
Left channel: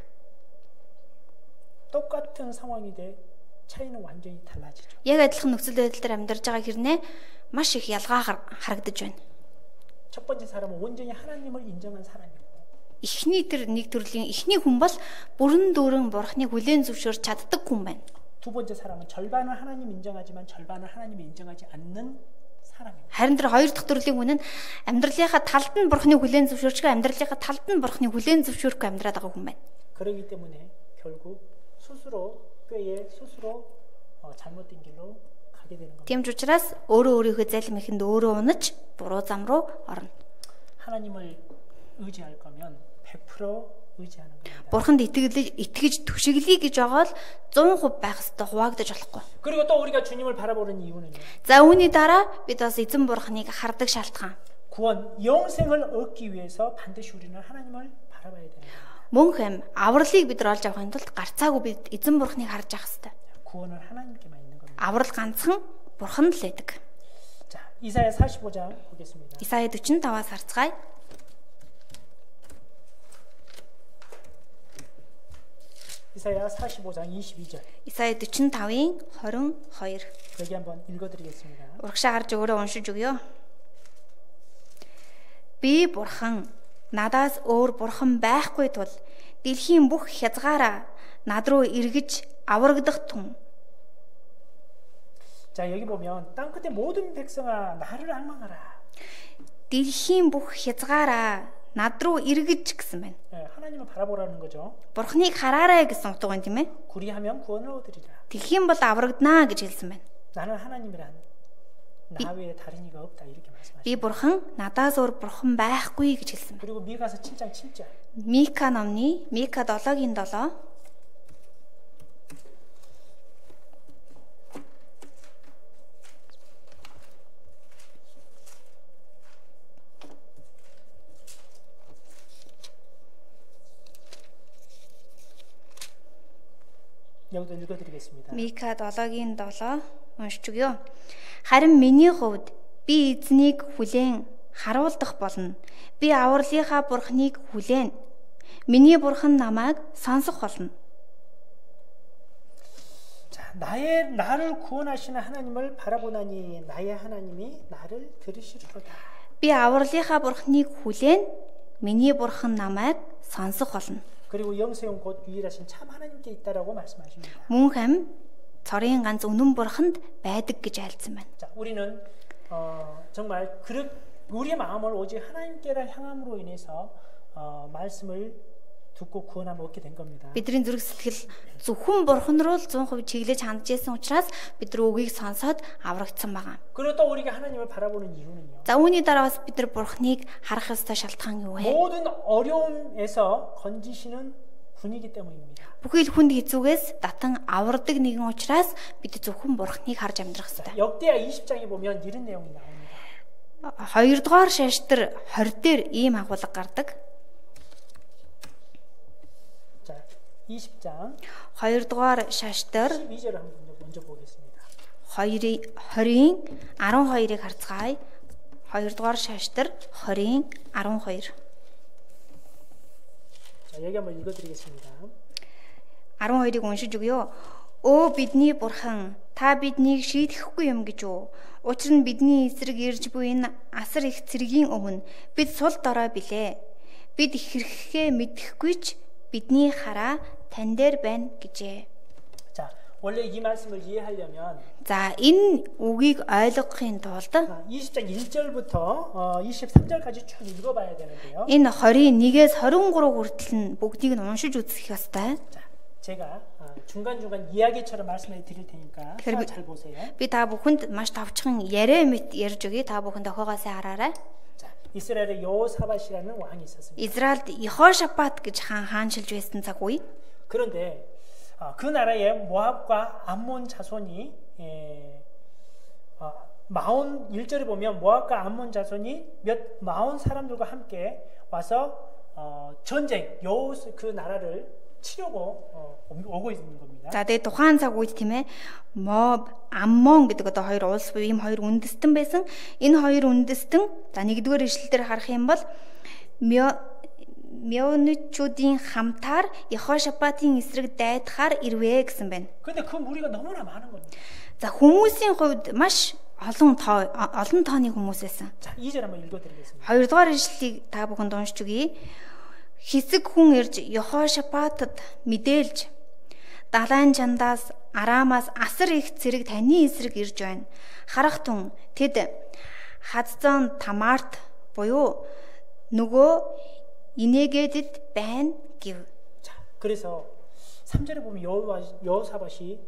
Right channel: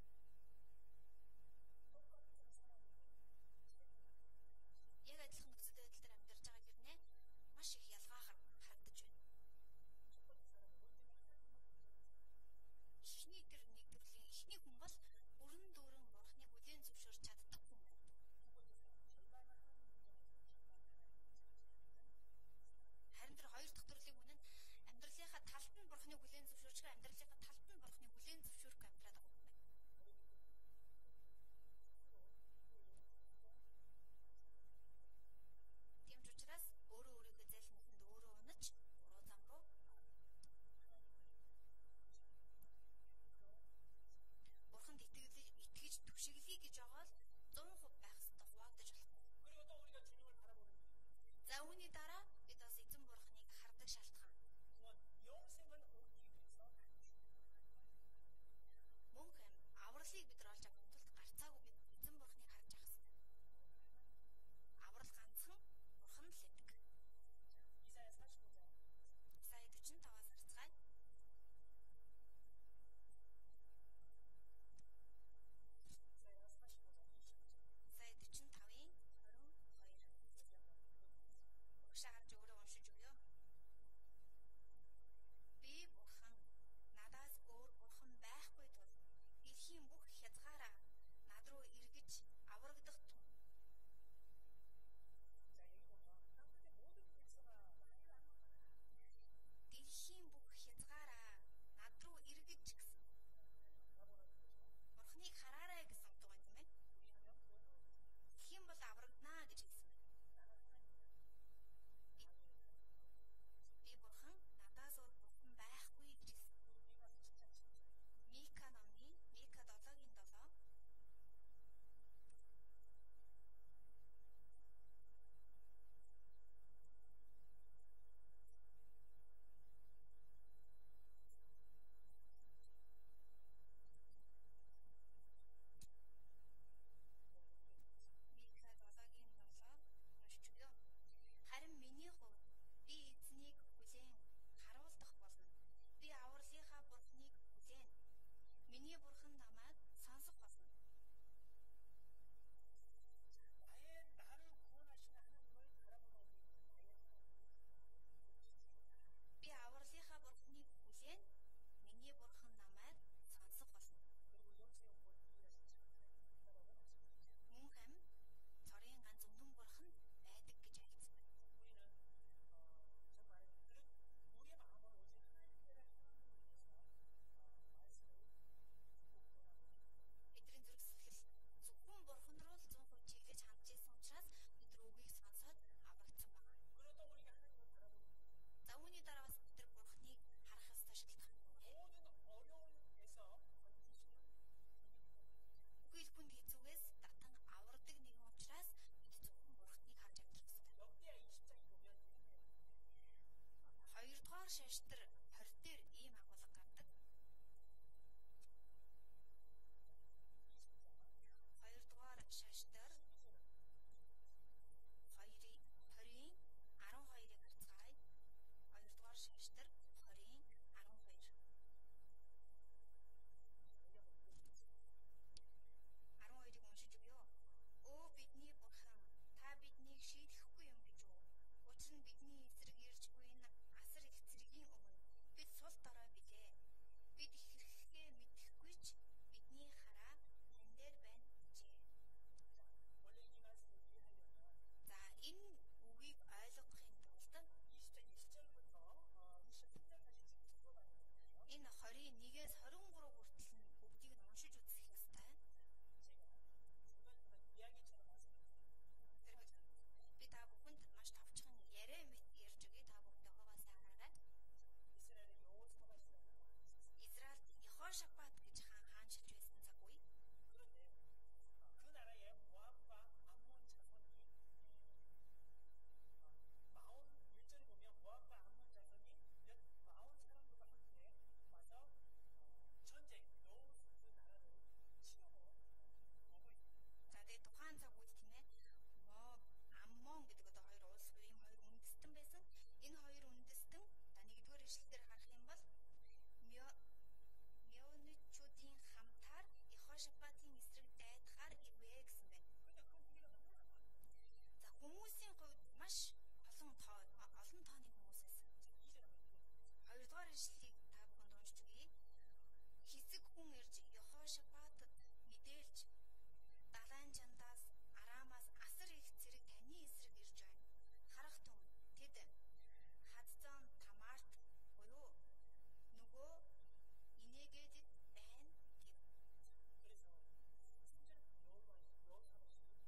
똑같은 상황인데 차이는 완전히 달라지죠. Яг адилхан нөхцөл байдал дээр амьдарч байгаа хэрнээ маш их ялгаа харагдаж байна. 첫 번째 사람은 온전히 하나님을 인정한 사람이고 Эхний тэр нэг төрлийн эхний хүн бол бүрэн дүүрэн бурхныг хүлээн зөвшөөрч чаддаг хүн байна. 두 번째 사람은 절반은 하나님 인정하지만 절반은 하나님이 인정하지 않는 사람입니다. Харин тэр хоёр дахь төрлийн хүн нь амьдралынхаа талд нь бурхныг хүлээн зөвшөөрч, амьдралынхаа талд нь бурхныг хүлээн зөвшөөрөхгүй амьдраад байгаа хүн байна. 그렇기 때문에 결국 스스로 꾀에 스스로 잘못된 길로 가게 되는 겁니다. Тийм ч учраас өөрийнхөө залим ихэнд өөрөө унаж буруу зам руу орно. 하나님을 의지할 거면 100% 의지하는 겁니다. Бурханд итгэж түшиглэе гэж байгаа л 100% байх ёстой, хуваагдаж болохгүй. 그리고 또 우리가 주님을 바라보는 이유는요. За үүний дараа бид бас эзэн бурхныг хардаг шалтгаан. 구원, 영생을 얻기 위해서 반드시 우리는 하나님을 바라봐야 됩니다. Мөн хэм авралыг бид нар олж авахын тулд гарцаагүй бид эзэн бурхныг харж авах ёстой. 구원은 하나님께만 있는 겁니다. Аврал ганцхан бурханд л байдаг. 자, 이사야 45장 보겠습니다. Исая 45-аас харцгаая. 이사야 45장 22절. Исая 45-ийн 22. 여기 한번 읽어드리겠습니다. Урагшаа гарч өөрөө уншиж өгье. Би бурхан, надаас өөр бурхан байхгүй тул дэлхийн бүх хязгаараа над руу эргэж аврагдах тун. 자, 여기 보면 땅 끝에 모든 백성아 나를 앙망하라. Дэлхийн бүх хязгаараа над руу эргэж гэсэн байна. 네, 하나님을 바라보라는 거죠. Бурхныг хараарай гэсэн утга байна тийм ээ. 구리하면 구원을 얻으리라. Тэгэх юм бол аврагдана гэж хэлсэн байна. 나는 하나님이란 나 외에 다른 이가 없다 이렇게 말씀하시죠. Би бурхан, надаас өөр бурхан байхгүй гэж хэлсэн байна. 그리고 미가서 7장 7절. Мика номны Мика 7-гийн 7. 여기도 읽어드리겠습니다. Мика 7-гийн 7 уншиж өгье. Харин миний хувьд би эзнийг хүлээн харуулдах болно. Би авралынхаа бурхныг хүлээн. Миний бурхан намайг сонсох болно. 자, 나를 구원하시는 하나님을 바라보나니 나의 하나님이 나를 들으시리로다. Би авралынхаа бурхныг хүлээн. Миний бурхан намайг сонсох болно. 그리고 영세용 곧 유일하신 참 하나님께 있다라고 말씀하십니다. Мөн хэм цорын ганц үнэн бурханд байдаг гэж айлцсан байна. 자, 우리는 정말 우리의 마음을 오직 하나님께로 향함으로 인해서 말씀을 듣고 구원함을 얻게 된 겁니다. Бидний зүрх сэтгэл зөвхөн бурхан руу л 100% чиглэж хандж байсан учраас бид нар үгийг сонсоод аврагдсан байгаа. 그리고 또 우리가 하나님을 바라보는 이유는요. За үүний дараа бас бид нар бурханыг харах ёстой шалтгаан юу вэ? 모든 어려움에서 건지시는 분이기 때문입니다. Бүхий л хүнд хэцүүгээс татан авардаг нэгэн учраас бид зөвхөн бурханыг харж амьдрах 자, ёстой. 역대하 20장에 보면 이런 내용이 나옵니다. 2-р шаштар 20 дээр ийм агуулга гардаг. 자, 20장 2-р шаштар 12절을 한번 먼저 보겠습니다. 20-ийн 12-ыг харцгаая. 2-р шаштар 20-ийн 12. 자, 여기 한번 읽어드리겠습니다. 12-ыг уншиж өгье. Өө бидний бурхан, та биднийг шийдэхгүй юм гэж үү? Учир нь бидний эсрэг ирж буй энэ асар их цэргийн өмнө бид сул дорой билээ. Бид хэрхээ мэдэхгүй ч бидний хараа тань дээр байна гэжээ. 자, 원래 이 말씀을 이해하려면 За энэ үгийг ойлгохын тулд 20장 1절부터 23절까지 쭉 읽어봐야 되는데요. энэ 21-ээс 23 хүртэл нь бүгдийг нь уншиж үзэх ёстой. 자, 제가 중간중간 이야기처럼 말씀해 드릴 테니까 잘 보세요. Би та бүхэнд маш тавчхан яриа мэт ярьж өгье. та бүхэн тохоогоос хараарай. 자, 이스라엘에 여호사밧이라는 왕이 있었습니다. Израильд Йехошафат гэж хаанчилж байсан цаг үе. 그런데 그 나라에 모압과 암몬 자손이 마온 1절에 보면 모압과 암몬 자손이 마온 사람들과 함께 와서 전쟁 그 나라를 치려고 오고 있는 겁니다. За тэгээ тухайн цаг үед тийм ээ Моб, Аммон гэдэг одоо хоёр улс буюу ийм хоёр үндэстэн байсан. Энэ хоёр үндэстэн за нэгдүгээр ишлэлээр харах юм бол Меоничүүдийн хамтаар Йехошафатын эсрэг дайдахаар ирвэ гэсэн байна. 근데 그 무리가 너무나 많은 겁니다. За хүмүүсийн хувьд маш олон тооны хүмүүс байсан. 자, 2절 한번 읽어 드리겠습니다. 2-р ишлэлийг та бүхэнд уншиж өгье. Хэсэг хүн ирж Йехошафатад мэдээлж далайн чандаас Арамаас асар их цэрэг таны эсрэг ирж байна. Харах тун тэд Хадзон Тамарт буюу нөгөө 인에게짓 밴 give. 자, 그래서 3절에 보면 여호사밧이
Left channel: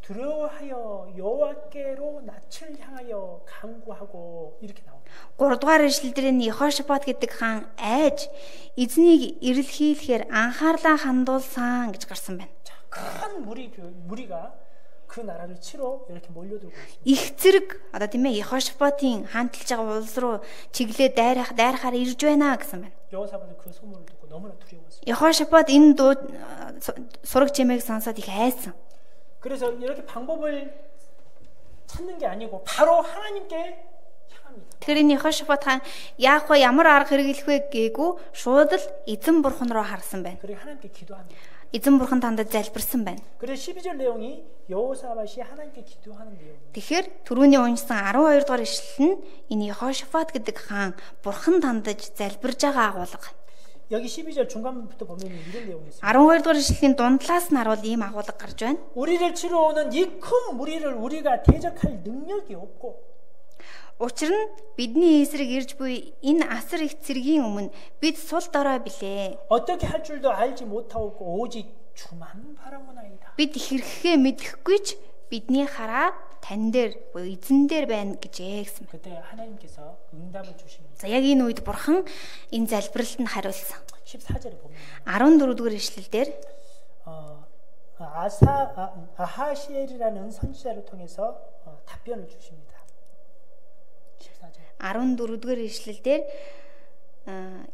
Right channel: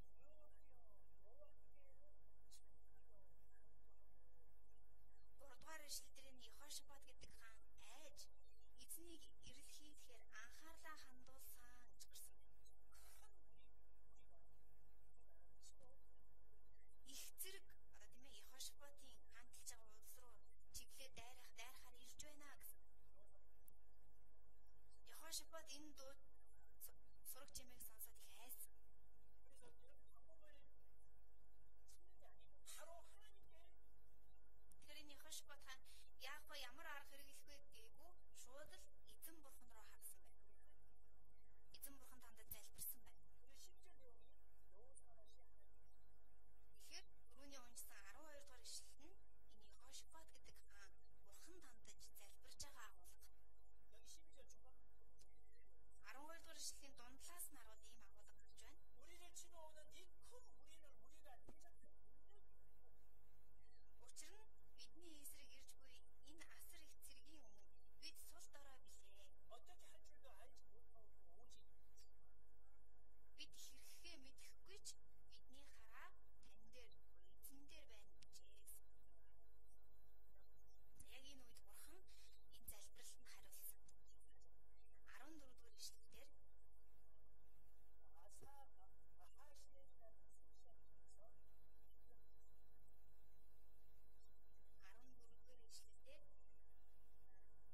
두려워하여 여호와께로 낯을 향하여 간구하고 이렇게 나옵니다. 3-р ишлэлдэр нь Йехошафат гэдэг хаан айж эзнийг ирэлхийлэхээр анхаарлаа хандуулсан гэж гарсан байна. 자, 큰 무리가 그 나라를 치러 이렇게 몰려들고 있습니다. Их зэрэг одоо тийм ээ Йехошафатын хаанталж байгаа улс руу чиглээ дайрахаар ирж байна гэсэн байна. 여호사밧은 그 소문을 듣고 너무나 두려웠습니다. Йехошафат энэ дуу сураг чимээг сонсоод их айсан. 그래서 이렇게 방법을 찾는 게 아니고 바로 하나님께 향합니다. Тэгэхээр энэ Йехошафат хаан яах вэ, ямар арга хэрэглэх вэ гээгүй шууд л эзэн бурхан руу харсан байна. 그리고 하나님께 기도합니다. Эзэн бурхан тандад залбирсан байна. 그래서 12절 내용이 여호사밧이 하나님께 기도하는 내용입니다. Тэгэхээр түрүүний уншсан 12 дугаар ишлэл нь энэ Йехошафат гэдэг хаан бурхан тандаж залбирж байгаа агуулга. 여기 12절 중간부터 보면 이런 내용이 있습니다. 12 дугаар ишлэлийн дундлаас нь харуул ийм агуулга гарч байна. 우리를 치러 오는 이 큰 무리를 우리가 대적할 능력이 없고 Учир нь бидний эсрэг ирж буй энэ асар их цэргийн өмнө бид сул дорой билээ. 어떻게 할 줄도 알지 못하고 오직 주만 바라보나이다. Бид хэрхээ мэдэхгүй ч бидний хараа тань дээр буюу эзэн дээр байна гэжээ гэсэн. 그때 하나님께서 응답을 주십니다. За яг энэ үед бурхан энэ залбиралд нь хариулсан. 14절에 보면 14 дугаар ишлэл дээр 아하시엘이라는 선지자를 통해서 답변을 주십니다. 14 дугаар ишлэл дээр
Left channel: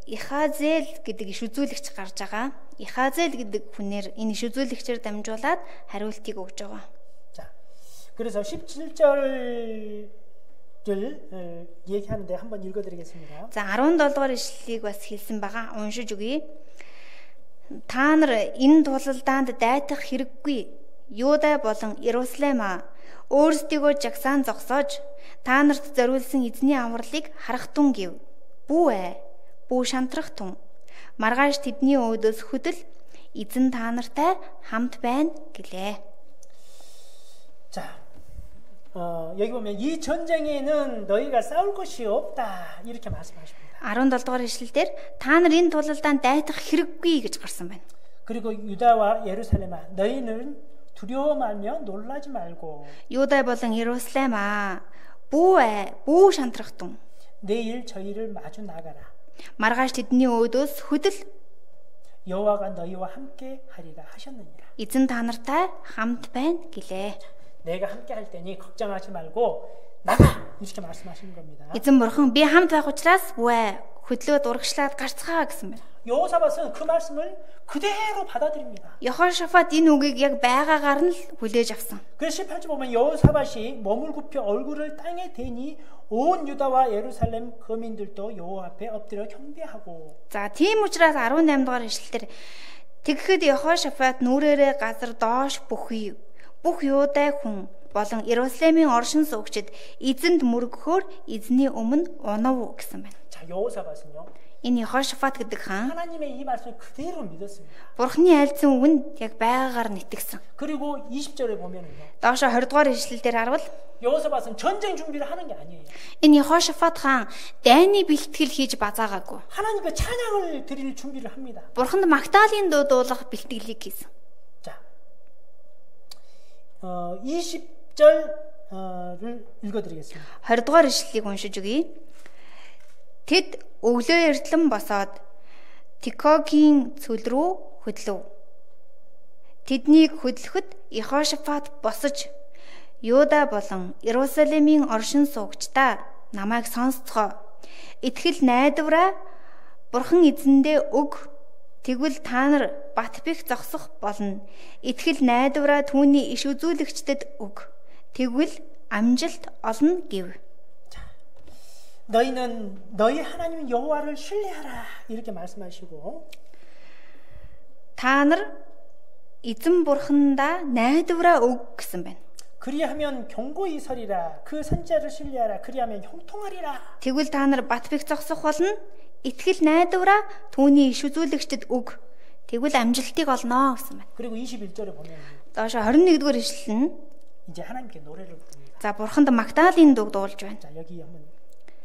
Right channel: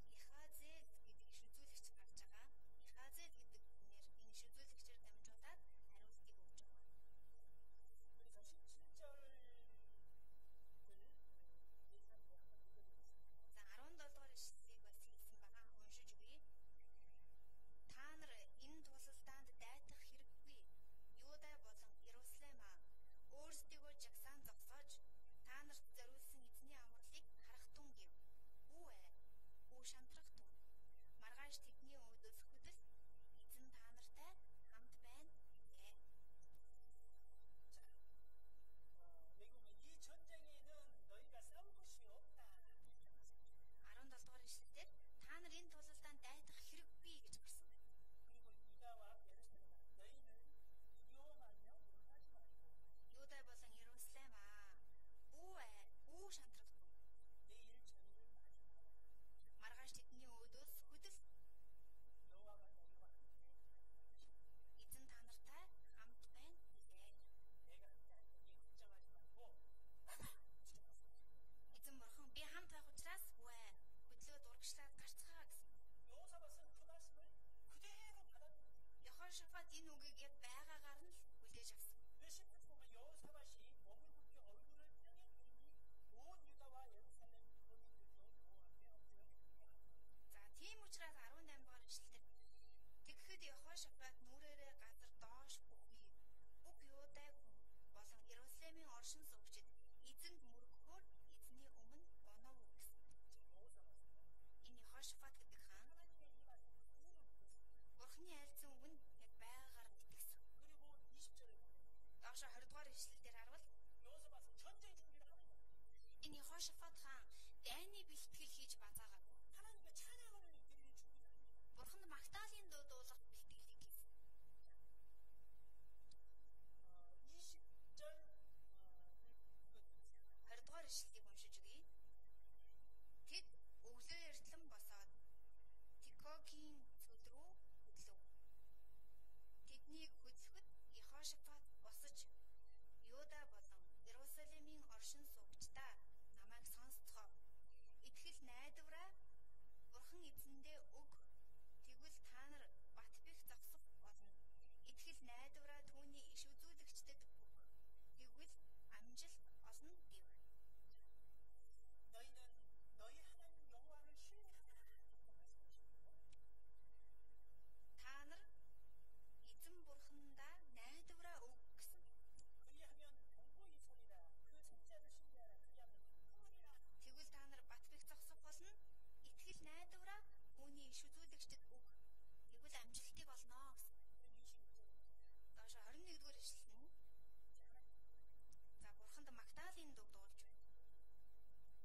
Ихазел гэдэг иш үзүүлэгч гарч байгаа. Ихазел гэдэг хүнээр энэ иш үзүүлэгчээр дамжуулаад хариултыг өгж байгаа. 자, 그래서 17절을 얘기하는데 한번 읽어드리겠습니다. За 17 дугаар ишлэлийг бас хэлсэн байгаа. Уншиж өгье. Та нар энэ тулалдаанд дайтах хэрэггүй. Юуда болон Иерусалим өөрсдийгөө жагсаан зогсоож та нарт зориулсан эзний авралыг харах тун гэв. Бүү бүү шантрах тун. Маргааш тэдний өөдөөс хөдөл эзэн та нартай хамт байна гэлээ. 자, 여기 보면 이 전쟁에는 너희가 싸울 것이 없다 이렇게 말씀하십니다. 17 дугаар ишлэлдэр та нар энэ тулалдаанд дайтах хэрэггүй гэж гарсан байна. 그리고 유다와 예루살렘아 너희는 두려워 말며 놀라지 말고 Юудай болон Иерусалим бүү шантрах тун. 내일 저희를 마주 나가라. Маргааш тэдний өөдөөс хөдөл 여호와가 너희와 함께 하리라 하셨느니라. эзэн та нартай хамт байна гэлээ. 내가 함께 할 테니 걱정하지 말고 나가 이렇게 말씀하시는 겁니다. Эзэн бурхан би хамт байх учраас бүү хөдлөөд урагшлаад гарцгаа гэсэн байна. 여호사밧은 그 말씀을 그대로 받아들입니다. Йехошафат энэ үгийг яг байгаагаар нь л хүлээж авсан. 그래서 18절 보면 여호사밧이 몸을 굽혀 얼굴을 땅에 대니 온 유다와 예루살렘 거민들도 여호와 앞에 엎드려 경배하고. За тийм учраас 18 дугаар ишлэлээр тэгэхэд Йехошафат нүрээрээ газар доош бүхий бүх Юудай хүн болон Иерусалимийн оршин суугчид эзэнд мөргөхөөр эзний өмнө унав гэсэн байна. 자, 여호사밧은요. Энэ Йехошафат гэдэг хаан 하나님의 이 말씀을 그대로 믿었습니다. Бурхны айлцсан үгэнд яг байгаагаар нь итгэсэн. 그리고 20절에 보면은요. Доошо 20 дугаар ишлэлээр харвал 여호사밧은 전쟁 준비를 하는 게 아니에요. энэ Йехошафат хаан дайны бэлтгэл хийж базаагаагүй. 하나님께 찬양을 드릴 준비를 합니다. Бурханд магтаалын дуу дуулах бэлтгэлийг хийсэн. 자, 20절을 읽어드리겠습니다. 20 дугаар ишлэлийг уншиж өгье. Тэд өглөө эртлэн босоод Тикогийн цөл рүү хөдлөв. Тэднийг хөдлөхөд Йехошафат босож Юда болон Иерусалимийн оршин суугчдаа намайг сонсцгоо. Итгэл найдвараа Бурхан эзэндээ өг. Тэгвэл та нар бат бих зогсох болно. Итгэл найдвараа түүний иш үзүүлэгчдэд өг. Тэгвэл амжилт олно гэв. 너희는 너희 하나님 여호와를 신뢰하라 이렇게 말씀하시고 Та нар эзэн бурхандаа найдвараа өг гэсэн байна. 그리하면 경고히 서리라 그 선자를 신뢰하라 그리하면 형통하리라. Тэгвэл та нар бат бих зогсох болно. Итгэл найдвараа түүний иш үзүүлэгчдэд өг. Тэгвэл амжилтыг олно гэсэн байна. 그리고 21절에 보면 Доошо 21-р ишлэл нь 이제 하나님께 노래를 부릅니다. за бурханд магтаалын дуу дуулж байна. 자, 여기 한번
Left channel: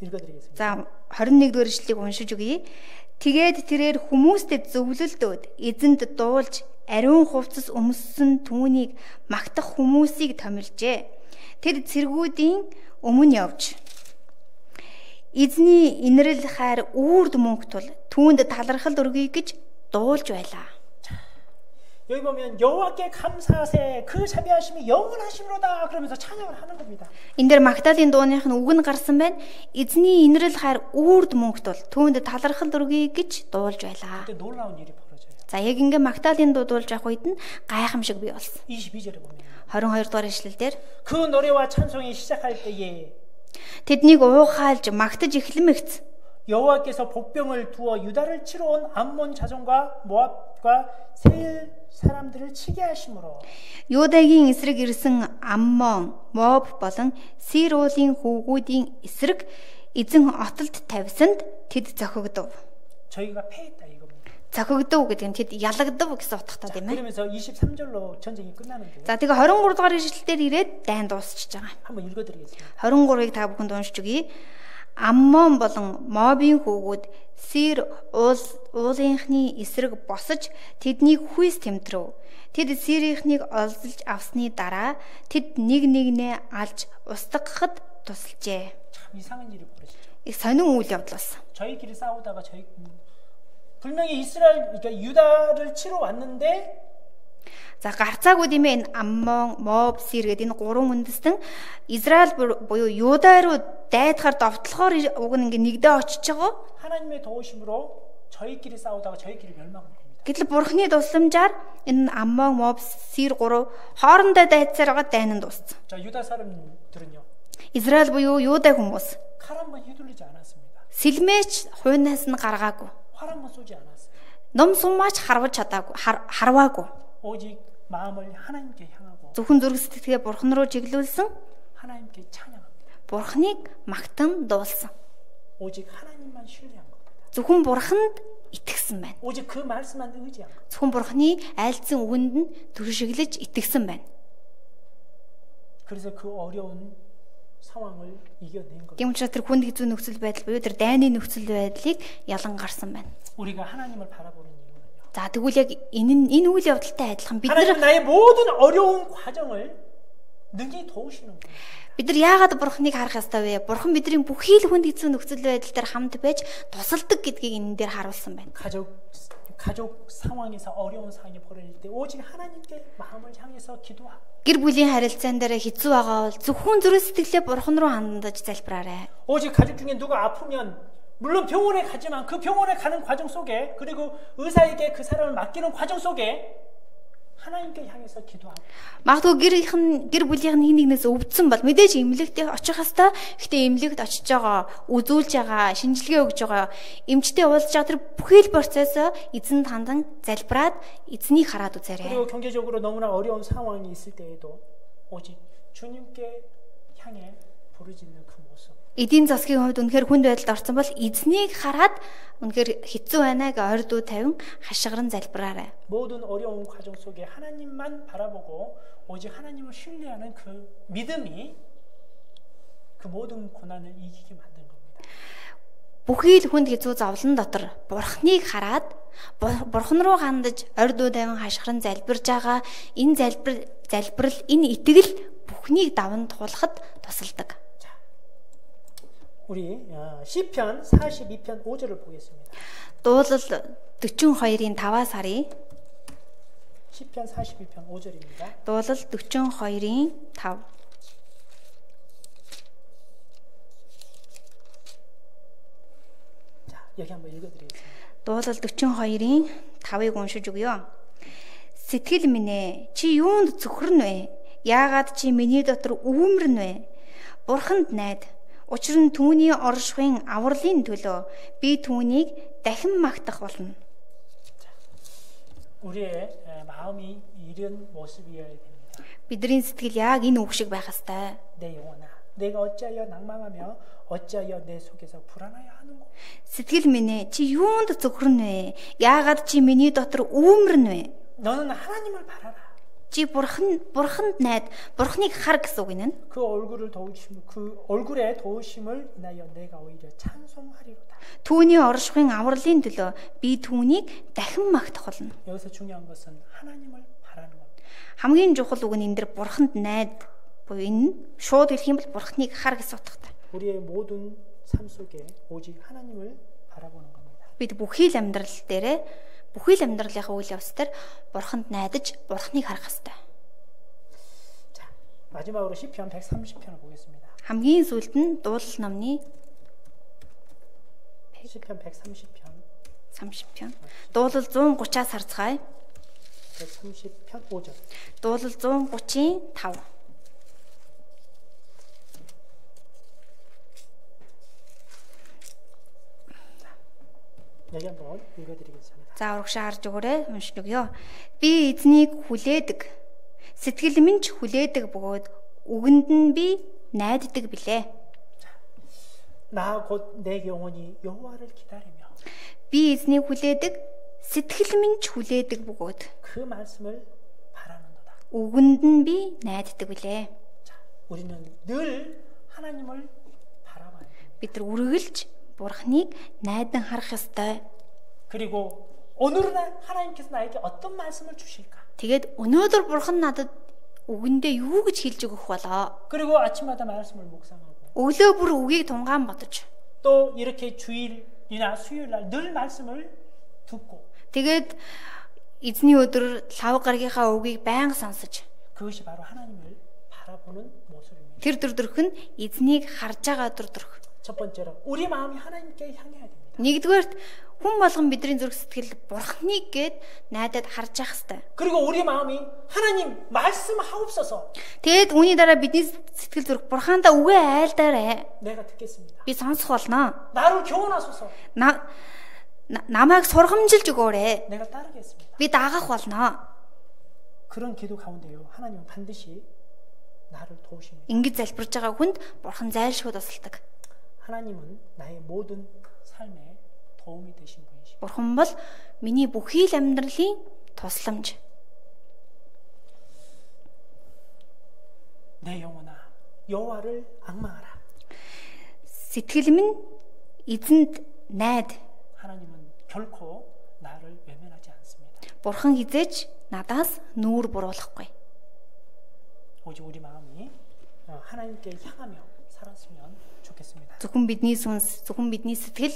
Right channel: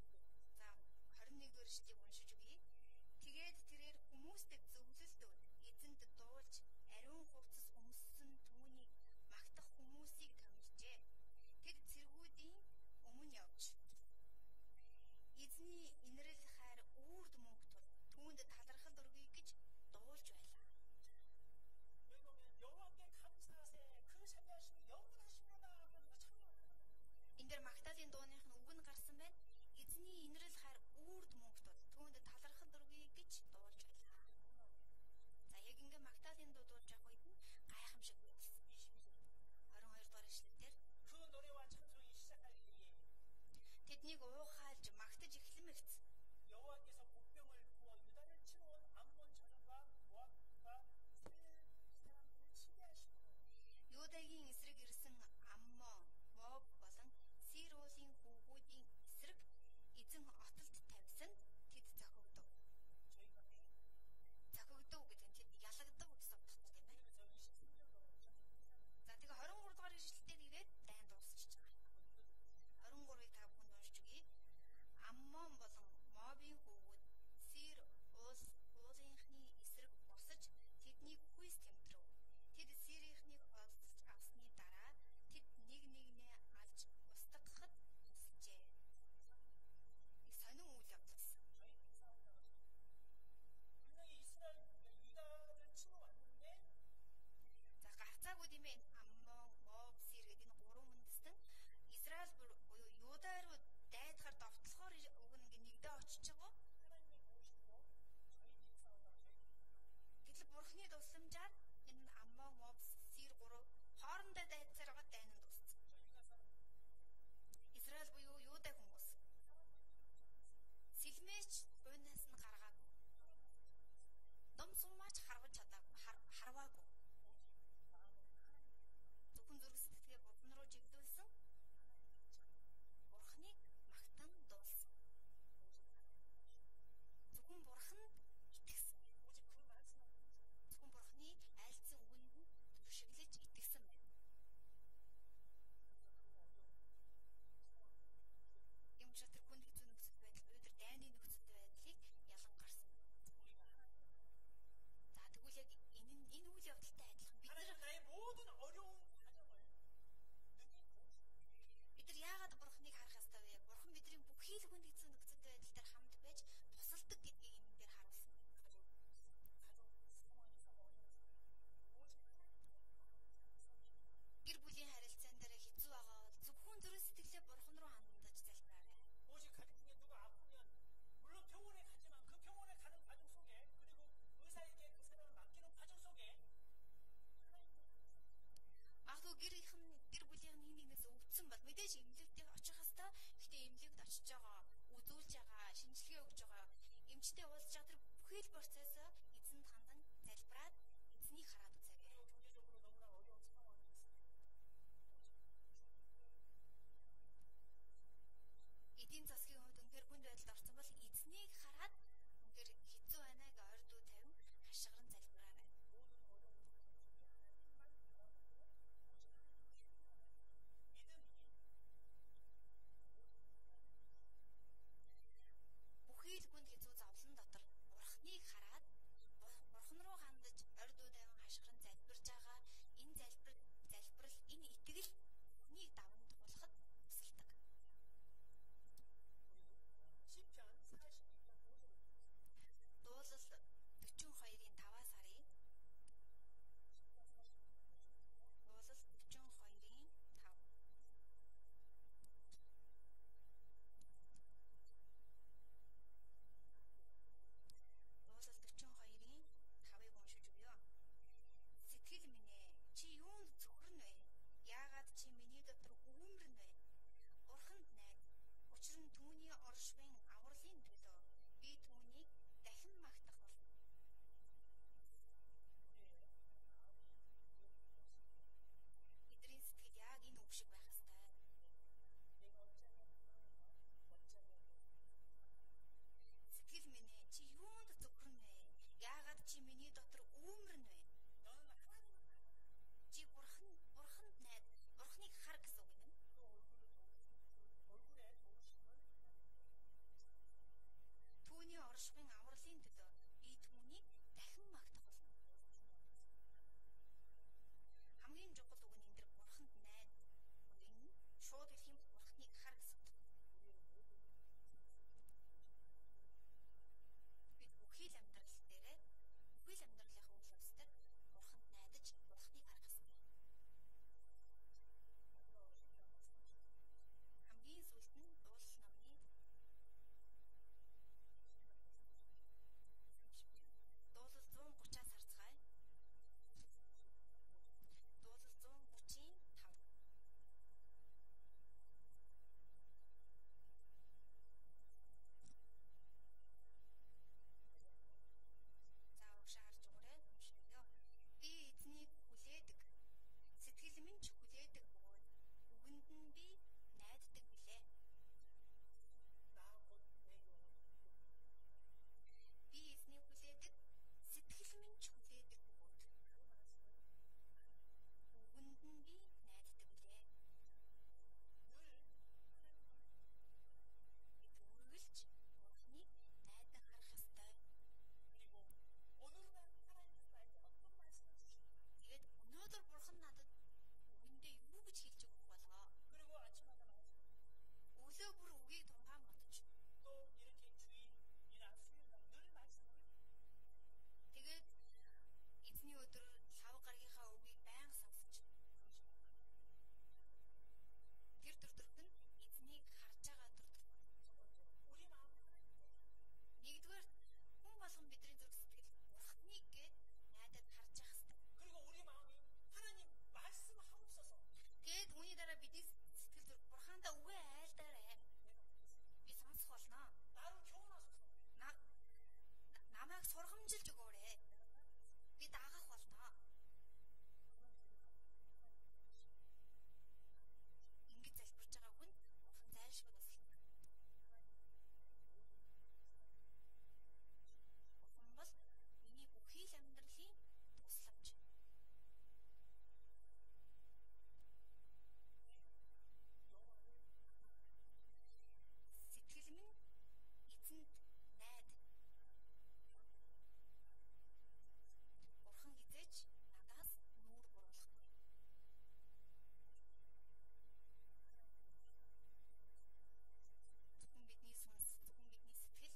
읽어드리겠습니다. За 21-р ишлэлийг уншиж өгье. Тэгээд тэрээр хүмүүстэд зөвлөлдөөд эзэнд дуулж ариун хувцас өмссөн түүнийг магтах хүмүүсийг томилжээ. Тэд цэргүүдийн өмнө явж эзний инрэл хайр үрд мөнх тул түүнд талархал өргөе гэж дуулж байлаа. 여기 보면 여호와께 감사하세 그 자비하심이 영원하심으로다 그러면서 찬양을 하는 겁니다. Энэ дээр магтаалын дууных нь үг нь гарсан байна. Эзний инрэл хайр үрд мөнх тул түүнд талархал өргөе гэж дуулж байлаа. 그때 놀라운 일이 벌어져요. За яг ингэ магтаалын дуу дуулж авах үед нь гайхамшиг бий болсон. 22절에 보면 22 дугаар ишлэлдэр 그 노래와 찬송이 시작할 때에 тэднийг уухайлж магтаж эхлэмэгц. 여호와께서 복병을 두어 유다를 치러 온 암몬 자손과 모압과 세일 사람들을 치게 하심으로 Юдагийн эсрэг ирсэн Аммон, Моб болон Сир уулын хүүгүүдийн эсрэг эзэн отолд тавьсанд тэд зохигдов. 저희가 패했다 이겁니다. Зохигдов гэдэг нь тэд ялагдав гэсэн утгатай тийм ээ. 그러면서 23절로 전쟁이 끝나는데 За тэгээ 23 дугаар ишлэлээр ирээд дайн дуусчихж байгаа. 한번 읽어드리겠습니다. 23-ыг та бүхэнд уншиж өгье. Аммон болон Мобийн хүүгүүд Сир уулынхны эсрэг босож тэднийг хүйс тэмтрв. Тэд Сирийнхнийг олзолж авсны дараа тэд нэг нэгнээ алж устгахад тусалжээ. 참 이상한 일이 벌어지죠. Их сонин үйл явдал болсон. 저희끼리 싸우다가 분명히 이스라엘 그러니까 유다를 치러 왔는데 За гарцаагүй тийм ээ энэ Аммон, Моб, Сир гэдэг энэ гурван үндэстэн Израиль буюу Юда руу дайдахаар довтлохоор уг нь ингээ нэгдээ очиж байгаа. 하나님의 도우심으로 저희끼리 싸우다가 저희끼리 멸망한 겁니다. Гэтэл Бурхны тусламжаар энэ Аммон, Моб, Сир гурав хоорондоо дайцаар байгаа дайн нь дууссан. 자, 유다 사람들은요. Израиль буюу Юда хүмүүс 칼 한 번 휘둘리지 않았습니다. сэлмээч хуйнаас нь гаргаагүй. 활 한 번 쏘지 않았어요. Ном сумаач харваж чадаагүй, харваагүй. 오직 마음을 하나님께 향하고 Зөвхөн зүрх сэтгэлгээ Бурхан руу чиглүүлсэн, 하나님께 찬양합니다. Бурханыг магтан дуулсан. 오직 하나님만 신뢰한 겁니다. Зөвхөн Бурханд итгэсэн байна. 오직 그 말씀만 의지한 겁니다. Зөвхөн Бурханы айлдсан үгэнд нь түршиглэж итгэсэн байна. 그래서 그 어려운 상황을 이겨낸 겁니다. Тийм учраас тэр хүнд хэцүү нөхцөл байдал буюу тэр дайны нөхцөл байдлыг ялан гарсан байна. 우리가 하나님을 바라보는 이유는요. За тэгвэл яг энэ үйл явдалтай адилхан бид 하나님은 나의 모든 어려운 과정을 능히 도우시는 분이십니다. нар яагаад бурхныг харах ёстой вэ? Бурхан бидний бүхий л хүнд хэцүү нөхцөл байдал дээр хамт байж тусалдаг гэдгийг энэ дээр харуулсан байна. 가족 상황에서 어려운 상황이 벌어질 때 오직 하나님께 마음을 향해서 기도하고 Гэр бүлийн харилцаан дээр хэцүү байгаа бол зөвхөн зүрх сэтгэлээ бурхан руу хандаж залбираарай. 오직 가족 중에 누가 아프면 물론 병원에 가지만 그 병원에 가는 과정 속에 그리고 의사에게 그 사람을 맡기는 과정 속에 하나님께 향해서 기도하고 Магадгүй гэр бүлийнх нь нэгнээс өвдсөн бол мэдээж эмнэлэгт очих хэвээр. Гэхдээ эмнэлэгт очиж байгаа, үзүүлж байгаа, шинжилгээ өгж байгаа, эмчтэй уулзж байгаа тэр бүхий л процессоо эзэнд хандан залбираад эзнийг хараад үзээрэй. 그리고 경제적으로 너무나 어려운 상황이 있을 때에도 오직 주님께 향해 부르짖는 그 모습. Эдийн засгийн хувьд үнэхээр хүнд байдалд орсон бол эзнийг хараад үнэхээр хэцүү байна гэж ойр дуу тавин хашгиран залбираарай. 모든 어려운 과정 속에 하나님만 바라보고 오직 하나님을 신뢰하는 그 믿음이 그 모든 고난을 이기게 만든 겁니다. Бүхий л хүнд хэцүү зовлон дотор бурхныг хараад бурхан руу хандаж ойр дуу тавин хашгиран залбирж байгаа энэ залбирал энэ итгэл бүхнийг даван туулахад тусалдаг. 우리 시편 42편 5절을 보겠습니다. Дуулал 42-ийн 5-аас харъя. 시편 42편 5절입니다. Дуулал 42-ийн 5. 자, 여기 한번 읽어드리겠습니다. Дуулал 42-ийн 5-ыг уншиж өгье. Сэтгэл минь ээ, чи юунд зүхрэн вэ? Яагаад чи миний дотор өвөмрөн вэ? Бурханд найд. Учир нь түүний оршихуйн авралын төлөө би түүнийг дахин магтах болно. 우리의 마음이 이런 모습이어야 됩니다. Бидний сэтгэл яг энэ үг шиг байх ёстой. 내 영혼아, 내가 어찌하여 낭망하며 어찌하여 내 속에서 불안하여 하는고. Сэтгэл минь ээ, чи юунд зүхрэн вэ? Яагаад чи миний дотор өвөмрөн вэ? 너는 하나님을 바라라. Чи бурханд найд, бурхныг хар гэсэн үг энэ. 그 얼굴의 도우심을 인하여 내가 오히려 찬송하리로다. Түүний оршихуйн авралын төлөө би түүнийг дахин магтах болно. 여기서 중요한 것은 하나님을 바라는 겁니다. Хамгийн чухал үг нь энэ дэр бурханд найд буюу энэ шууд хэлэх юм бол бурхныг хар гэсэн утгатай. 우리의 모든 삶 속에 오직 하나님을 바라보는 겁니다. Бид бүхий л амьдралынхаа үйл явц дээр бурханд найдаж бурхныг харах ёстой. 자, 마지막으로 시편 130편을 보겠습니다. Хамгийн сүүлд нь дуулал номны 시편 130편. 30편. Дуулал 130-аас харцгаая. 130편 5절. Дуулал 130-ийн 5. 여기 한번 읽어드리겠습니다. За урагшаа харж өгөөрэй. Уншиж өгье. Би эзнийг хүлээдэг. Сэтгэл минь ч хүлээдэг бөгөөд үгэнд нь би найддаг билээ. 나 곧 내 영혼이 여호와를 기다리며 Би эзнийг хүлээдэг. Сэтгэл минь ч хүлээдэг бөгөөд 그 말씀을 바라는도다. үгэнд нь би найддаг билээ. 자, 우리는 늘 하나님을 바라봐야 됩니다. Бид нар үргэлж бурхныг найдан харах ёстой. 그리고 오늘은 하나님께서 나에게 어떤 말씀을 주실까? Тэгээд өнөөдөр бурхан надад үгэндээ юу гэж хэлж өгөх болоо? 그리고 아침마다 말씀을 묵상하고 Өглөө бүр үгийг тунгаан бодож. 또 이렇게 주일이나 수요일날 늘 말씀을 듣고 Тэгээд эзний өдөр лав гаргийнхаа үгийг байнга сонсож. 그것이 바로 하나님을 바라보는 모습입니다. Тэр өдрөх нь эзнийг харж байгаа өдрөх. 첫 번째로 우리 마음이 하나님께 향해야 됩니다. Нэгдүгээрт хүн болгон бидний зүрх сэтгэл бурхныг гээд найдаад харж явах хэрэгтэй. 그리고 우리 마음이 하나님 말씀하옵소서. Тэгээд үүний дараа бидний сэтгэл зүрх бурхаандаа үгээ айлдаарэ. 내가 듣겠습니다. Би сонсох болно. 나를 교훈하소서. Намайг сургамжилж өгөөрэй. 내가 따르겠습니다. Би даагах болно. 그런 기도 가운데요. 하나님은 반드시 나를 도우십니다. Ингэж залбирж байгаа хүнд бурхан зайлшгүй тусалдаг. 하나님은 나의 모든 삶에 도움이 되신 분이십니다. Бурхан бол миний бүхий л амьдралын тусламж. 내 영혼아, 여호와를 앙망하라. сэтгэл минь эзэнд найд. 하나님은 결코 나를 외면하지 않습니다. Бурхан хизээч надаас нүүр буруулахгүй. 오직 우리 마음이 하나님께 향하며 살았으면 좋겠습니다. Зөвхөн бидний сүнс, зөвхөн бидний сэтгэл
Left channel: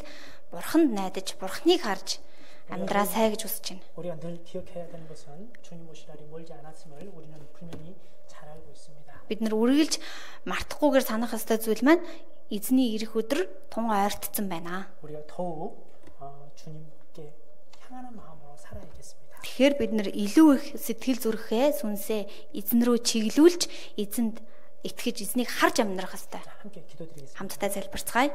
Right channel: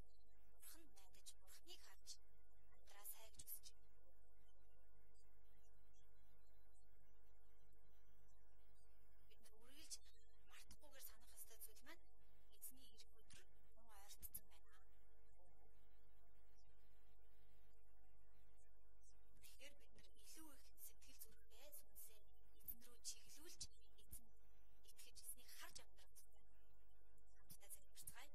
Бурханд найдаж, Бурханыг харж амьдраа сай гэж хүсэж байна. 우리가 늘 기억해야 되는 것은 주님 오실 날이 멀지 않았음을 우리는 분명히 잘 알고 있습니다. Бид нар үргэлж мартахгүйгээр санах ёстой зүйл маань эзний ирэх өдөр тун ойртсон байна. 우리가 더욱 주님께 향하는 마음으로 살아야겠습니다. Тэгэхээр бид нар илүү их сэтгэл зүрэхээ, сүнсээ эзэн рүү чиглүүлж, эзэнд итгэж, эзнийг харж амьдрах ёстой. 자, 함께 기도드리겠습니다. Хамтдаа залбирцгаая.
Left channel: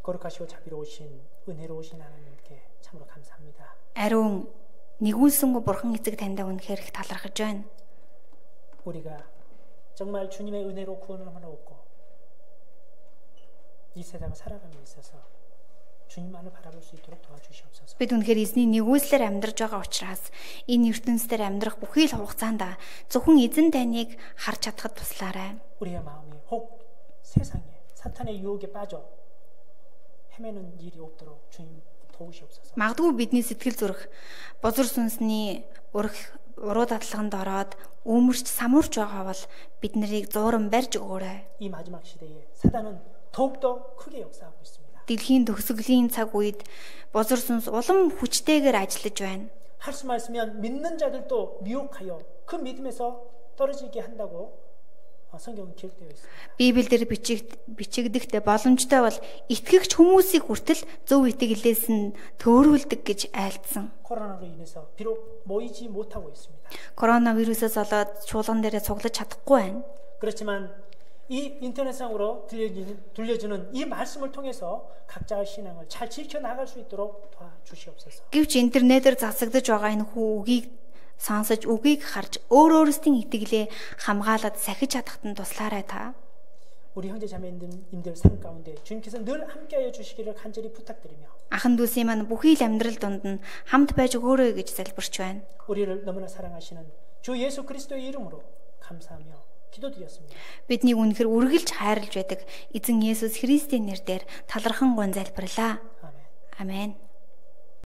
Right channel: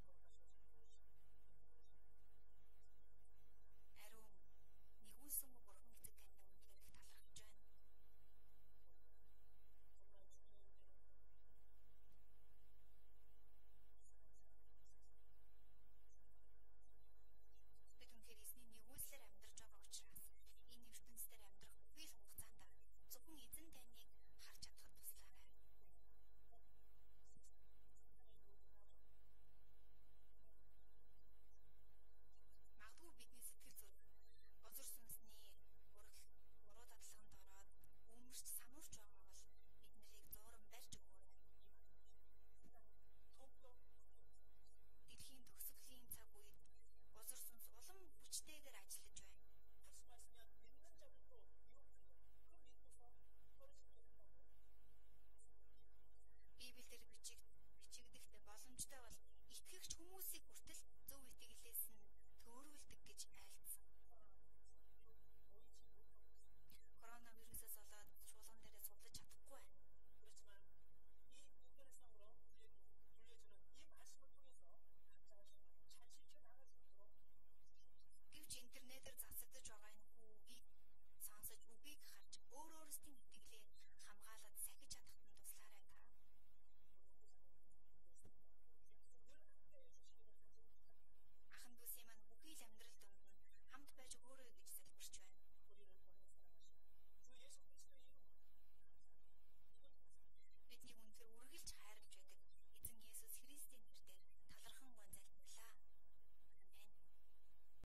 거룩하시고 자비로우신 은혜로우신 하나님께 참으로 감사합니다. Ариун нэгүүлсэнгүй Бурхан эцэг таньда үнэхээр их талархаж байна. 우리가 정말 주님의 은혜로 구원을 얻고 이 세상을 살아감에 있어서 주님만을 바라볼 수 있도록 도와주시옵소서. Бид үнэхээр эзний нэгүүлслээр амьдраж байгаа учраас энэ ертөнцийн амьдрах бүхий л хугацаанд зөвхөн эзэн таныг харж чадхад туслаарай. 우리의 마음이 혹 세상에 사탄의 유혹에 빠져 헤매는 일이 없도록 주님 도우시옵소서. Магадгүй бидний сэтгэл зүрх бузар сүнсний уруу дадлаханд ороод өмөрч самуурч байгаа бол бид нарыг зууран барьж өгөөрэй. 이 마지막 시대에 사단은 더욱더 크게 역사하고 있습니다. Дэлхийн төгсгөлийн цаг үед бузар сүнс улам хүчтэйгээр ажиллаж байна. 할 수만 있으면 믿는 자들도 미혹하여 그 믿음에서 떨어지게 한다고 성경은 기록되어 있습니다. Библиэлд бичигдэхтэй боломжтой бол итгэгч хүмүүсийг хүртэл зөв итгэлээс нь төөрүүлдэг гэж айлдсан. 코로나로 인해서 비록 모이지 못하고 있습니다. Коронавирусээс болоод чуулган дээрээ цуглаж чадахгүй байна. 그렇지만 이 인터넷상으로 들려주는 이 말씀을 통해서 각자의 신앙을 잘 지켜나갈 수 있도록 도와주시옵소서. Гэвч интернетээр засагдж байгаа энэ үгийг сонсож, үгийг харж өөрөөсөө итгэлээ хамгаалаад сахиж чадахад нь туслаарай та. 우리 형제 자매님들 삶 가운데 주님께서 늘 함께하여 주시기를 간절히 부탁드리며 Ахан дүүсийн маань бүхий л амьдрал донд нь хамт байж өгөөрэй гэж залбирч байна. 우리를 너무나 사랑하시는 주 예수 그리스도의 이름으로 감사하며 기도드렸습니다. Бидний үнэхээр үргэлж хайрлаж байдаг эзэн Есүс Христийн нэрээр талархан гон залбирлаа. 아멘. Амен.